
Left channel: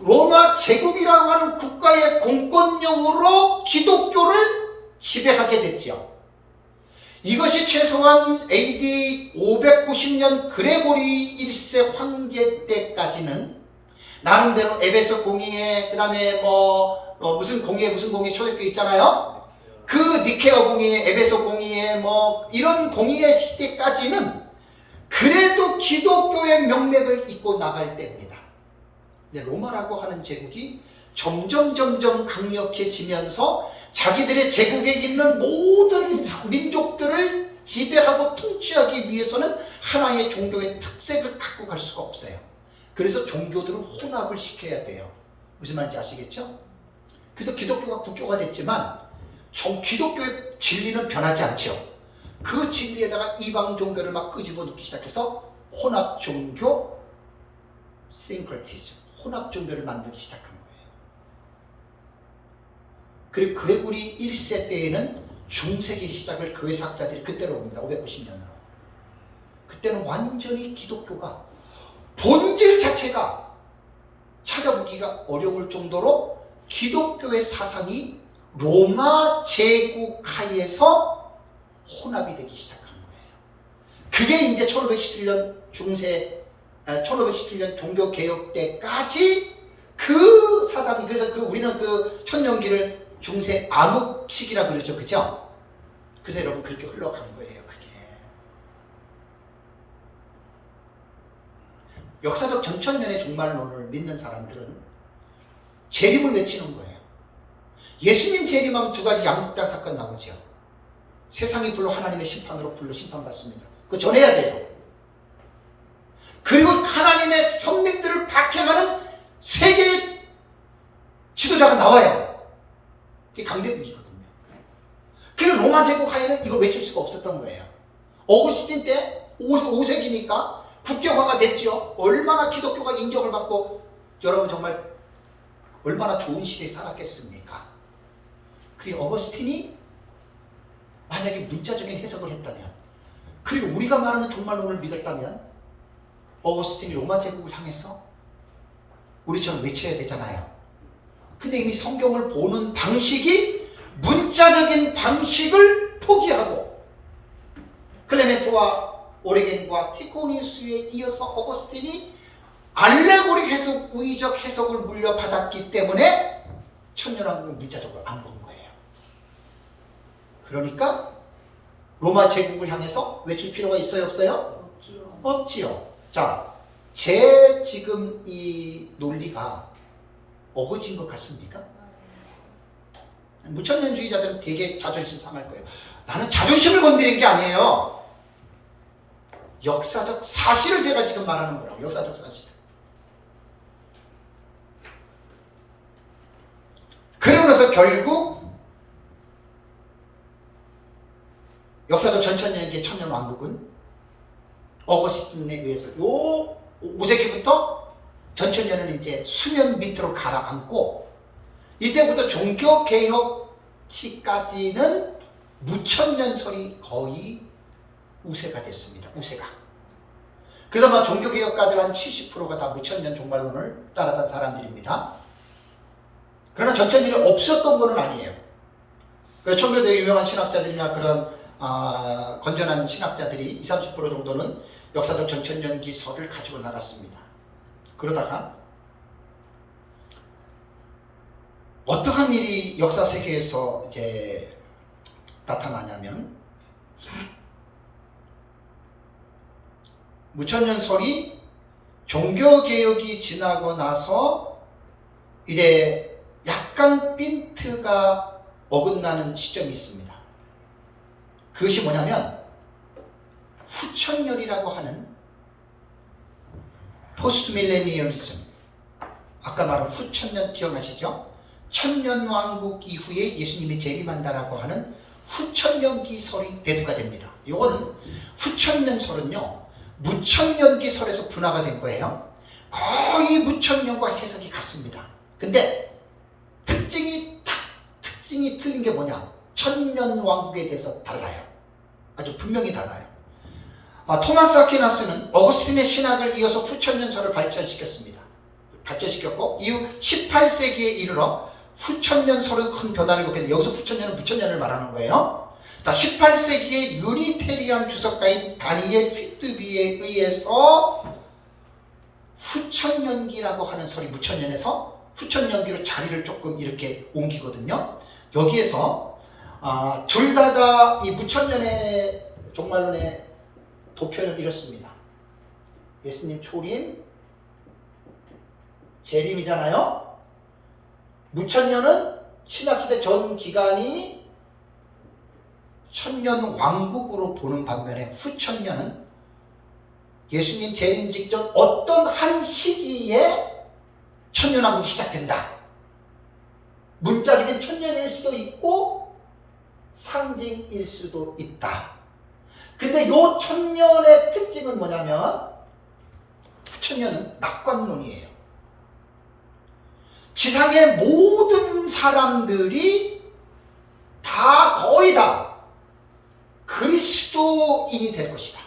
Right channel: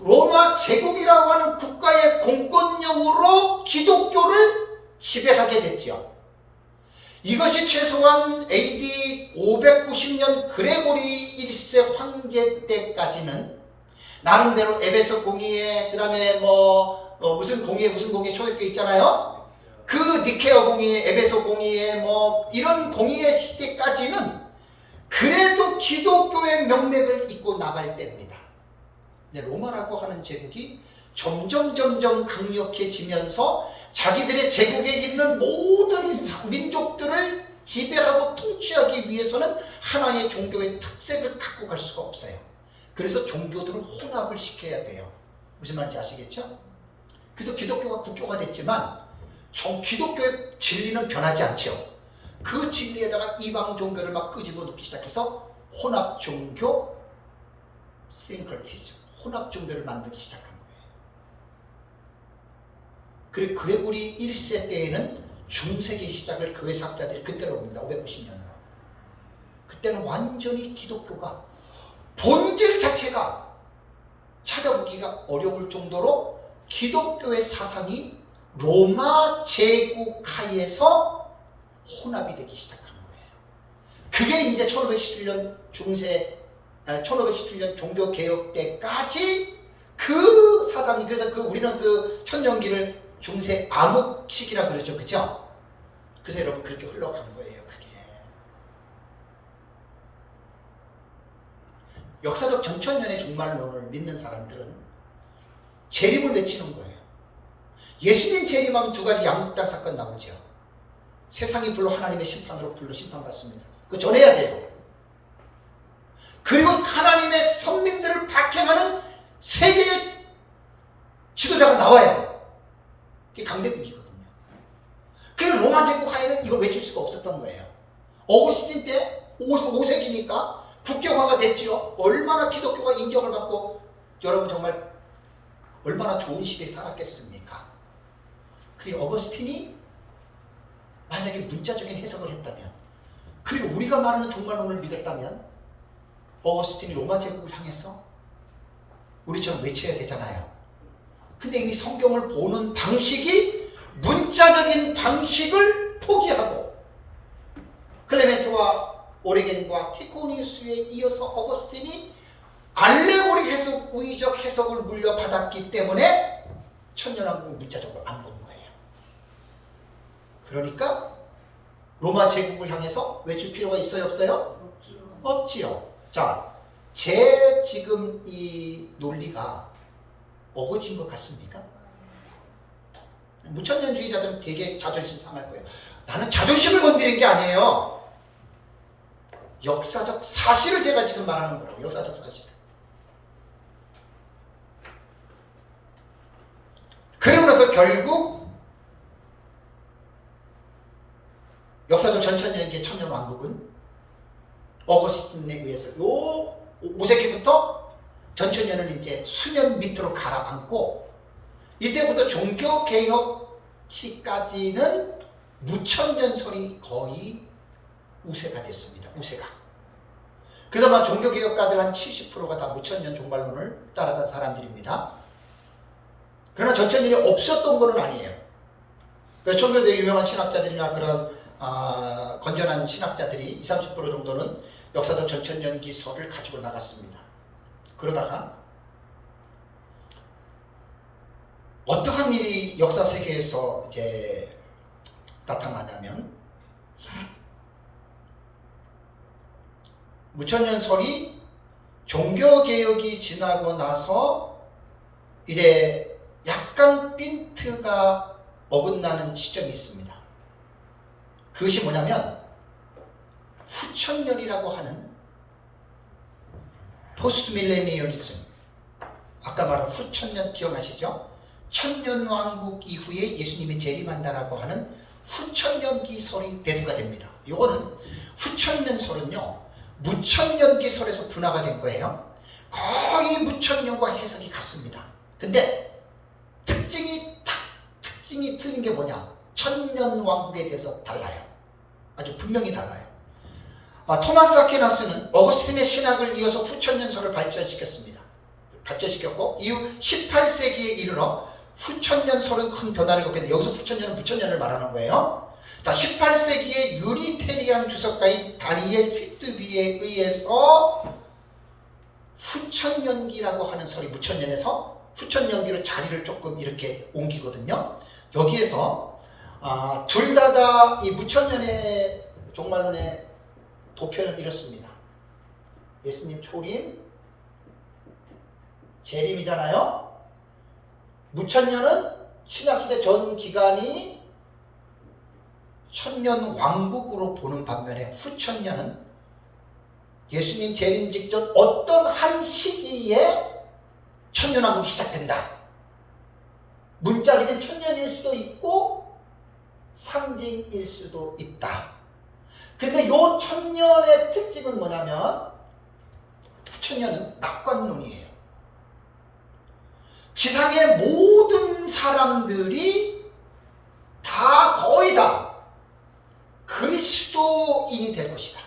로마 제국이라고 하는 국가의 공권력으로 기독교를 지배하게 됐죠. 이것이 최소한 AD 590년 그레고리 1세 황제 때까지는 나름대로 에베소 공의회, 그 다음에 무슨 공의회 초대교회 있잖아요. 그 니케아 공의회, 에베소 공의회, 이런 공의회 시대까지는 그래도 기독교의 명맥을 잇고 나갈 때입니다. 근데 로마라고 하는 제국이 점점 강력해지면서 자기들의 제국에 있는 모든 민족들을 지배하고 통치하기 위해서는 하나의 종교의 특색을 갖고 갈 수가 없어요. 그래서 종교들을 혼합을 시켜야 돼요. 무슨 말인지 아시겠죠? 그래서 기독교가 국교가 됐지만 기독교의 진리는 변하지 않죠. 그 진리에다가 이방 종교를 막 끄집어 놓기 시작해서 혼합 종교, 싱크리티즘, 혼합 종교를 만들기 시작한 거예요. 그리고 그레고리 1세 때에는 중세기 시작을 교회사학자들이 그때로 봅니다. 590년으로. 그때는 완전히 기독교가 본질 자체가 찾아보기가 어려울 정도로 기독교의 사상이 로마 제국 하에서 혼합이 되기 시작한 거예요. 그게 이제 1517년 1517년 종교개혁 때까지 그 사상이, 그래서 우리는 그 천년기를 중세 암흑 시기라 그러죠. 그죠? 그래서 여러분 그렇게 흘러간 거예요. 그게 역사적 전천년의 종말론을 믿는 사람들은 재림을 외치는 거예요. 예수님 재림하면 두 가지 양육단 사건 나오죠. 세상이 불로 하나님의 심판으로 불로 심판받습니다. 그거 전해야 돼요. 그리고 하나님의 선민들을 박해하는 세계의 지도자가 나와요. 그게 강대국이거든요. 그리고 로마 제국 하에는 이걸 외칠 수가 없었던 거예요. 어구스틴 때 5세기니까 국교화가 됐죠. 얼마나 기독교가 인정을 받고 여러분 정말 얼마나 좋은 시대에 살았겠습니까? 그리고 어거스틴이 만약에 문자적인 해석을 했다면, 그리고 우리가 말하는 종말론을 믿었다면 어거스틴이 로마 제국을 향해서 우리처럼 외쳐야 되잖아요. 근데 이미 성경을 보는 방식이 문자적인 방식을 포기하고 클레멘트와 오리겐과 티코니우스에 이어서 어거스틴이 알레고릭 해석, 우의적 해석을 물려받았기 때문에 천년왕국을 문자적으로 안 보는 거예요. 그러니까 로마 제국을 향해서 외칠 필요가 있어요, 없어요? 없지요. 자, 제 지금 이 논리가 어거진 것 같습니까? 무천년주의자들은 되게 자존심 상할 거예요. 나는 자존심을 건드린 게 아니에요. 역사적 사실을 제가 지금 말하는 거라고. 역사적 사실. 그러고 나서 결국 역사적 전천년기의 천년왕국은 어거스틴에 의해서 요 5세기부터 전천년을 이제 수면 밑으로 가라앉고, 이때부터 종교개혁 시까지는 무천년설이 거의 우세가 됐습니다. 우세가. 그동안 종교개혁가들 한 70%가 다 무천년 종말론을 따랐던 사람들입니다. 그러나 전천년이 없었던 건 아니에요. 청교도의 유명한 신학자들이나 그런 건전한 신학자들이 20, 30% 정도는 역사적 전천년기설을 가지고 나갔습니다. 그러다가 어떠한 일이 역사 세계에서 이제 나타나냐면, 무천년설이 종교개혁이 지나고 나서 이제 약간 핀트가 어긋나는 시점이 있습니다. 그것이 뭐냐면 후천년이라고 하는 포스트 밀레니얼리즘, 아까 말한 후천년 기억나시죠? 천년왕국 이후에 예수님이 재림한다라고 하는 후천년기설이 대두가 됩니다. 이거는 후천년설은요 무천년기설에서 분화가 된 거예요. 거의 무천년과 해석이 같습니다. 근데 특징이 틀린 게 뭐냐? 천년왕국에 대해서 달라요. 아주 분명히 달라요. 토마스 아퀴나스는 어거스틴의 신학을 이어서 후천년설을 발전시켰고 이후 18세기에 이르러 후천년설은 큰 변화를 겪게, 여기서 후천년은 무천년을 말하는 거예요. 18세기의 유니테리안 주석가인 다니엘 휘트비에 의해서 후천년기라고 하는 설이 무천년에서 후천년기로 자리를 조금 이렇게 옮기거든요. 여기에서 둘 다 이 무천년의 종말론의 도표는 이렇습니다. 예수님 초림, 재림이잖아요. 무천년은 신학시대 전 기간이 천년왕국으로 보는 반면에 후천년은 예수님 재림 직전 어떤 한 시기에 천년왕국이 시작된다. 문자적인 천년일 수도 있고 상징일 수도 있다. 근데 요 천년의 특징은 뭐냐면 후천년은 낙관론이에요. 지상의 모든 사람들이 거의 다 그리스도인이 될 것이다.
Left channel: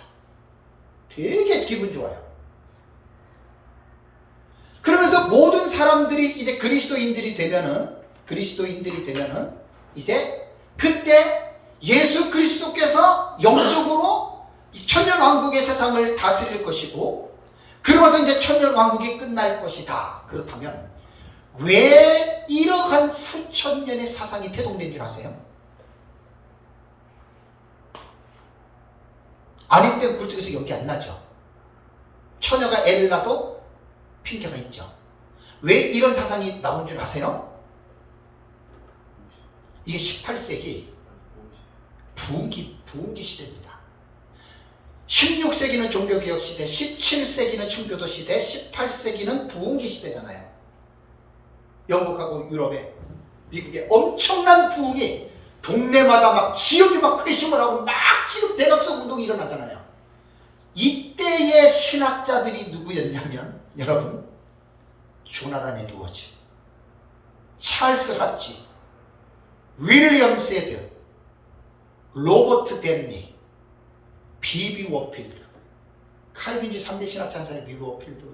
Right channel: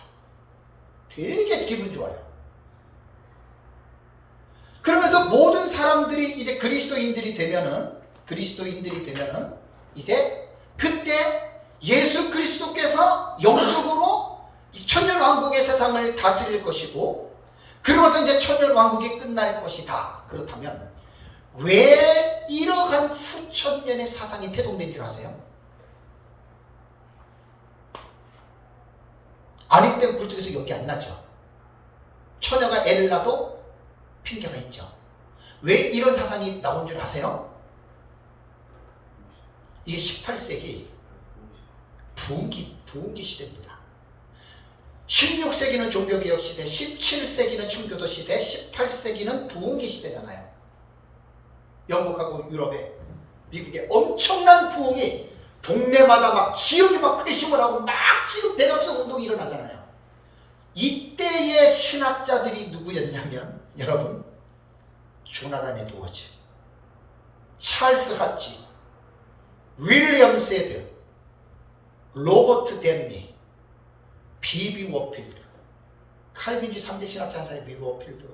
되게 기분 좋아요. 그러면서 모든 사람들이 이제 그리스도인들이 되면은 이제 그때 예수 그리스도께서 영적으로 이 천년왕국의 세상을 다스릴 것이고, 그러면서 이제 천년왕국이 끝날 것이다. 그렇다면 왜 이러한 수천년의 사상이 태동된 줄 아세요? 아닐 땐 굴뚝에서 연기 안 나죠. 처녀가 애를 낳아도 핑계가 있죠. 왜 이런 사상이 나온 줄 아세요? 이게 18세기 부흥기 시대입니다. 16세기는 종교개혁 시대, 17세기는 청교도 시대, 18세기는 부흥기 시대잖아요. 영국하고 유럽에, 미국에 엄청난 부흥이 동네마다 막 지역이 막 회심을 하고 막 지금 대각성 운동이 일어나잖아요. 이때의 신학자들이 누구였냐면 여러분, 조나단 에드워즈, 찰스 하치, 윌리엄 세드, 로버트 댐니, 비비 워필드, 칼빈주의 3대 신학자 한 사람이 비비 워필드,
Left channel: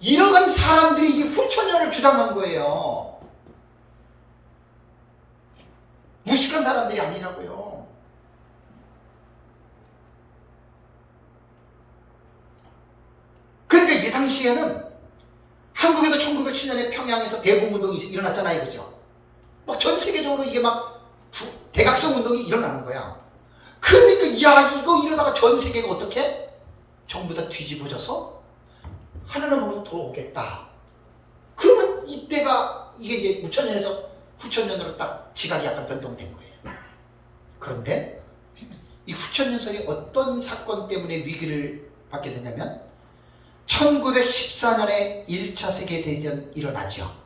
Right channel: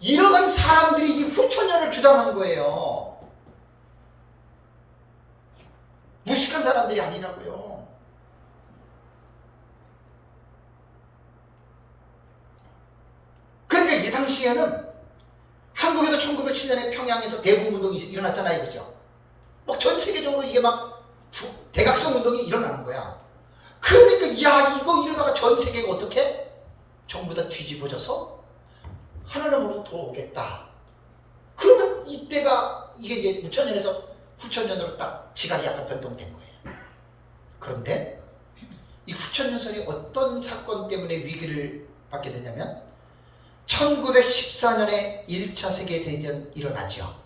이러한 사람들이 이 후천년을 주장한 거예요. 무식한 사람들이 아니라고요. 그러니까 이 당시에는 한국에도 1907년에 평양에서 대공운동이 일어났잖아요. 그죠? 막 전 세계적으로 이게 막 대각성 운동이 일어나는 거야. 그러니까 야, 이거 이러다가 전 세계가 어떻게? 전부 다 뒤집어져서 하나님으로 돌아오겠다. 그러면 이때가 이게 이제 6천년에서 9천년으로 딱 지각이 약간 변동된 거예요. 그런데 이 9천년설이 어떤 사건 때문에 위기를 받게 되냐면 1914년에 1차 세계대전 일어나죠.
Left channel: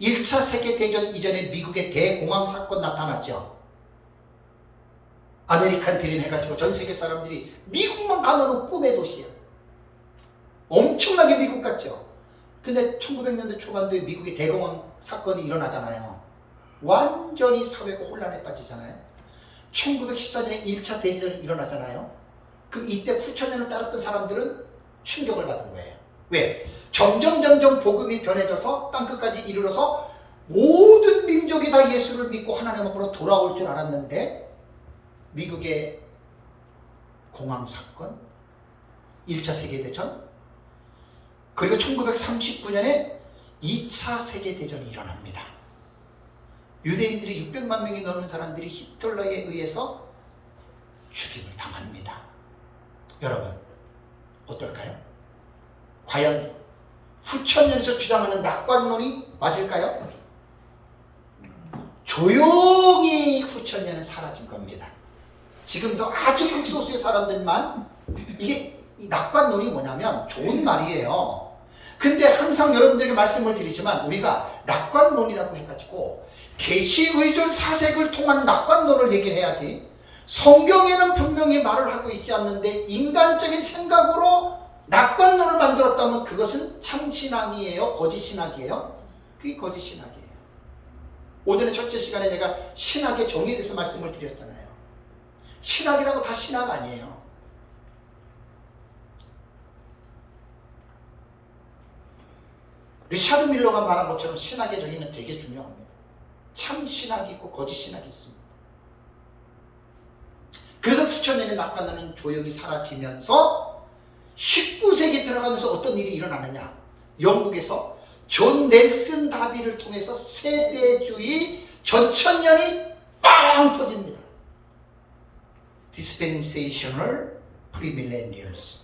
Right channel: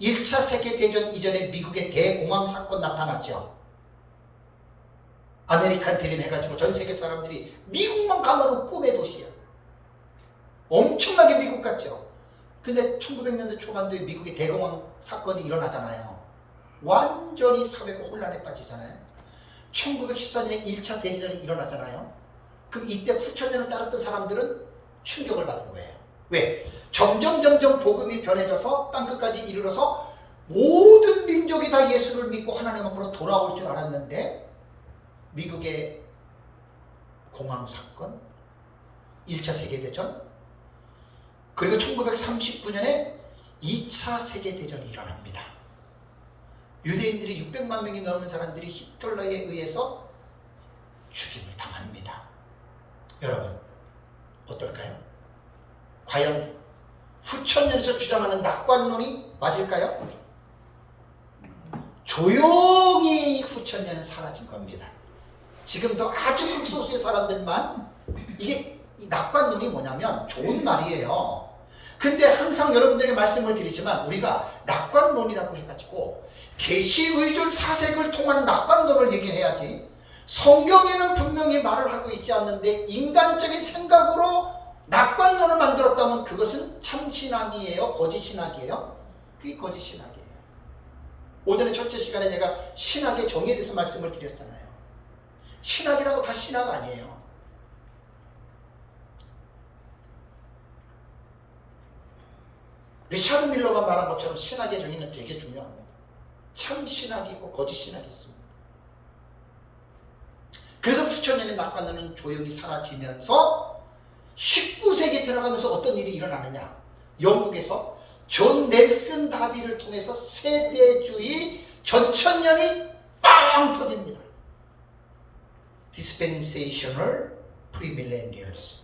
1차 세계대전 이전에 미국의 대공황 사건 나타났죠. 아메리칸 드림 해가지고 전 세계 사람들이 미국만 가면 꿈의 도시야. 엄청나게 미국 같죠. 근데 1900년대 초반도에 미국의 대공황 사건이 일어나잖아요. 완전히 사회가 혼란에 빠지잖아요. 1914년에 1차 대전이 일어나잖아요. 그럼 이때 9천년을 따랐던 사람들은 충격을 받은 거예요. 왜? 점점 복음이 변해져서 땅끝까지 이르러서 모든 민족이 다 예수를 믿고 하나님 앞으로 돌아올 줄 알았는데 미국의 공황 사건, 1차 세계대전, 그리고 1939년에 2차 세계대전이 일어납니다. 유대인들이 600만 명이 넘는 사람들이 히틀러에 의해서 죽임을 당합니다. 여러분 어떨까요? 과연 후천년에서 주장하는 낙관론이 맞을까요? 조용히 후천년은 사라진 겁니다. 지금도 아주 극소수의 사람들만 이게 이 낙관론이 뭐냐면 좋은 말이에요. 근데 항상 여러분들에게 말씀을 드리지만 우리가 낙관론이라고 해가지고 계시의존 사색을 통한 낙관론을 얘기를 해야지 성경에는 분명히 말을 하고 있지 않는데 인간적인 생각으로 낙관론을 만들었다면 그것은 참신학이에요? 거짓신학이에요? 그게 거짓신학이에요. 오전에 첫째 시간에 제가 신학의 정의에 대해서 말씀을 드렸잖아요. 신학이라고 다 신학 아니에요. 리차드 밀러가 말한 것처럼 신학의 정의는 되게 중요합니다. 참 신학이 있고 거짓 신학이 있습니다. 그래서 후천년의 낙관론은 조용히 사라지면서 19세기 들어가면서 어떤 일이 일어나느냐. 영국에서 존 넬슨 다비를 통해서 세대주의 전천년이 빵 터집니다. Dispensational Premillennials,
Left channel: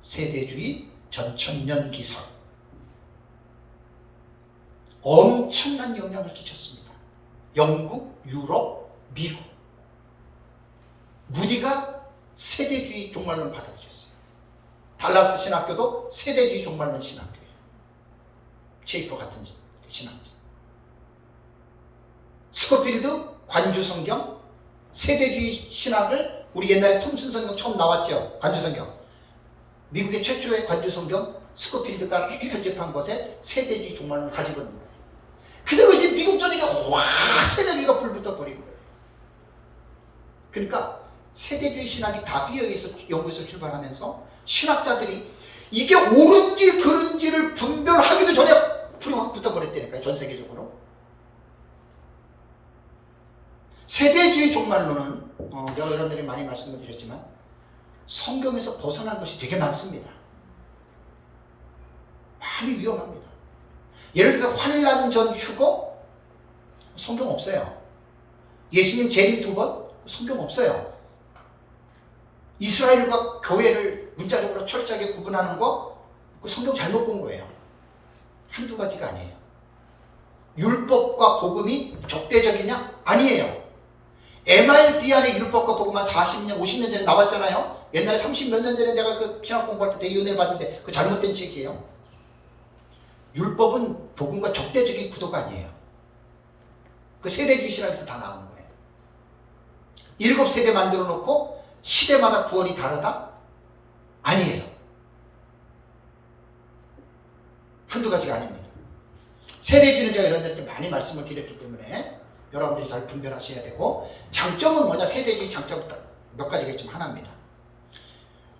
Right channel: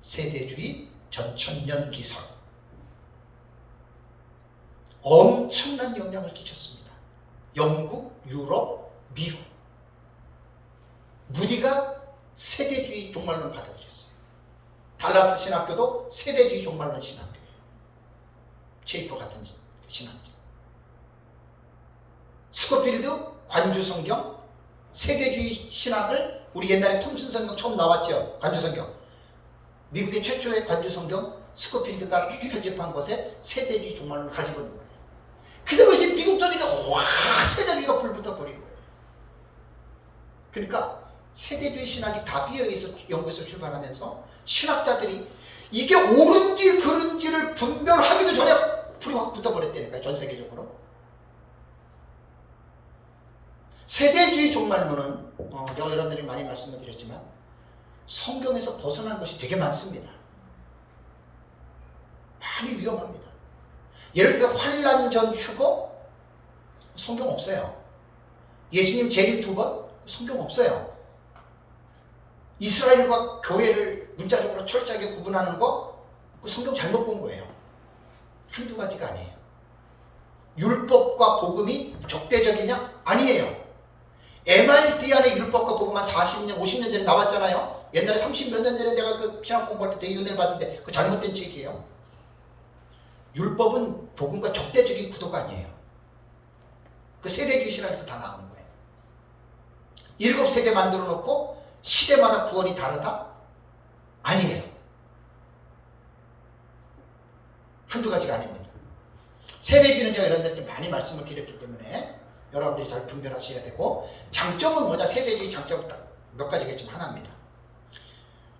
세대주의 전천년 기선. 엄청난 영향을 끼쳤습니다. 영국, 유럽, 미국. 무디가 세대주의 종말론 받아들였어요. 달라스 신학교도 세대주의 종말론 신학교예요. 체이퍼 같은 신학교. 스코필드 관주성경, 세대주의 신학을 우리 옛날에 톰슨 성경 처음 나왔죠. 관주성경. 미국의 최초의 관주성경 스코필드가 편집한 것에 세대주의 종말론을 가지고 있는 거예요. 그래서 그것이 미국 전역에 확 세대주의가 불붙어 버린 거예요. 그러니까 세대주의 신학이 다비에 의해서 영국에서 출발하면서 신학자들이 이게 옳은지 그른지를 분별하기도 전에 불이 확 붙어버렸다니까요. 전 세계적으로. 세대주의 종말론은 제가 여러분들이 많이 말씀을 드렸지만 성경에서 벗어난 것이 되게 많습니다. 많이 위험합니다. 예를 들어서 환란 전 휴거 성경 없어요. 예수님 재림 2번 성경 없어요. 이스라엘과 교회를 문자적으로 철저하게 구분하는 거 성경 잘못 본 거예요. 한두 가지가 아니에요. 율법과 복음이 적대적이냐? 아니에요. MRD 안에 율법과 복음 한 40년, 50년 전에 나왔잖아요. 옛날에 30몇 년 전에 내가 그 신학 공부할 때 대의원을 봤는데 그 잘못된 책이에요. 율법은 복음과 적대적인 구도가 아니에요. 그 세대주의 신학에서 다 나오는 거예요. 7세대 만들어 놓고 시대마다 구원이 다르다? 아니에요. 한두 가지가 아닙니다. 세대주의는 제가 여러분들께 많이 말씀을 드렸기 때문에 여러분들이 잘 분별하셔야 되고, 장점은 뭐냐? 세대주의 장점 몇 가지가 있지만 하나입니다.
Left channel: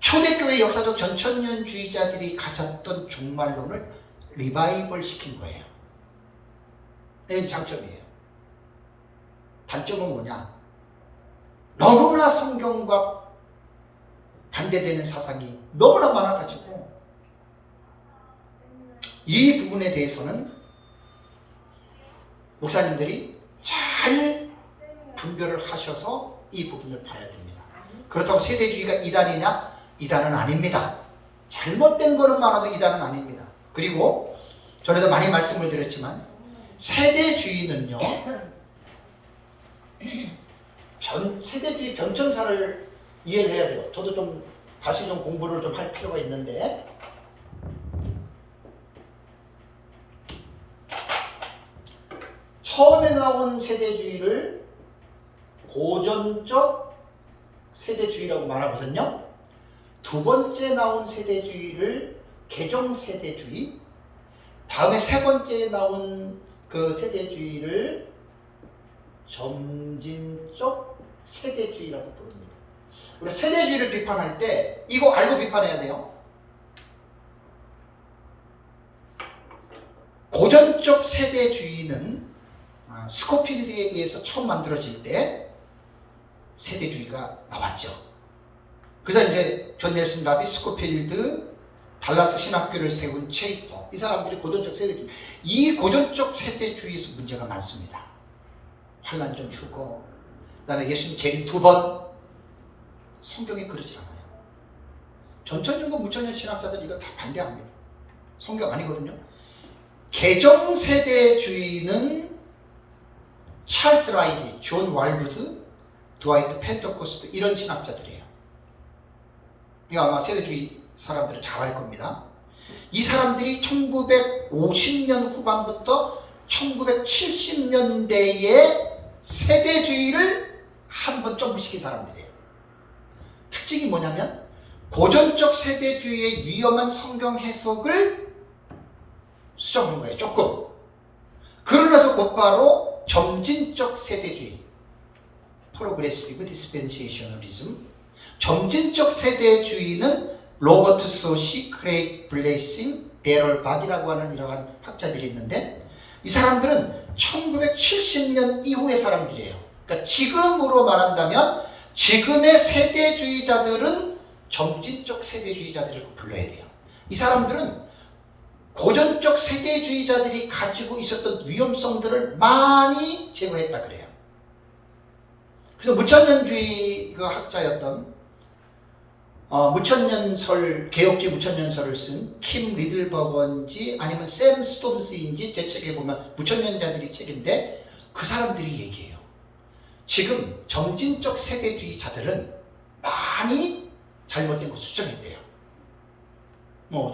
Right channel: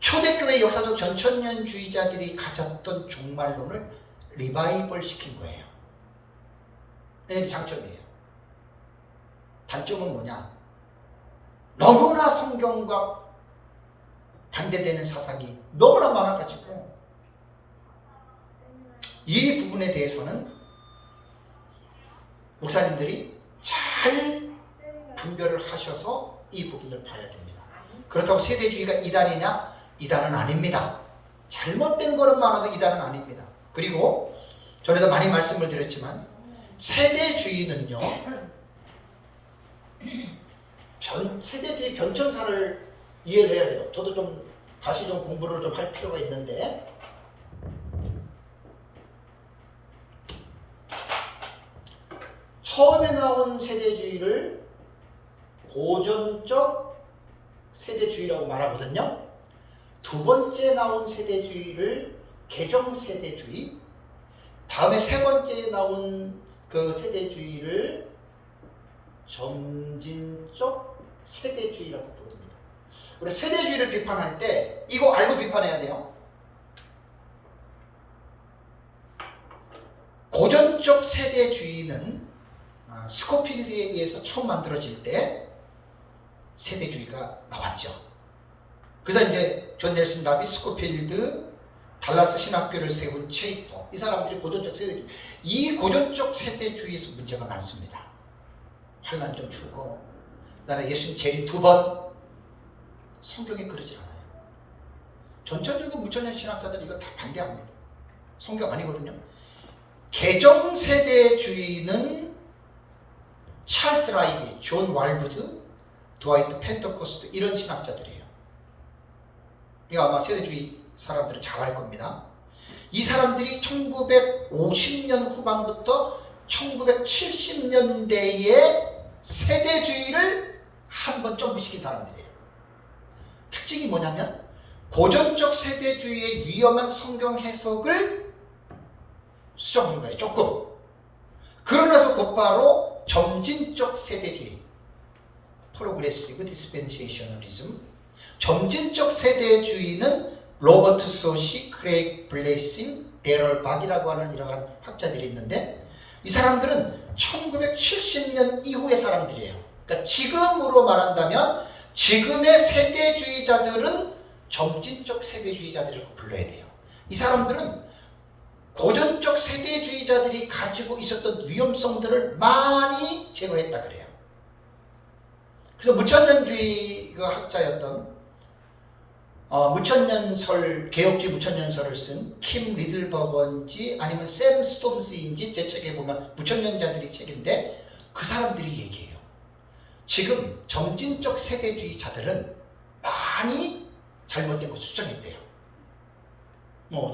초대교회 역사적 전천년주의자들이 가졌던 종말론을 리바이벌 시킨 거예요. 이게 장점이에요. 단점은 뭐냐? 너무나 성경과 반대되는 사상이 너무나 많아가지고 이 부분에 대해서는 목사님들이 잘 분별을 하셔서 이 부분을 봐야 됩니다. 그렇다고 세대주의가 이단이냐? 이단은 아닙니다. 잘못된 거는 많아도 이단은 아닙니다. 그리고 전에도 많이 말씀을 드렸지만 세대주의는요, 세대주의 변천사를 이해를 해야 돼요. 저도 좀 다시 좀 공부를 좀 할 필요가 있는데, 처음에 나온 세대주의를 고전적 세대주의라고 말하거든요. 두 번째 나온 세대주의를 개정세대주의, 다음에 세 번째 나온 그 세대주의를 점진적 세대주의라고 부릅니다. 우리 세대주의를 비판할 때 이거 알고 비판해야 돼요. 고전적 세대주의는 스코필드에 의해서 처음 만들어질 때 세대주의가 나왔죠. 그래서 이제 존 넬슨 다비, 스코필드, 달라스 신학교를 세운 체이퍼, 이 사람들이 고전적 세대주의, 이 고전적 세대주의에서 문제가 많습니다. 환란전 주고, 그 다음에 예수님 재림 2번, 성경에 그러지 않아요. 전천년과 무천년 신학자들이 이거 다 반대합니다. 성경 아니거든요. 개정세대주의는 찰스 라이디, 존 왈부드, 드와이트 펜터코스트, 이런 신학자들이에요. 이거 아마 세대주의 사람들은 잘 알 겁니다. 이 사람들이 1950년 후반부터 1970년대에 세대주의를 한번 점프시킨 사람들이에요. 특징이 뭐냐면 고전적 세대주의의 위험한 성경 해석을 수정한 거예요. 조금. 그러면서 곧바로 점진적 세대주의, 프로그레시브 디스펜세이셔널리즘, 점진적 세대주의는 로버트 소시, 크레이그 블레이싱, 데럴 박이라고 하는 이러한 학자들이 있는데, 이 사람들은 1970년 이후의 사람들이에요. 그러니까 지금으로 말한다면 지금의 세대주의자들은 점진적 세대주의자들을 불러야 돼요. 이 사람들은 고전적 세대주의자들이 가지고 있었던 위험성들을 많이 제거했다 그래요. 그래서 무천년주의 그 학자였던 무천년설, 개혁주의 무천년설을 쓴 킴 리들버건지 아니면 샘 스톰스인지 제 책에 보면 무천년자들이 책인데, 그 사람들이 얘기해요. 지금 점진적 세대주의자들은 많이 잘못된 거 수정했대요.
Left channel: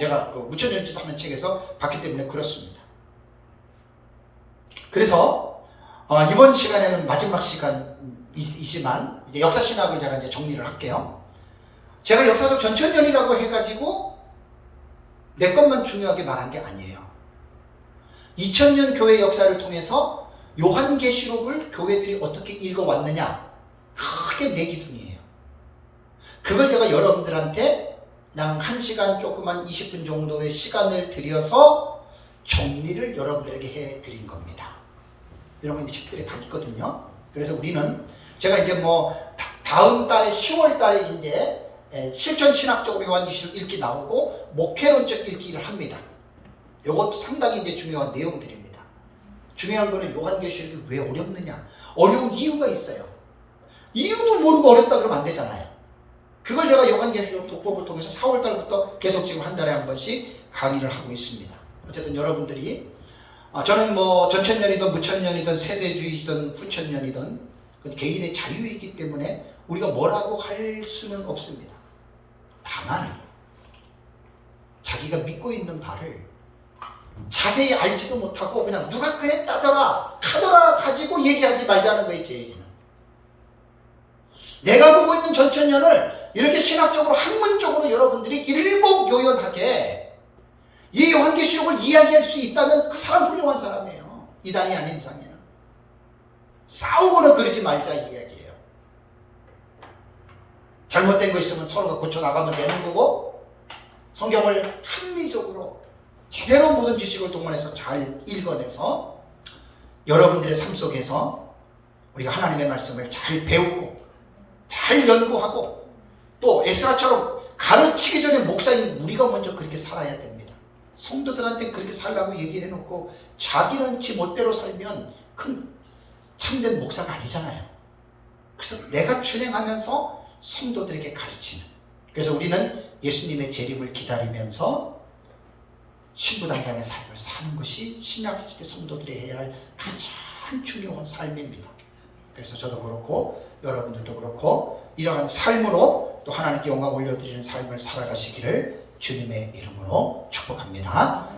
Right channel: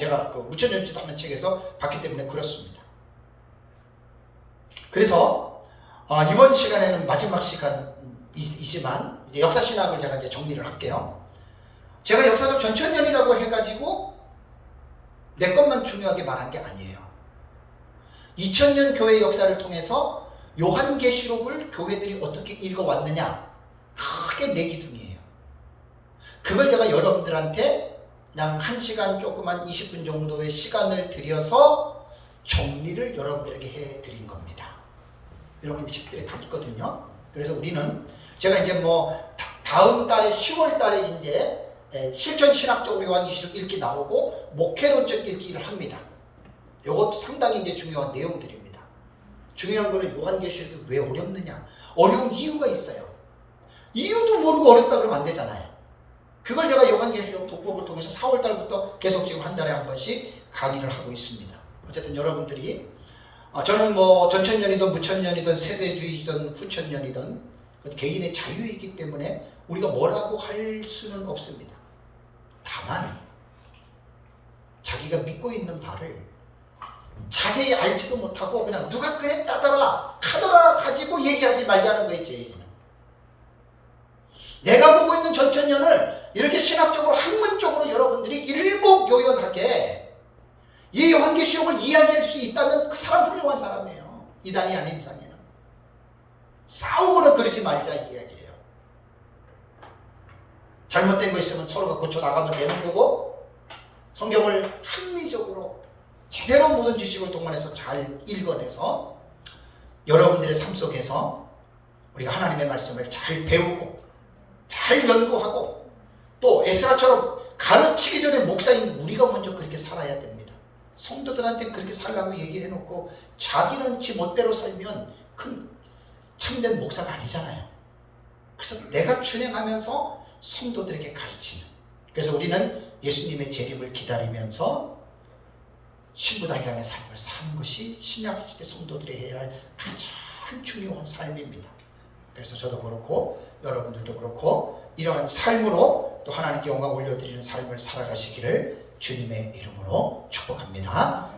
제가 그 무천년주의 하는 책에서 봤기 때문에 그렇습니다. 그래서 이번 시간에는 마지막 시간이지만 이제 역사신학을 제가 이제 정리를 할게요. 제가 역사적 전천년이라고 해가지고 내 것만 중요하게 말한 게 아니에요. 2000년 교회 역사를 통해서 요한계시록을 교회들이 어떻게 읽어왔느냐, 크게 내 기준이에요. 그걸 제가 여러분들한테 그냥 1시간 조그만 20분 정도의 시간을 들여서 정리를 여러분들에게 해드린 겁니다. 이런 건 책들에 다 있거든요. 그래서 우리는 제가 이제 다음 달에 10월 달에 이제 실천신학적으로 요한계시록 읽기 나오고 목회론적 읽기를 합니다. 이것도 상당히 이제 중요한 내용들입니다. 중요한 거는 요한계시록이 왜 어렵느냐, 어려운 이유가 있어요. 이유도 모르고 어렵다 그러면 안 되잖아요. 그걸 제가 요한계시록 독법을 통해서 4월 달부터 계속 지금 한 달에 한 번씩 강의를 하고 있습니다. 어쨌든 여러분들이 저는 전천년이든 무천년이든 세대주의든 후천년이든 개인의 자유이기 때문에 우리가 뭐라고 할 수는 없습니다. 다만 자기가 믿고 있는 바를 자세히 알지도 못하고 그냥 누가 그랬다더라 하더라 가지고 얘기하지 말자는 거예요. 제 얘기는. 내가 보고 있는 전천년을 이렇게 신학적으로 학문적으로 여러분들이 일목요연하게 이 요한계시록을 이야기할 수 있다면 그 사람 훌륭한 사람이에요. 이단이 아닌 이상에는. 싸우고는 그러지 말자 이 이야기예요. 잘못된 거 있으면 서로가 고쳐나가면 되는 거고, 성경을 합리적으로 제대로 모든 지식을 동원해서 잘 읽어내서 여러분들의 삶 속에서 우리가 하나님의 말씀을 잘 배우고 잘 연구하고, 또 에스라처럼 가르치기 전에 목사인 우리가 먼저 그렇게 살아야 됩니다. 성도들한테 그렇게 살라고 얘기를 해놓고 자기는 지 멋대로 살면 큰 참된 목사가 아니잖아요. 그래서 내가 준행하면서 성도들에게 가르치는. 그래서 우리는 예수님의 재림을 기다리면서 신부단장의 삶을 사는 것이 신약시대 성도들이 해야 할 가장 중요한 삶입니다. 그래서 저도 그렇고 여러분들도 그렇고 이러한 삶으로 또 하나님께 영광 올려드리는 삶을 살아가시기를 주님의 이름으로 축복합니다.